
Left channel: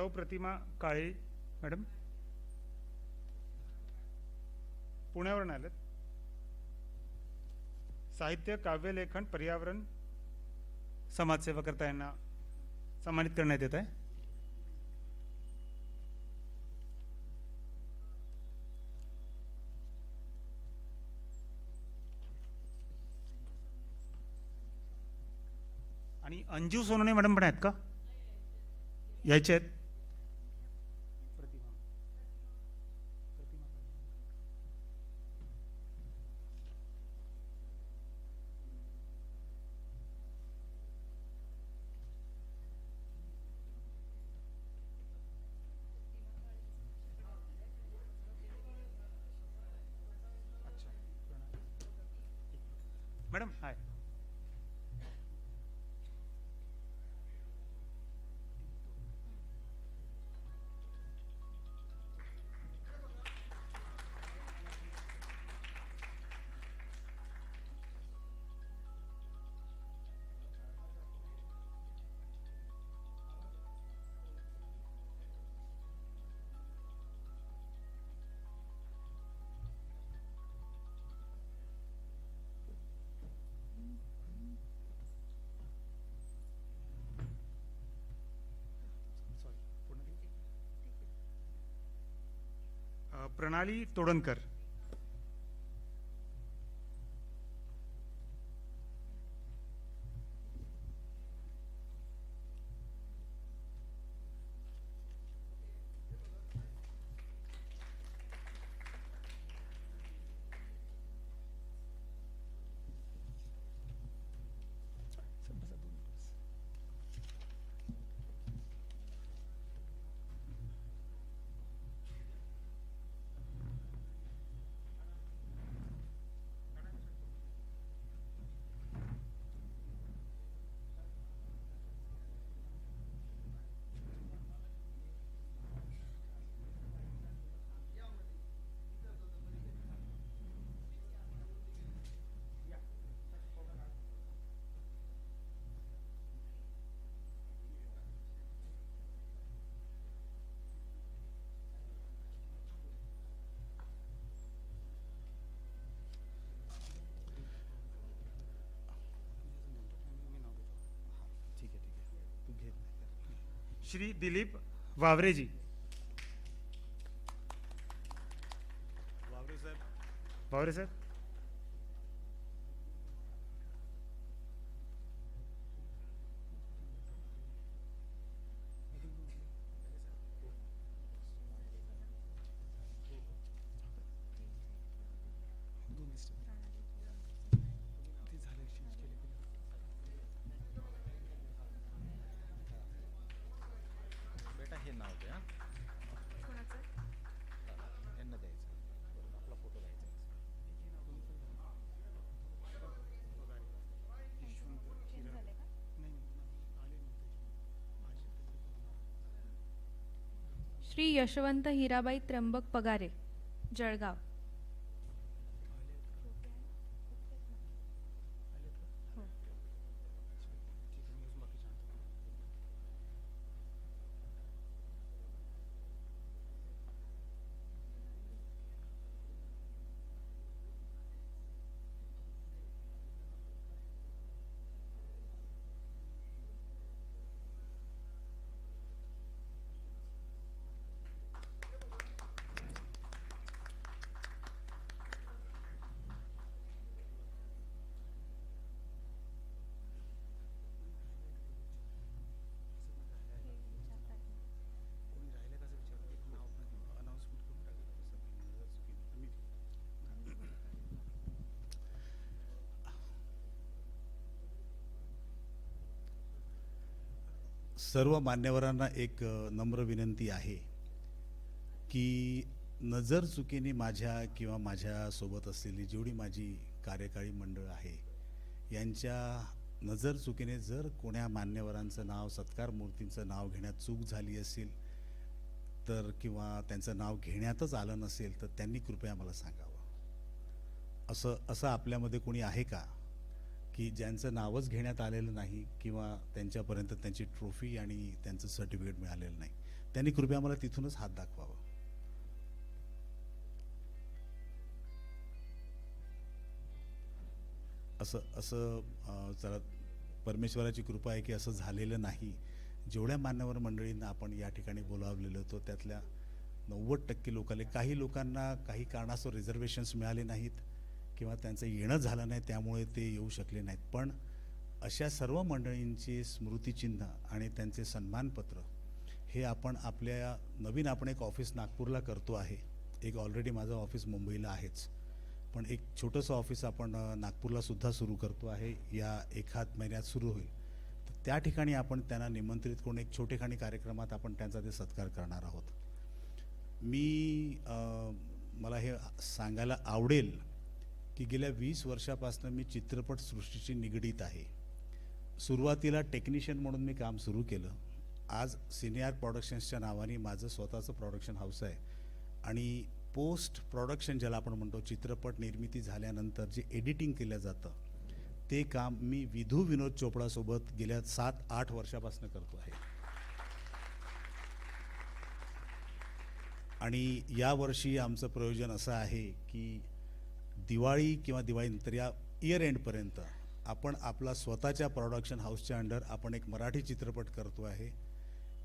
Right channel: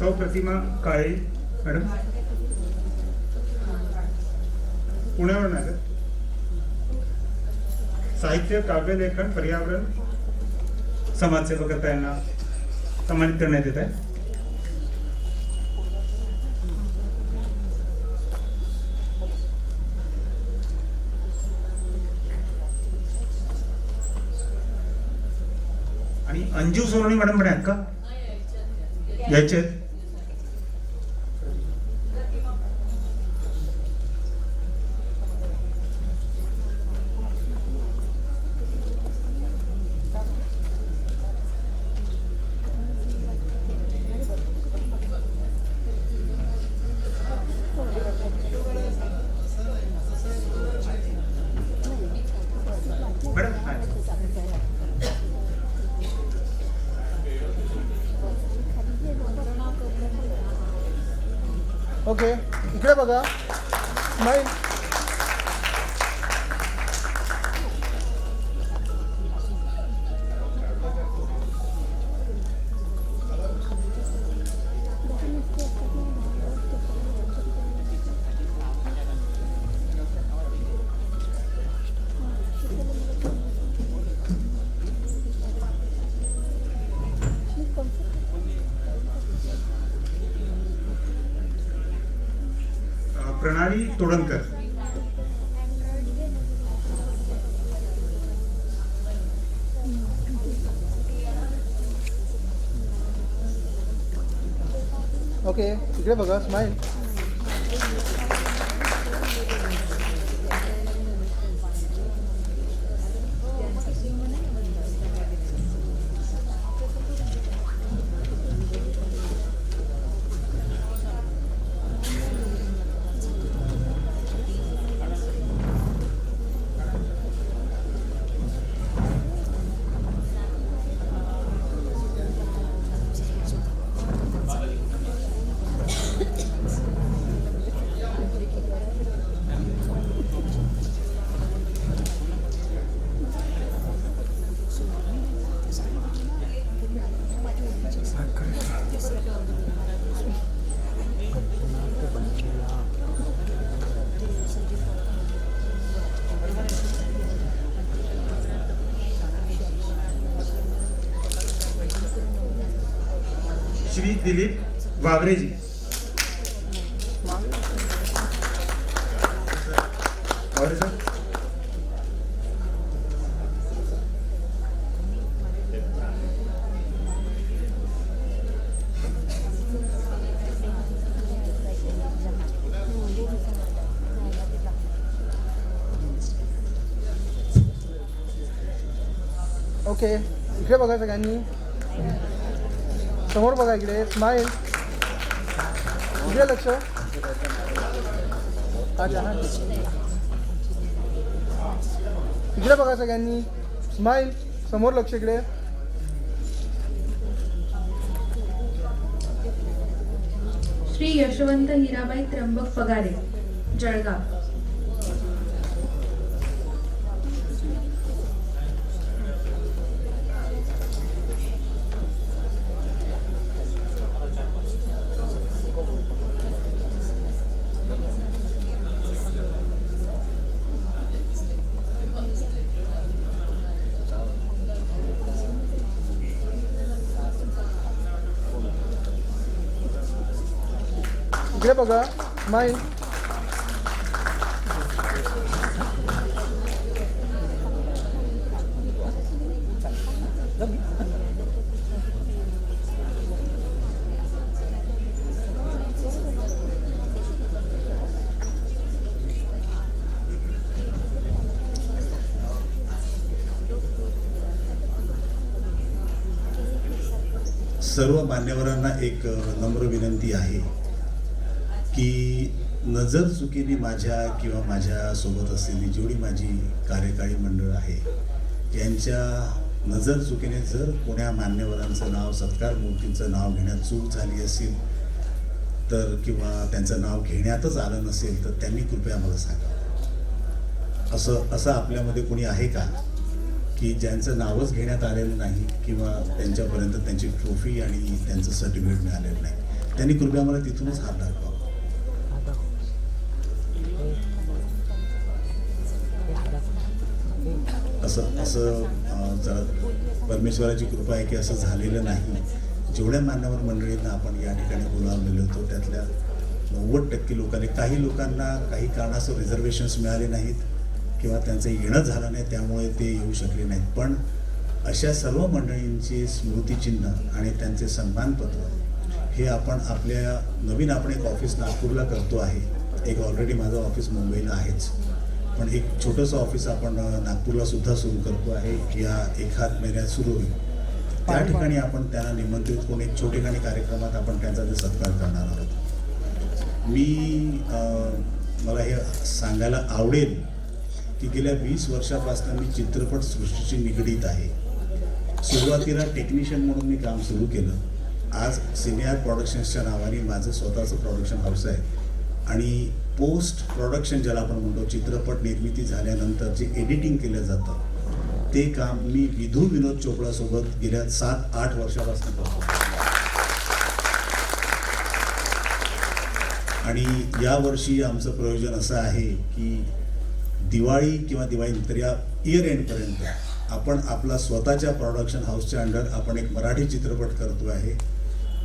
सौ प्रतिमा काळे मॅडम पुण्यावरून आहे. साहित्य, काव्य लेखन, पर्यावरण, समाजसेवा करता यांना सन्मानित करण्यात येत आहे. आणि अंजू सोनवणे मॅडम पण आहेत का? याचे मॅडम ओके, इकडे बघा. स्माईल. प्रणाली तोडणकर. ओके, इकडे बघा. स्माईल. श्री दिलीप बाबरेजी. और सर ओके, इकडे बघा सगळ्यांनी. समोर बघा. इकडे स्माईल. इकडे लक्ष. अच्छा, इकडे बघा सगळ्यांनी. स्माईल. समोर लक्ष. इकडे. श्री यशवंत हिराबाई त्र्यंबक पगारे, जळगाव. इकडे बघा. स्माईल. सर्व मान्यवरांना एक नम्र विनंती आहे की नजर चुकीने माझ्या किंवा माझ्या सोबत असलेली जेवढी माझी कार्यकारी मंडळ आहे यांच्या नजर चुकीने जर कोण्या मान्यवरांचं नाव, सत्कार मूर्तीचं नाव घेण्यात चूक झाली असेल तर किंवा त्यांचं नाव घेण्यातच आलं नसेल तर त्यांनी कृपया मला सांगा. असं आपल्यामध्ये कोणी आहे का की ज्यांचं नावच घेण्यात आलेलं नाही किंवा त्यांच्यापर्यंत त्यांची ट्रॉफी आणि त्यांचं सर्टिफिकेट मिळालेलं नाही? त्यांनी कृपया मला तिथूनच हात दाखवा. असं जरा परमेश्वराची कृपा आहे की असं झालेलं नाही. जेवढ्या मान्यवर मंडळींना आपण या ठिकाणी बोलावलेलं होतो त्यातल्या 90% लोकांनी, काही लोकांना काही कारणास्तव रिझर्वेशन्स मिळाले नाहीत किंवा त्यांचं येणं झालं नाही त्यामुळे ते येऊ शकले नाहीत. पण अशा सर्व मंडळींची स्मृतिचिन्ह आणि त्यांचे सन्मानपत्र हे आपण आपल्या नवीन आपण एक ऑफिस नागपूरला करतो आहे. एक ऑलरेडी माझं ऑफिस मुंबईला आहेच, पण एक छोटंसं ऑफिस आपण नागपूरला सुद्धा सुरू करतो आहे. या एखाद महिन्यात सुरू होईल. त्या ठिकाणी आपण त्यांना निमंत्रित करून एक छोटेखानी कार्यक्रमात आपण त्यांचा ते सत्कार करणार आहोत. मला हे सांगायला आवडेल की गेल्या 20 वर्षापासून मी चित्रपट सृष्टीशी निगडीत आहे. सुरुवातीला टेक्निशियन म्हणून मी काम सुरू केलं. आज सिनियर प्रोडक्शन्सच्या नावाने माझं स्वतःचं प्रोडक्शन हाऊस आहे आणि पोस्ट प्रोडक्शन ज्याला आपण म्हणतो, चित्रपट निर्मिती झाल्यानंतर जे एडिटिंग केलं जातं ते काम मी विधू विनोद चोपडा सोबत गेल्या 7-8 वर्षापासून करतो. आणि यावर्षी आमचं प्रयोजन असं आहे की दिवाळी किंवा दिवाळीनंतर या इयर एंडपर्यंत आपण आपला स्वतःच्या प्रोडक्शन हाऊसच्या अंडर आपण एक मराठी चित्रपट करतो आहे.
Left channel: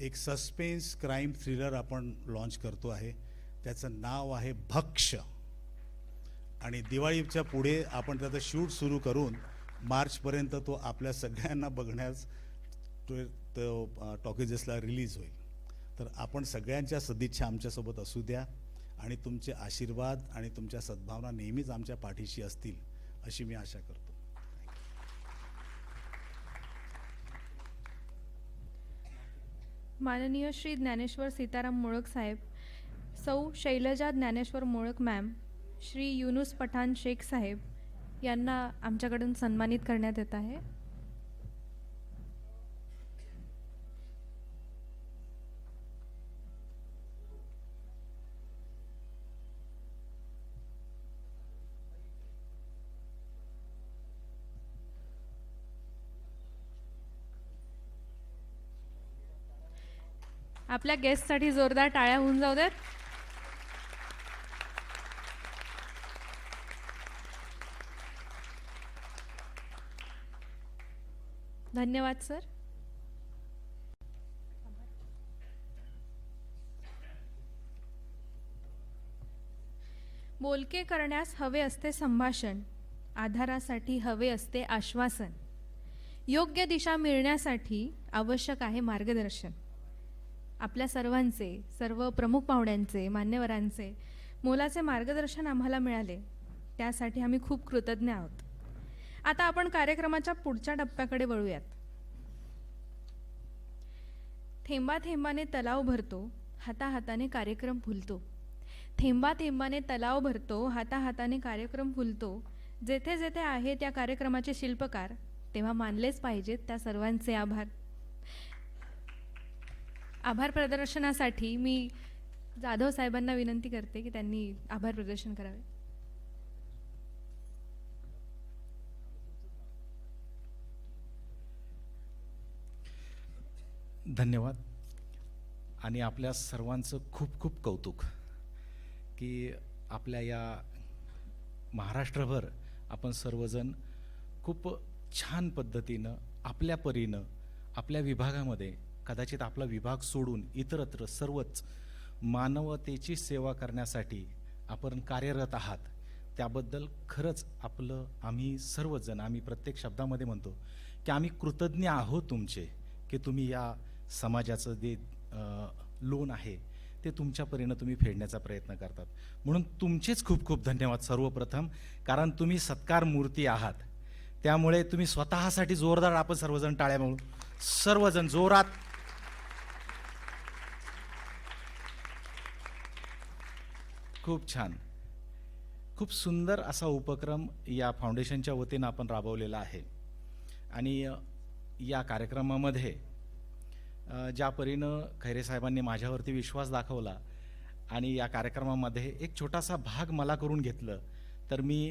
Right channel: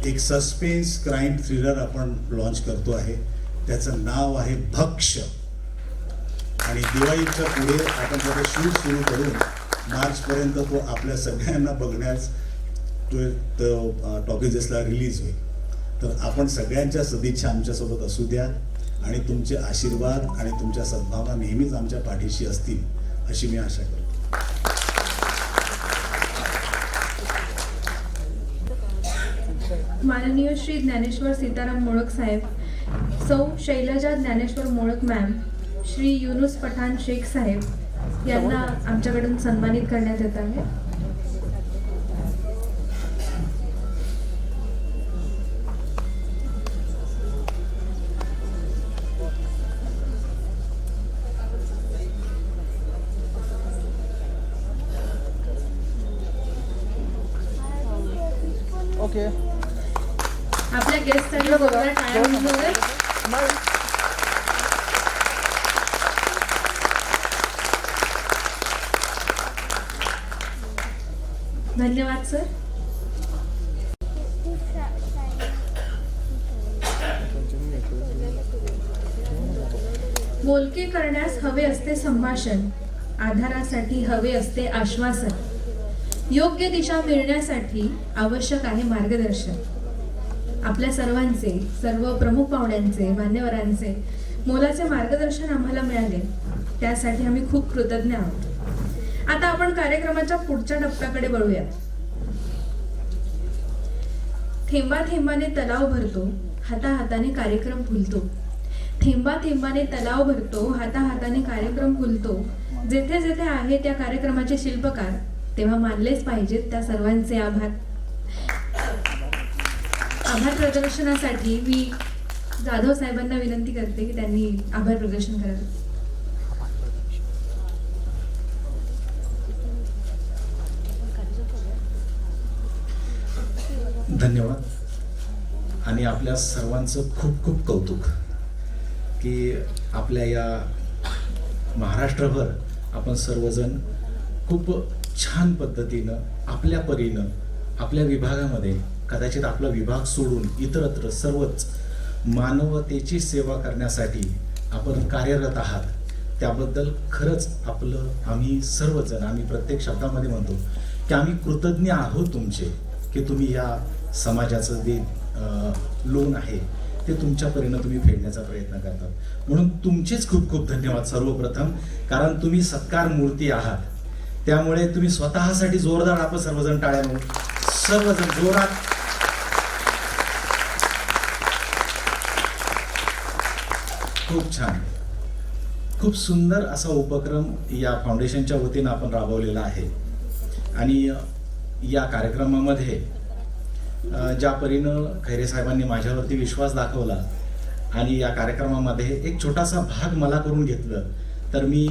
एक सस्पेन्स क्राईम थ्रिलर आपण लॉन्च करतो आहे. त्याचं नाव आहे भक्ष्य. आणि दिवाळीच्या पुढे आपण त्याचं शूट सुरू करून मार्चपर्यंत तो आपल्या सगळ्यांना बघण्यास टॉकीजेसला रिलीज होईल. तर आपण सगळ्यांच्या सदिच्छा आमच्यासोबत असू द्या आणि तुमचे आशीर्वाद आणि तुमच्या सद्भावना नेहमीच आमच्या पाठीशी असतील अशी मी आशा करतो. माननीय श्री ज्ञानेश्वर सीताराम मोळक साहेब, सौ शैलजा ज्ञानेश्वर मोळक मॅम, श्री युनुस पठाण शेख साहेब यांना आमच्याकडून सन्मानित करण्यात येत आहे. ओके. आपल्या गेस्टसाठी जोरदार टाळ्या वाजवूया. स्माईल. धन्यवाद सर. बोलके करण्यास हवे असते संभाषण, आधारासाठी हवे असते आश्वासन, योग्य दिशा मिळण्यासाठी आवश्यक आहे मार्गदर्शन. आपल्या सर्वांचे, सर्व प्रमुख पाहुण्यांचे, मान्यवरांचे मोलाचे मार्गदर्शन आम्हाला मिळाले त्यासाठी आम्ही खूप कृतज्ञ आहोत. आता आपण कार्यक्रमाच्या पुढच्या टप्प्याकडे वळूयात. थेंबा थेंबाने तलाव भरतो, हाताहाताने कार्यक्रम फुलतो. थेंबा थेंबाने तलाव भरतो, हाताहाताने कार्यक्रम फुलतो. जेथे जेथे आहे त्या कार्यक्रमाचे शिल्पकार तेव्हा मानलेच पाहिजेत त्या सर्वांचे आभार. आभार प्रदर्शनासाठी मी जाधव साहेबांना विनंती करते की त्यांनी आभार प्रदर्शन करावे. धन्यवाद. आणि आपल्या सर्वांचं खूप खूप कौतुक की आपल्या या महाराष्ट्रभर आपण सर्वजण खूप छान पद्धतीनं आपल्या परीनं आपल्या विभागामध्ये, कदाचित आपला विभाग सोडून इतरत्र सर्वच मानवतेची सेवा करण्यासाठी आपण कार्यरत आहात. त्याबद्दल खरंच आम्ही सर्वजण, आम्ही प्रत्येक शब्दामध्ये म्हणतो की आम्ही कृतज्ञ आहोत तुमचे, की तुम्ही या समाजाचं जे लोन आहे ते तुमच्या परीनं तुम्ही फेडण्याचा प्रयत्न करतात. म्हणून तुमचेच खूप खूप धन्यवाद सर्वप्रथम, कारण तुम्ही सत्कार मूर्ती आहात. त्यामुळे तुम्ही स्वतःसाठी जोरदार आपण सर्वजण टाळ्या म्हणून सर्वजण जोरात खूप छान, खूप सुंदर असा उपक्रम या फाउंडेशनच्या वतीनं आपण राबवलेला आहे. आणि या कार्यक्रमामध्ये ज्या परीनं खैरे साहेबांनी माझ्यावरती विश्वास दाखवला आणि या कार्यक्रमामध्ये एक छोटासा भाग मला करून घेतलं, तर मी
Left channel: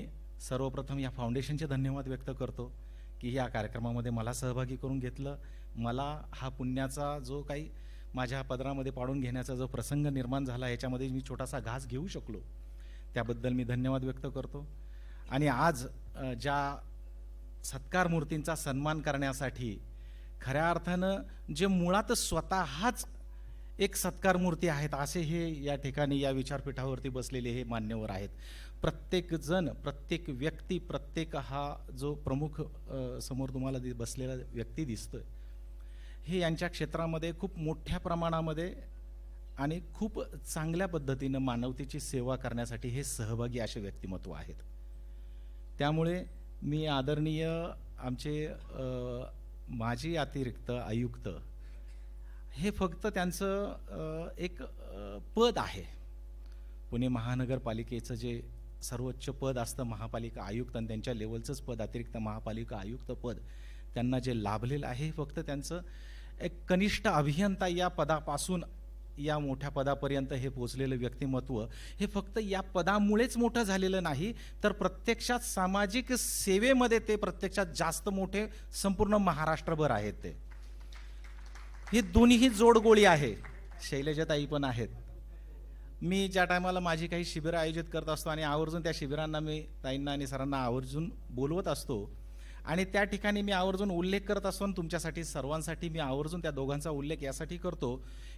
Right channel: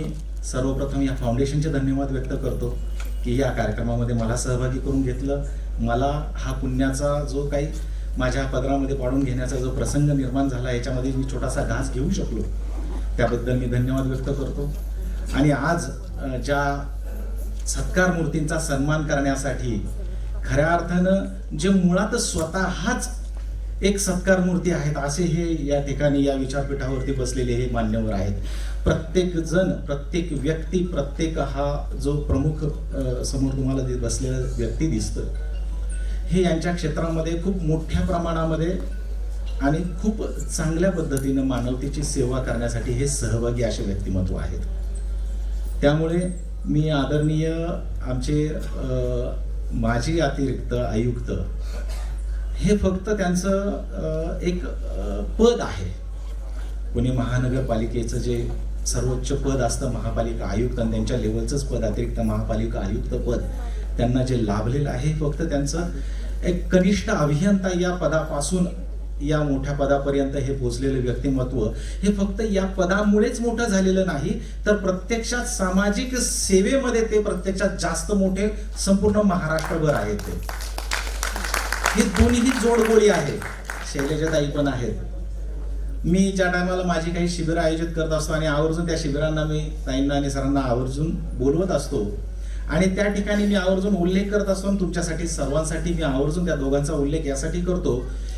सर्वप्रथम या फाउंडेशनचे धन्यवाद व्यक्त करतो की या कार्यक्रमामध्ये मला सहभागी करून घेतलं. मला हा पुण्याचा जो काही माझ्या पदरामध्ये पाडून घेण्याचा जो प्रसंग निर्माण झाला याच्यामध्ये मी छोटासा घास घेऊ शकलो, त्याबद्दल मी धन्यवाद व्यक्त करतो. आणि आज ज्या सत्कार मूर्तींचा सन्मान करण्यासाठी खऱ्या अर्थानं जे मुळातच स्वतःच एक सत्कार मूर्ती आहेत असे हे या ठिकाणी या विचारपीठावरती बसलेले हे मान्यवर आहेत. प्रत्येक जण, प्रत्येक व्यक्ती, प्रत्येक हा जो प्रमुख समोर तुम्हाला बसलेला व्यक्ती दिसतं, हे यांच्या क्षेत्रामध्ये खूप मोठ्या प्रमाणामध्ये आणि खूप चांगल्या पद्धतीने मानवतेची सेवा करण्यासाठी हे सहभागी असे व्यक्तिमत्व आहेत. त्यामुळे मी आदरणीय आमचे माजी अतिरिक्त आयुक्त, हे फक्त त्यांचं एक पद आहे. पुणे महानगरपालिकेचं जे सर्वोच्च पद असतं महापालिका आयुक्त, आणि त्यांच्या लेवलचंच पद अतिरिक्त महापालिका आयुक्त पद त्यांना जे लाभलेलं आहे, फक्त त्यांचं एक कनिष्ठ अभियंता या पदापासून या मोठ्या पदापर्यंत हे पोहोचलेले व्यक्तिमत्व हे फक्त या पदामुळेच मोठं झालेलं नाही, तर प्रत्यक्षात सामाजिक सेवेमध्ये ते प्रत्यक्षात जास्त मोठे संपूर्ण महाराष्ट्रभर आहेत. हे दोन्हीही जोडगोळी आहेत. शैलजाताई पण आहेत. मी ज्या टायमाला माझी काही शिबिरं आयोजित करत असतो आणि आवर्जून त्या शिबिरांना मी ताईंना आणि सरांना आवर्जून बोलवत असतो आणि त्या ठिकाणी मी आवर्जून उल्लेख करत असतो. तुमच्यासाठी सर्वांसाठी मी आवर्जून त्या दोघांचा उल्लेख यासाठी करतो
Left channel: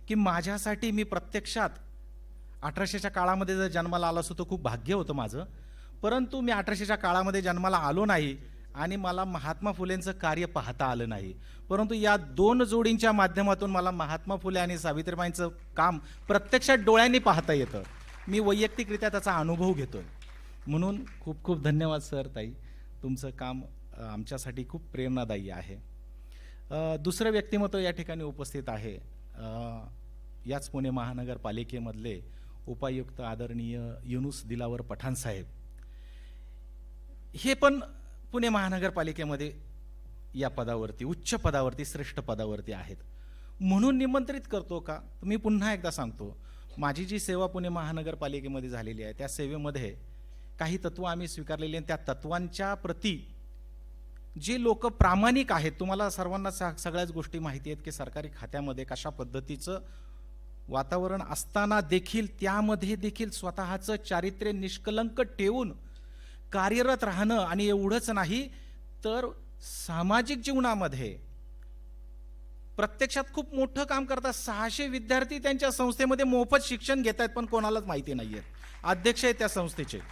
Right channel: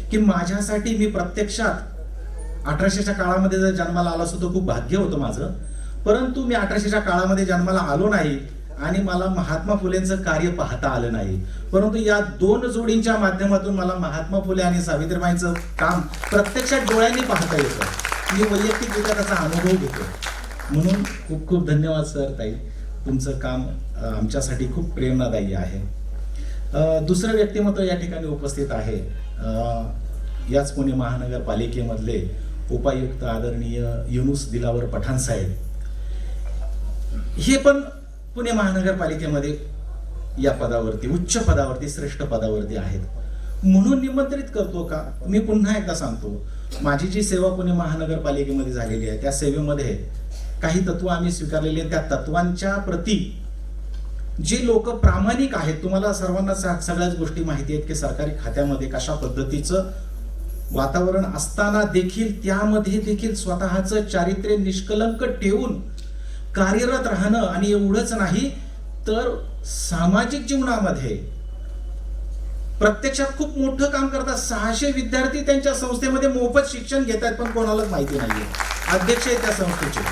की माझ्यासाठी मी प्रत्यक्षात 1800च्या काळामध्ये जर जन्माला आलो असतो तर खूप भाग्य होतं माझं, परंतु मी 1800च्या काळामध्ये जन्माला आलो नाही आणि मला महात्मा फुलेंचं कार्य पाहता आलं नाही. परंतु या दोन जोडींच्या माध्यमातून मला महात्मा फुले आणि सावित्रीबाईंचं काम प्रत्यक्षात डोळ्यांनी पाहता येतं. मी वैयक्तिकरित्या त्याचा अनुभव घेतो. म्हणून खूप खूप धन्यवाद सर ताई, तुमचं काम आमच्यासाठी खूप प्रेरणादायी आहे. दुसरं व्यक्तिमत्व या ठिकाणी उपस्थित आहे, याच पुणे महानगरपालिकेमधले उपायुक्त आदरणीय युनुस दिलावर पठाण साहेब. हे पण पुणे महानगरपालिकेमध्ये या पदावरती, उच्च पदावरती, श्रेष्ठ पदावरती आहेत. म्हणून निमंत्रित करतो का, मी पुन्हा एकदा सांगतो, माझी जी सेवा पुणे महानगरपालिकेमध्ये झालेली आहे त्या सेवेमध्ये काही तत्व आम्ही स्वीकारलेले, त्या तत्वांच्या प्रती जे लोक प्रामाणिक आहेत, तुम्हाला सर्वांना सगळ्याच गोष्टी माहिती आहेत की सरकारी खात्यामध्ये कशा पद्धतीचं वातावरण असताना देखील त्यामध्ये देखील स्वतःचं चारित्र्य निष्कलंक ठेवून कार्यरत राहणं, आणि एवढंच नाही तर सामाजिक जीवनामध्ये प्रत्यक्षात खूप मोठं काम करतात. 600 विद्यार्थी त्यांच्या संस्थेमध्ये मोफत शिक्षण घेत आहेत, पण कोणालाच माहिती नाहीये. अध्यक्ष आहे त्या संस्थेचे,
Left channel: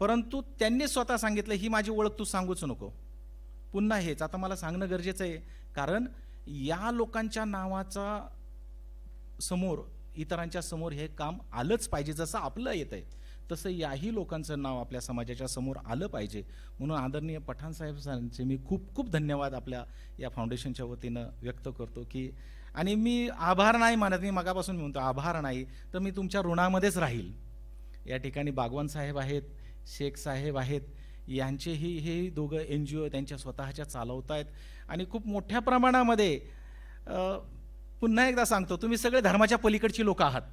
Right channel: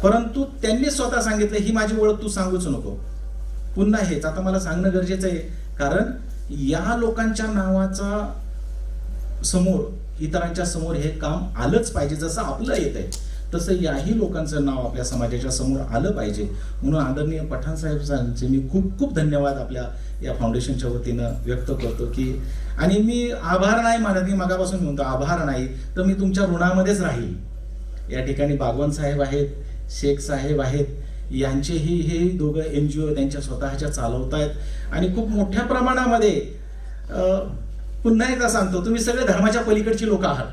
परंतु त्यांनी स्वतः सांगितलं ही माझी ओळख तू सांगूच नको. पुन्हा हेच आता मला सांगणं गरजेचं आहे, कारण या लोकांच्या नावाचा समोर, इतरांच्या समोर हे काम आलंच पाहिजे. जसं आपलं येत आहे तसं याही लोकांचं नाव आपल्या समाजाच्या समोर आलं पाहिजे. म्हणून आदरणीय पठाण साहेबांचे मी खूप खूप धन्यवाद आपल्या या फाउंडेशनच्या वतीनं व्यक्त करतो की, आणि मी आभार नाही मानत, मी मागापासून म्हणतो आभार नाही, तर मी तुमच्या ऋणामध्येच राहील. या ठिकाणी बागवान साहेब आहेत, शेख साहेब आहेत, यांचेही हे दोघं NGO त्यांच्या स्वतःच्या चालवतायत आणि खूप मोठ्या प्रमाणामध्ये. पुन्हा एकदा सांगतो, तुम्ही सगळे धर्माच्या पलीकडची लोक आहात,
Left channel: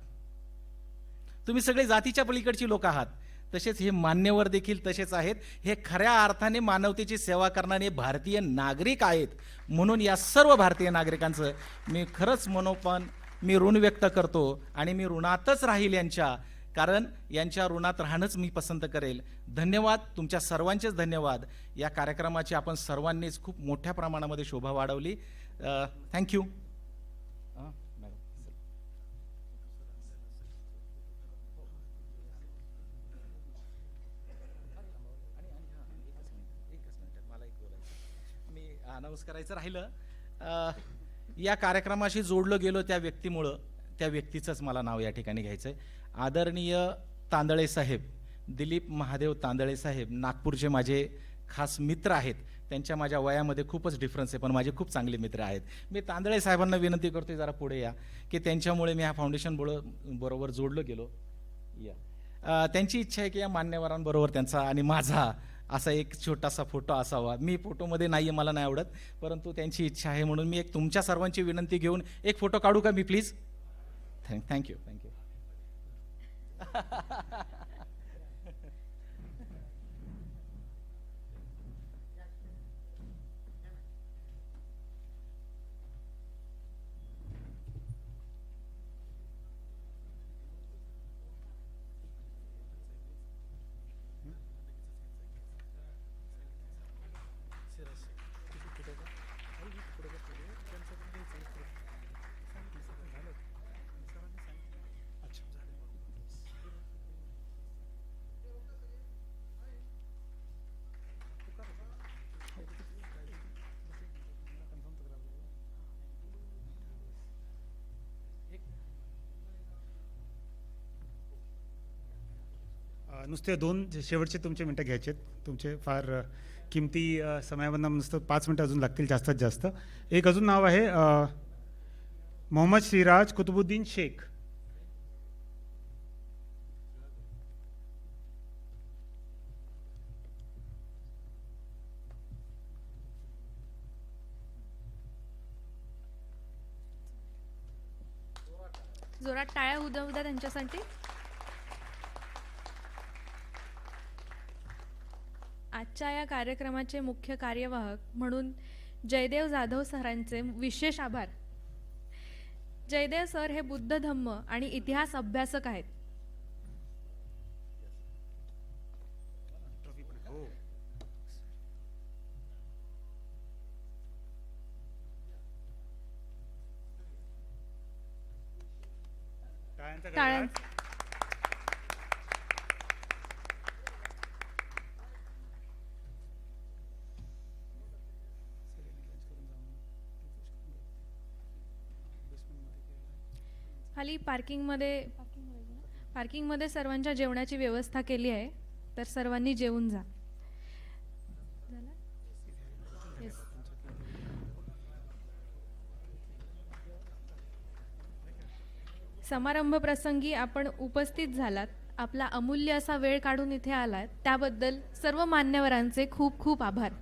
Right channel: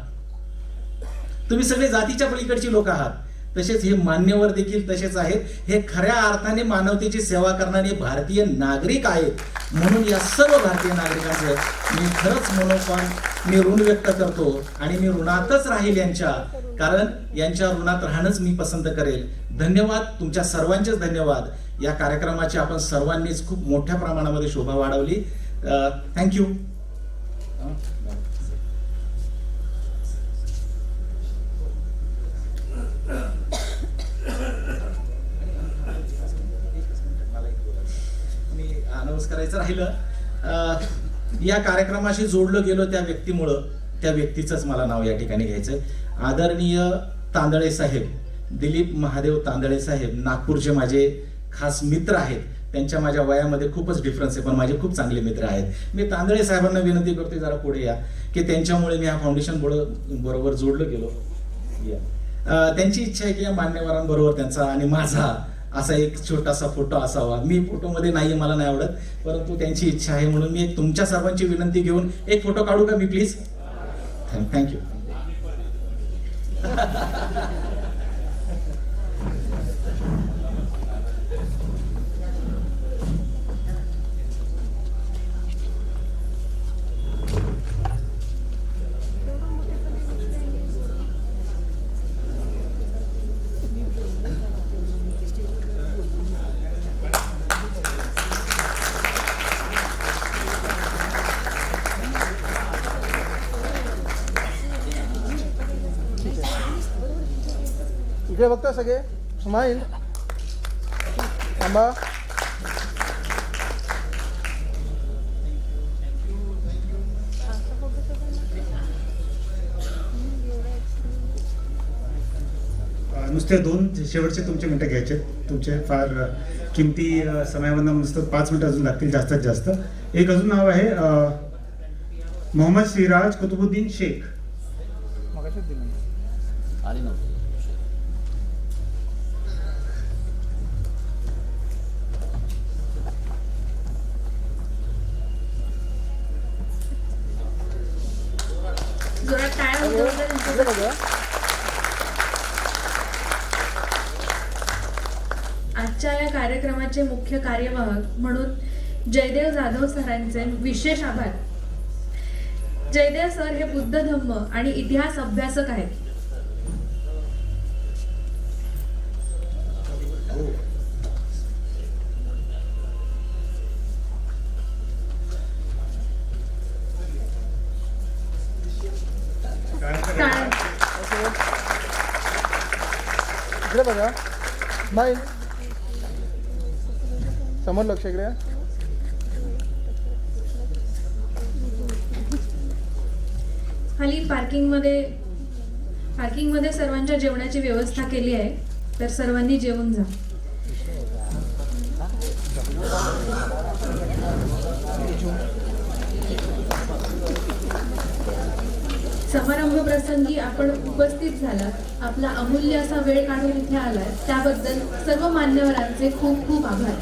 तुम्ही सगळे जातीच्या पलीकडची लोक आहात. तसेच हे मान्यवर देखील तसेच आहेत. हे खऱ्या अर्थाने मानवतेची सेवा करणारे भारतीय नागरिक आहेत. म्हणून या सर्व भारतीय नागरिकांचं मी खरंच मनोभावन मी ऋण व्यक्त करतो आणि मी ऋणातच राहील यांच्या, कारण यांच्या ऋणात राहणंच मी पसंत करेल. धन्यवाद, तुमच्या सर्वांचेच धन्यवाद. या कार्यक्रमाची आपण सर्वांनीच खूप मोठ्या प्रमाणामध्ये शोभा वाढवली. थँक्यू. अनाउन्स करायचं राहिलं, या कार्यक्रमाशी जोडलं गेलो त्या व्यक्तीमुळं, त्या व्यक्तीचंच मला नाव या ठिकाणी घ्यायचंय. आदरणीय तांदळे साहेब, दिलीप महादेव तांदळे साहेब, नागपूरचे माझे खास मित्र आहेत. त्यांच्या माझ्या वयामध्ये खूपच डिफरन्स आहे, पण माझे खूप चांगले मित्र आहेत. मी तांदळे साहेबांना विनंती करते जरा पुढे या. की त्यांच्यामुळे मी या फाउंडेशन बरोबर जोडलं गेलो. त्यांची इच्छा आहे की या मान्यवरांबरोबर त्यांचा आणि माझा असा एक छोटासा फोटो असावा. मी फोटोमध्ये नाही, मला नाही आवडत, परंतु त्यांची इच्छा आहे म्हणून मी एक तुमच्या सर्वांची विनंती घेऊन एक फोटो काढू का मी प्लीज? थँक्यू. इकडे बघता सगळे, स्माईल. थांबा. नुसते 2 शेवटचे तुमचे मिनिटं घ्यायचे. तुमचे फार किमती समयामध्ये नुसतं 5 मिनिटं अजून लागतील जास्तीत जास्त. एक अजून नाव आहे मोहम्मद सिराज कुतुबुद्दीन शेख. मगाशीच दिलं. जोरात टाळ्या इकडे वाजवून बघा. आजच्या या कार्यक्रमाचे मुख्य कार्यवाहक म्हणून जयदेव जाधव सरांचे विशेष आभार. जयदेव सर हे बुद्ध धम्म आणि इतिहास अभ्यासक आहेत. टाळ्या. इकडे बघा. स्माईल. समोर लक्ष इकडे. खाली पार्किंगमध्ये सर्वांच्या जेवणाची व्यवस्था केली आहे, तर सर्वांनी जेवून जा. समारंभ प्रसंगी आपण उपस्थित झालात, आपला अमूल्य असा वेळ काढून इथे आलात त्याबद्दल सर्व मान्यवरांचे खूप खूप आभार.